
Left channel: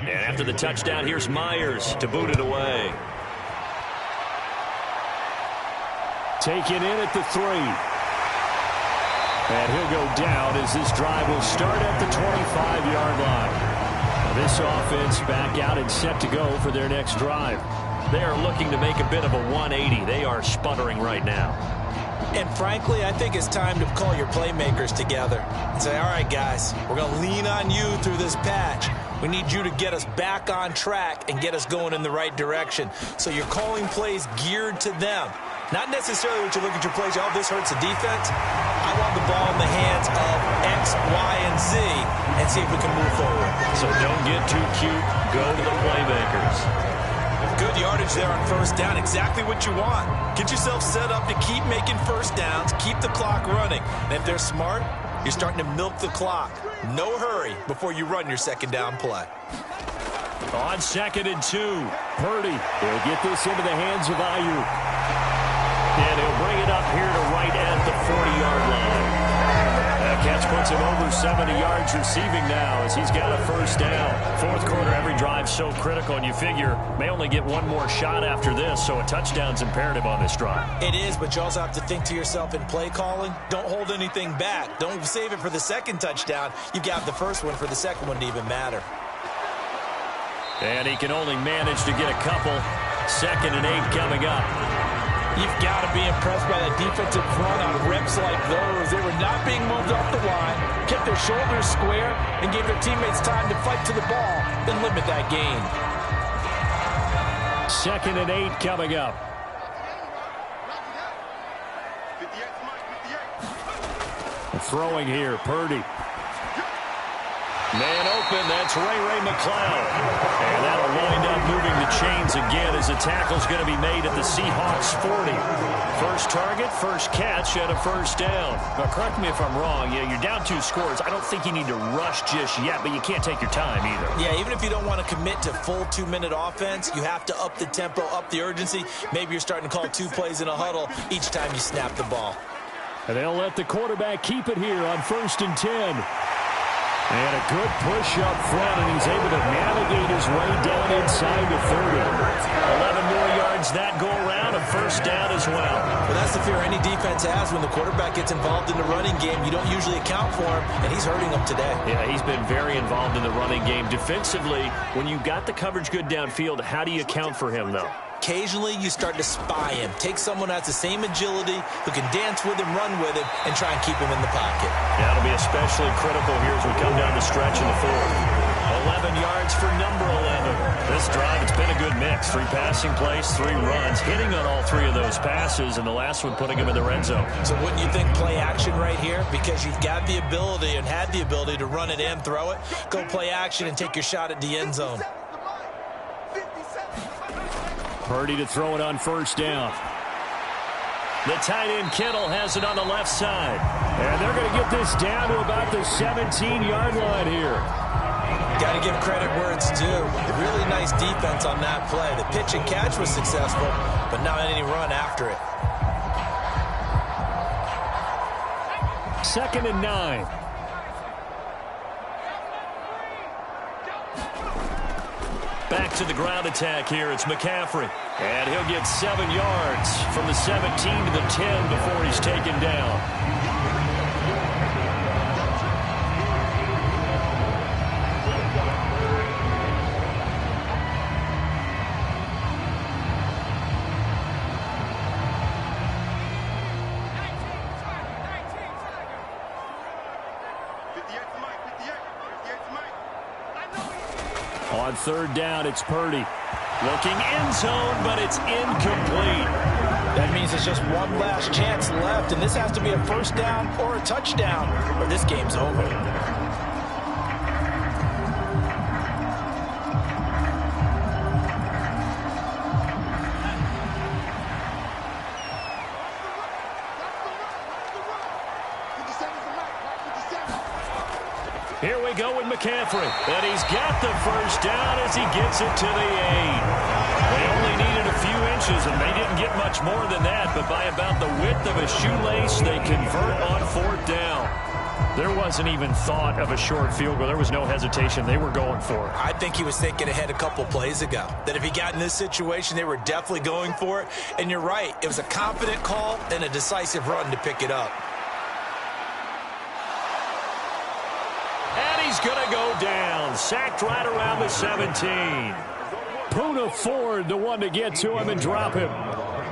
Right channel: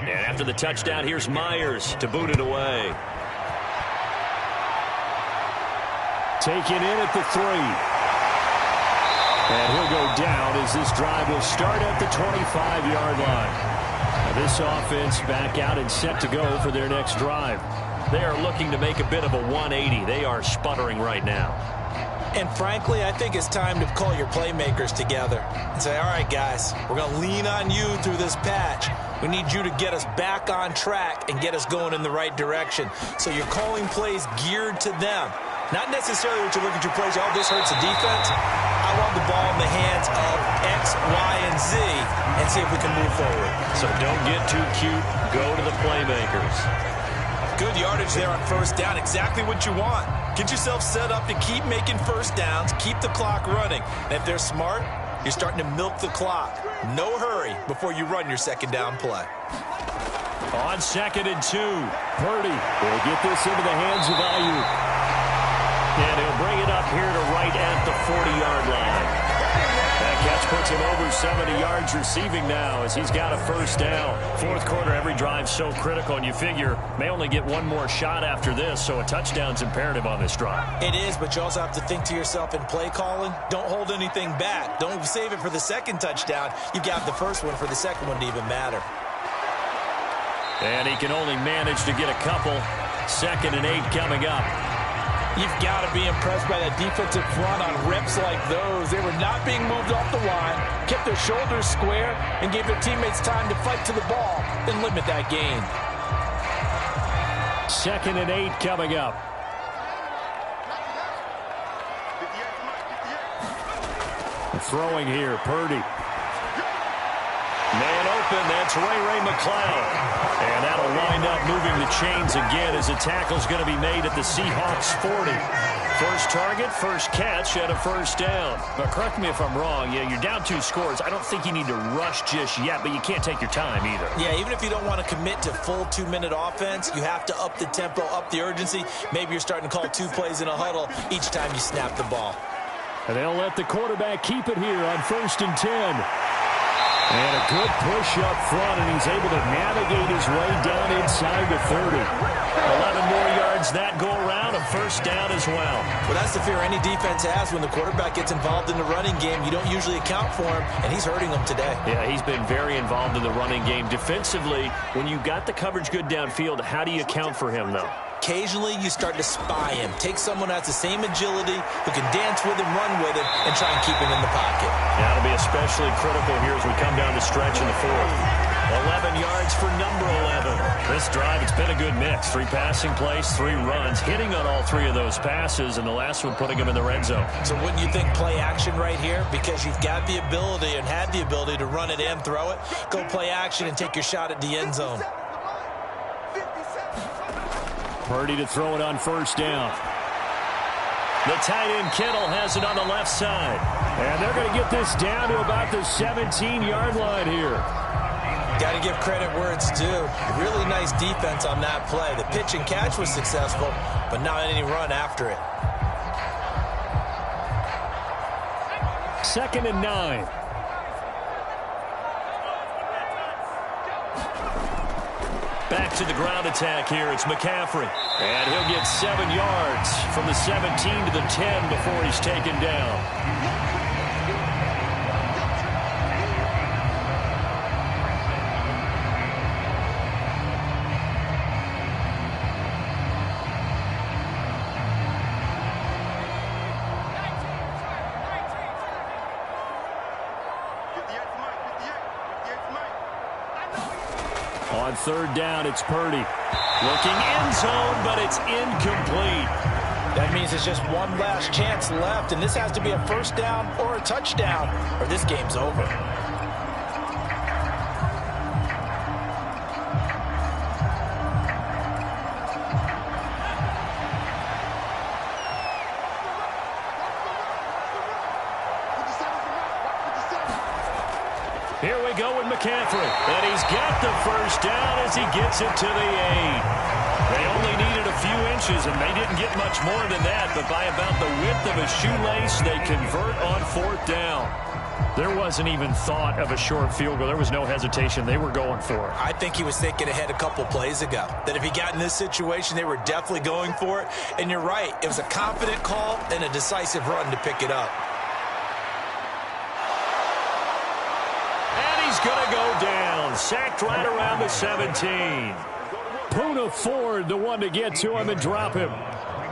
And after the touchdown, here's Myers to boot it away. Taken in at the 3. And he'll go down as this drive will start at the 25-yard line. Now this offense back out and set to go for their next drive. They are looking to make a bit of a 180. They are sputtering right now. And frankly, I think it's time to call your playmakers together and say, all right, guys, we're going to lean on you through this patch. We need you to get us back on track and get us going in the right direction. So you're calling plays geared to them. Not necessarily what you look at your plays, oh, this hurts the defense. I want the ball in the hands of X, Y, and Z and see if we can move forward. So don't get too cute. Go to the playmakers. Good yardage there on first down. Exactly what you want. Get yourself set up to keep making first downs, keep the clock running. And if they're smart, you're starting to milk the clock. No hurry before you run your second down play. On 2nd and 2, Purdy will get this into the hands of Ayuk. And he'll bring it up here to right at the 40-yard line. That catch puts him over 70 yards receiving now as he's got a first down. Fourth quarter, every drive so critical, and you figure may only get one more shot after this, so a touchdown's imperative on this drive. It is, but you also have to think to yourself in play calling, don't hold anything back. Don't save it for the second touchdown. You've got the first one for the second one to even matter. And he can only manage to get a couple. 2nd and 8 coming up. You've got to be impressed by that defensive front on reps like those. They were not being moved off the line, kept their shoulders square, and gave their teammates time to fight to the ball and limit that gain. 2nd and 8 coming up. Throwing here, Purdy. Man open, that's Ray McCloud. And that'll wind up moving the chains again as a tackle's going to be made at the Seahawks 40. First target, first catch, and a first down. But correct me if I'm wrong, you're down 2 scores. I don't think you need to rush just yet, but you can't take your time either. Yeah, even if you don't want to commit to full 2-minute offense, you have to up the tempo, up the urgency. Maybe you're starting to call 2 plays in a huddle each time you snap the ball. And they'll let the quarterback keep it here on 1st and 10. And a good push up front, and he's able to navigate his way down inside the 30. 11 more yards that go around, a first down as well. Well, that's the fear any defense has when the quarterback gets involved in the running game. You don't usually account for him, and he's hurting them today. Yeah, he's been very involved in the running game. Defensively, when you got the coverage good downfield, how do you account for him, though? Occasionally, you start to spy him. Take someone who has the same agility, who can dance with him, run with him, and try and keep him in the pocket. Yeah, it'll be especially critical here as we come down the stretch in the 4th. 11 yards for number 11. This drive, it's been a good mix. 3 passing plays, 3 runs, hitting on all 3 of those passes, and the last one putting him in the red zone. So wouldn't you think play action right here? Because you've got the ability and had the ability to run it and throw it. Go play action and take your shot at the end zone. Purdy to throw it on first down. The tight end Kittle has it on the left side. And they're going to get this down to about the 17-yard line here. Got to give credit where it's due. Really nice defense on that play. The pitch and catch was successful, but not any run after it. 2nd and 9. Back to the ground attack here. It's McCaffrey. And he'll get 7 yards from the 17 to the 10 before he's taken down. On 3rd down, it's Purdy. Looking end zone, but it's incomplete. That means it's just one last chance left, and this has to be a first down or a touchdown, or this game's over. Here we go with McCaffrey. And he's got the first down as he gets it to the 8. They only needed a few inches, and they didn't get much more than that. But by about the width of a shoelace, they convert on 4th down. There wasn't even thought of a short field goal. There was no hesitation. They were going for it. I think he was thinking ahead a couple plays ago. That if he got in this situation, they were definitely going for it. And you're right. It was a confident call and a decisive run to pick it up. He's going to go down. Sacked right around the 17. Poona Ford, the one to get to him and drop him.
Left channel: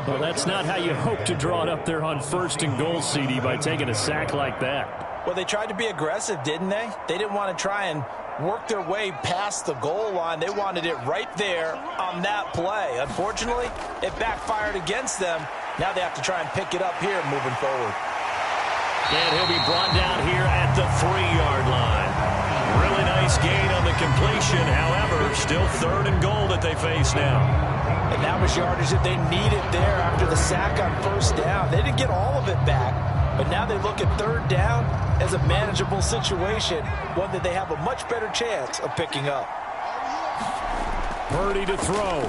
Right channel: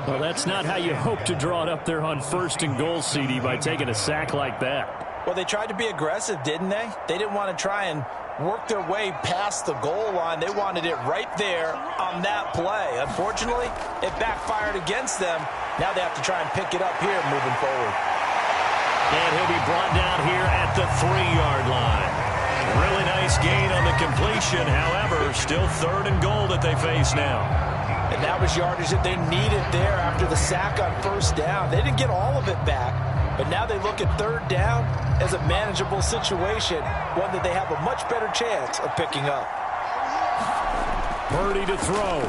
Well, that's not how you hope to draw it up there on 1st and goal, CD, by taking a sack like that. Well, they tried to be aggressive, didn't they? They didn't want to try and work their way past the goal line. They wanted it right there on that play. Unfortunately, it backfired against them, Now they have to try and pick it up here moving forward. And he'll be brought down here at the 3-yard line. Really nice gain on the completion. However, still 3rd and goal that they face now. And that was yardage that they needed there after the sack on 1st down. They didn't get all of it back, but now they look at 3rd down as a manageable situation, one that they have a much better chance of picking up. Purdy to throw.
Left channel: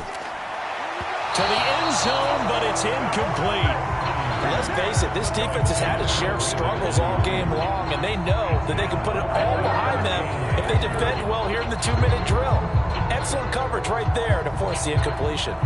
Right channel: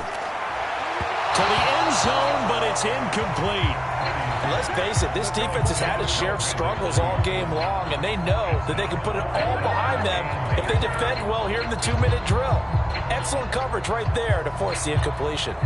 To the end zone, but it's incomplete. And let's face it, this defense has had its share of struggles all game long, and they know that they can put it all behind them if they defend well here in the 2-minute drill. Excellent coverage right there to force the incompletion.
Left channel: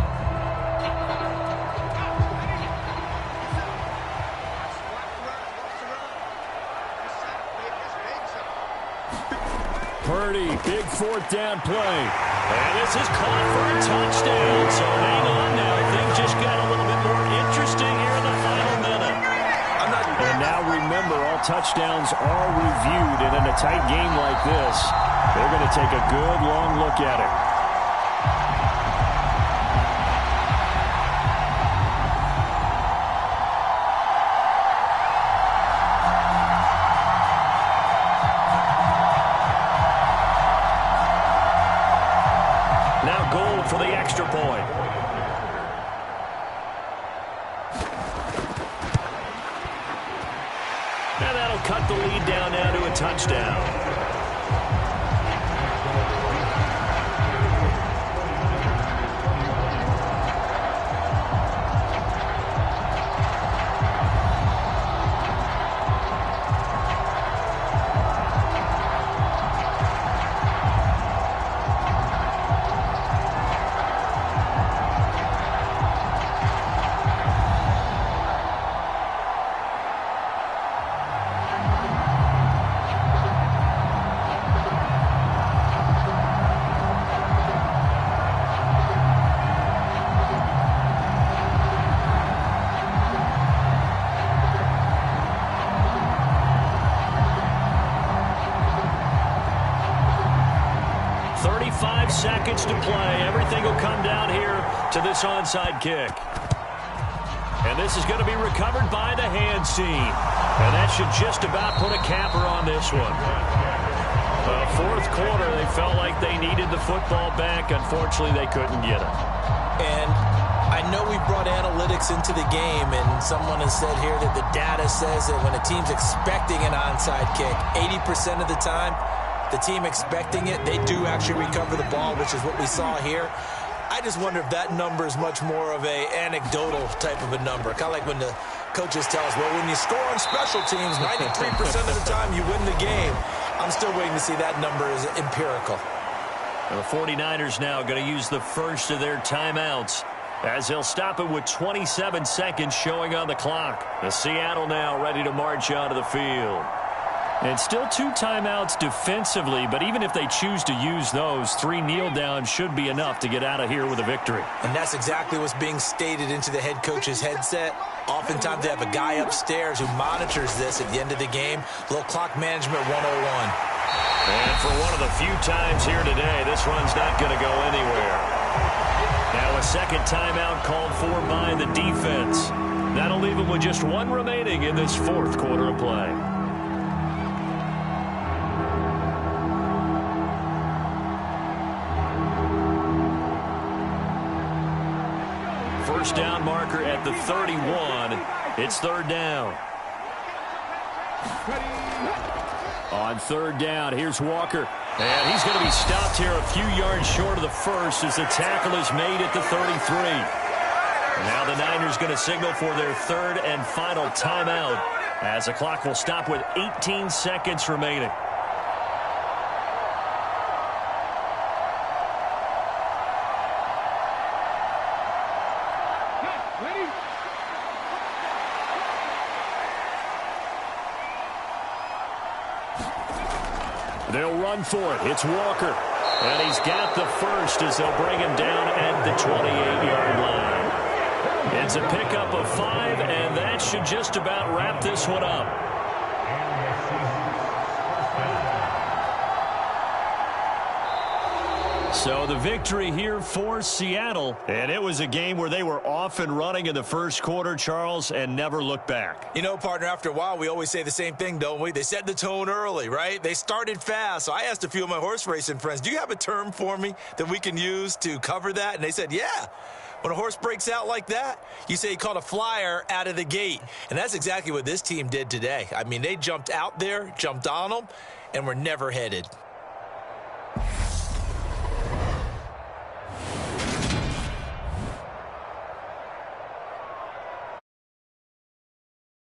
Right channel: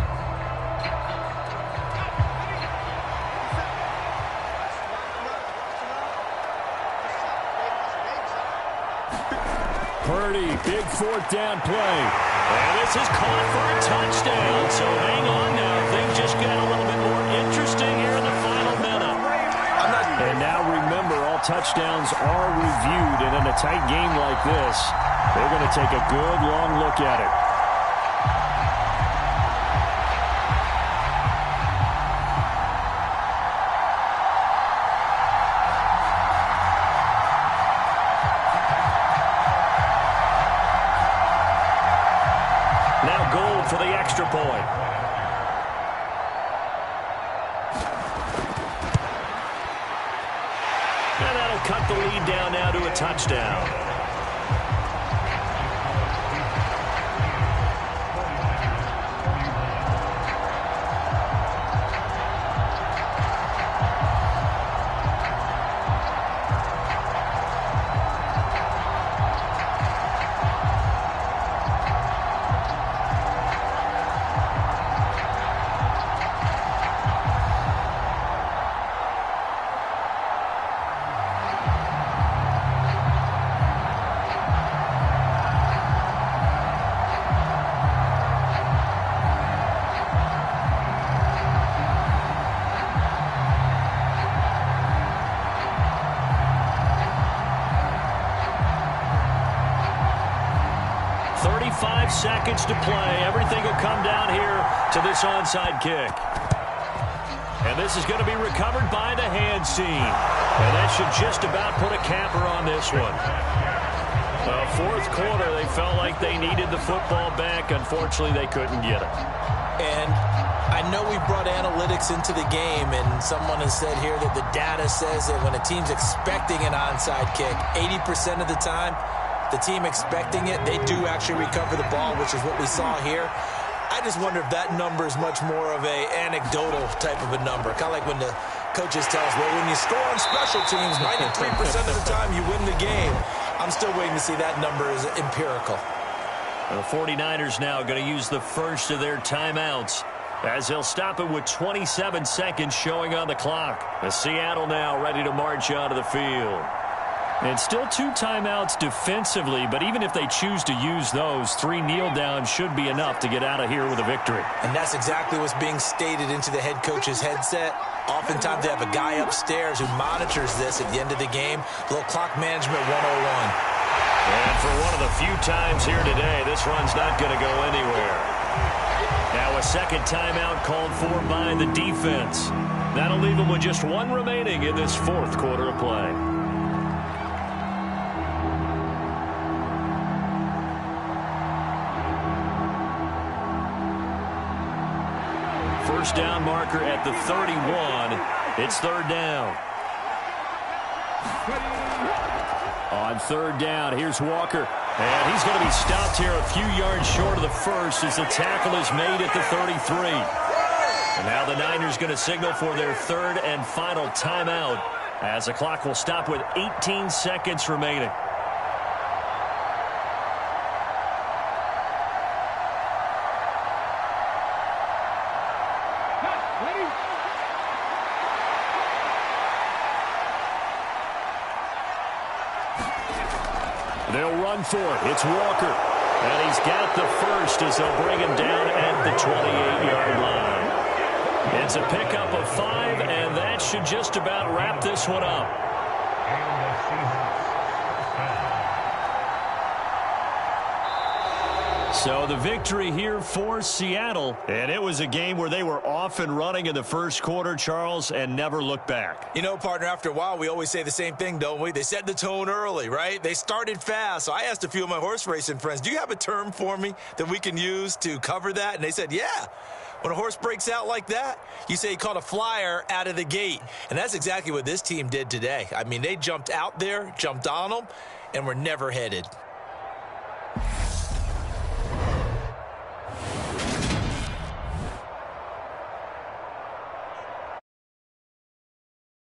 Purdy, big 4th down play. And this is caught for a touchdown. So hang on now. Things just got a little bit more interesting here in the final minute. And now remember, all touchdowns are reviewed. And in a tight game like this, they're going to take a good long look at it. Now goal for the extra point. And that'll cut the lead down now to a touchdown. Seconds to play. Everything will come down here to this onside kick. And this is going to be recovered by the hands team. And that should just about put a capper on this one. 4th quarter, they felt like they needed the football back. Unfortunately, they couldn't get it. And I know we brought analytics into the game, and someone has said here that the data says that when a team's expecting an onside kick, 80% of the time, the team expecting it, they do actually recover the ball, which is what we saw here. I just wonder if that number is much more of a anecdotal type of a number. Kind of like when the coaches tell us, well, when you score on special teams, 93% of the time you win the game. I'm still waiting to see that number is empirical. The 49ers now going to use the first of their timeouts as they'll stop it with 27 seconds showing on the clock. The Seattle now ready to march onto the field. And still 2 timeouts defensively, but even if they choose to use those, 3 kneel downs should be enough to get out of here with a victory. And that's exactly what's being stated into the head coach's headset. Oftentimes they have a guy upstairs who monitors this at the end of the game. A little clock management 101. And for one of the few times here today, this run's not going to go anywhere. Now a second timeout called for by the defense. That'll leave them with just 1 remaining in this 4th quarter of play. First down marker at the 31. It's 3rd down. On 3rd down, here's Walker. And he's going to be stopped here a few yards short of the first as the tackle is made at the 33. And now the Niners going to signal for their 3rd and final timeout as the clock will stop with 18 seconds remaining. They'll run for it. It's Walker. And he's got the first as they'll bring him down at the 28-yard line. It's a pickup of 5, and that should just about wrap this one up. So the victory here for Seattle. And it was a game where they were off and running in the first quarter, Charles, and never looked back. You know, partner, after a while, we always say the same thing, don't we? They set the tone early, right? They started fast. So I asked a few of my horse racing friends, do you have a term for me that we can use to cover that? And they said, yeah. When a horse breaks out like that, you say he caught a flyer out of the gate. And that's exactly what this team did today. I mean, they jumped out there, jumped on them, and were never headed.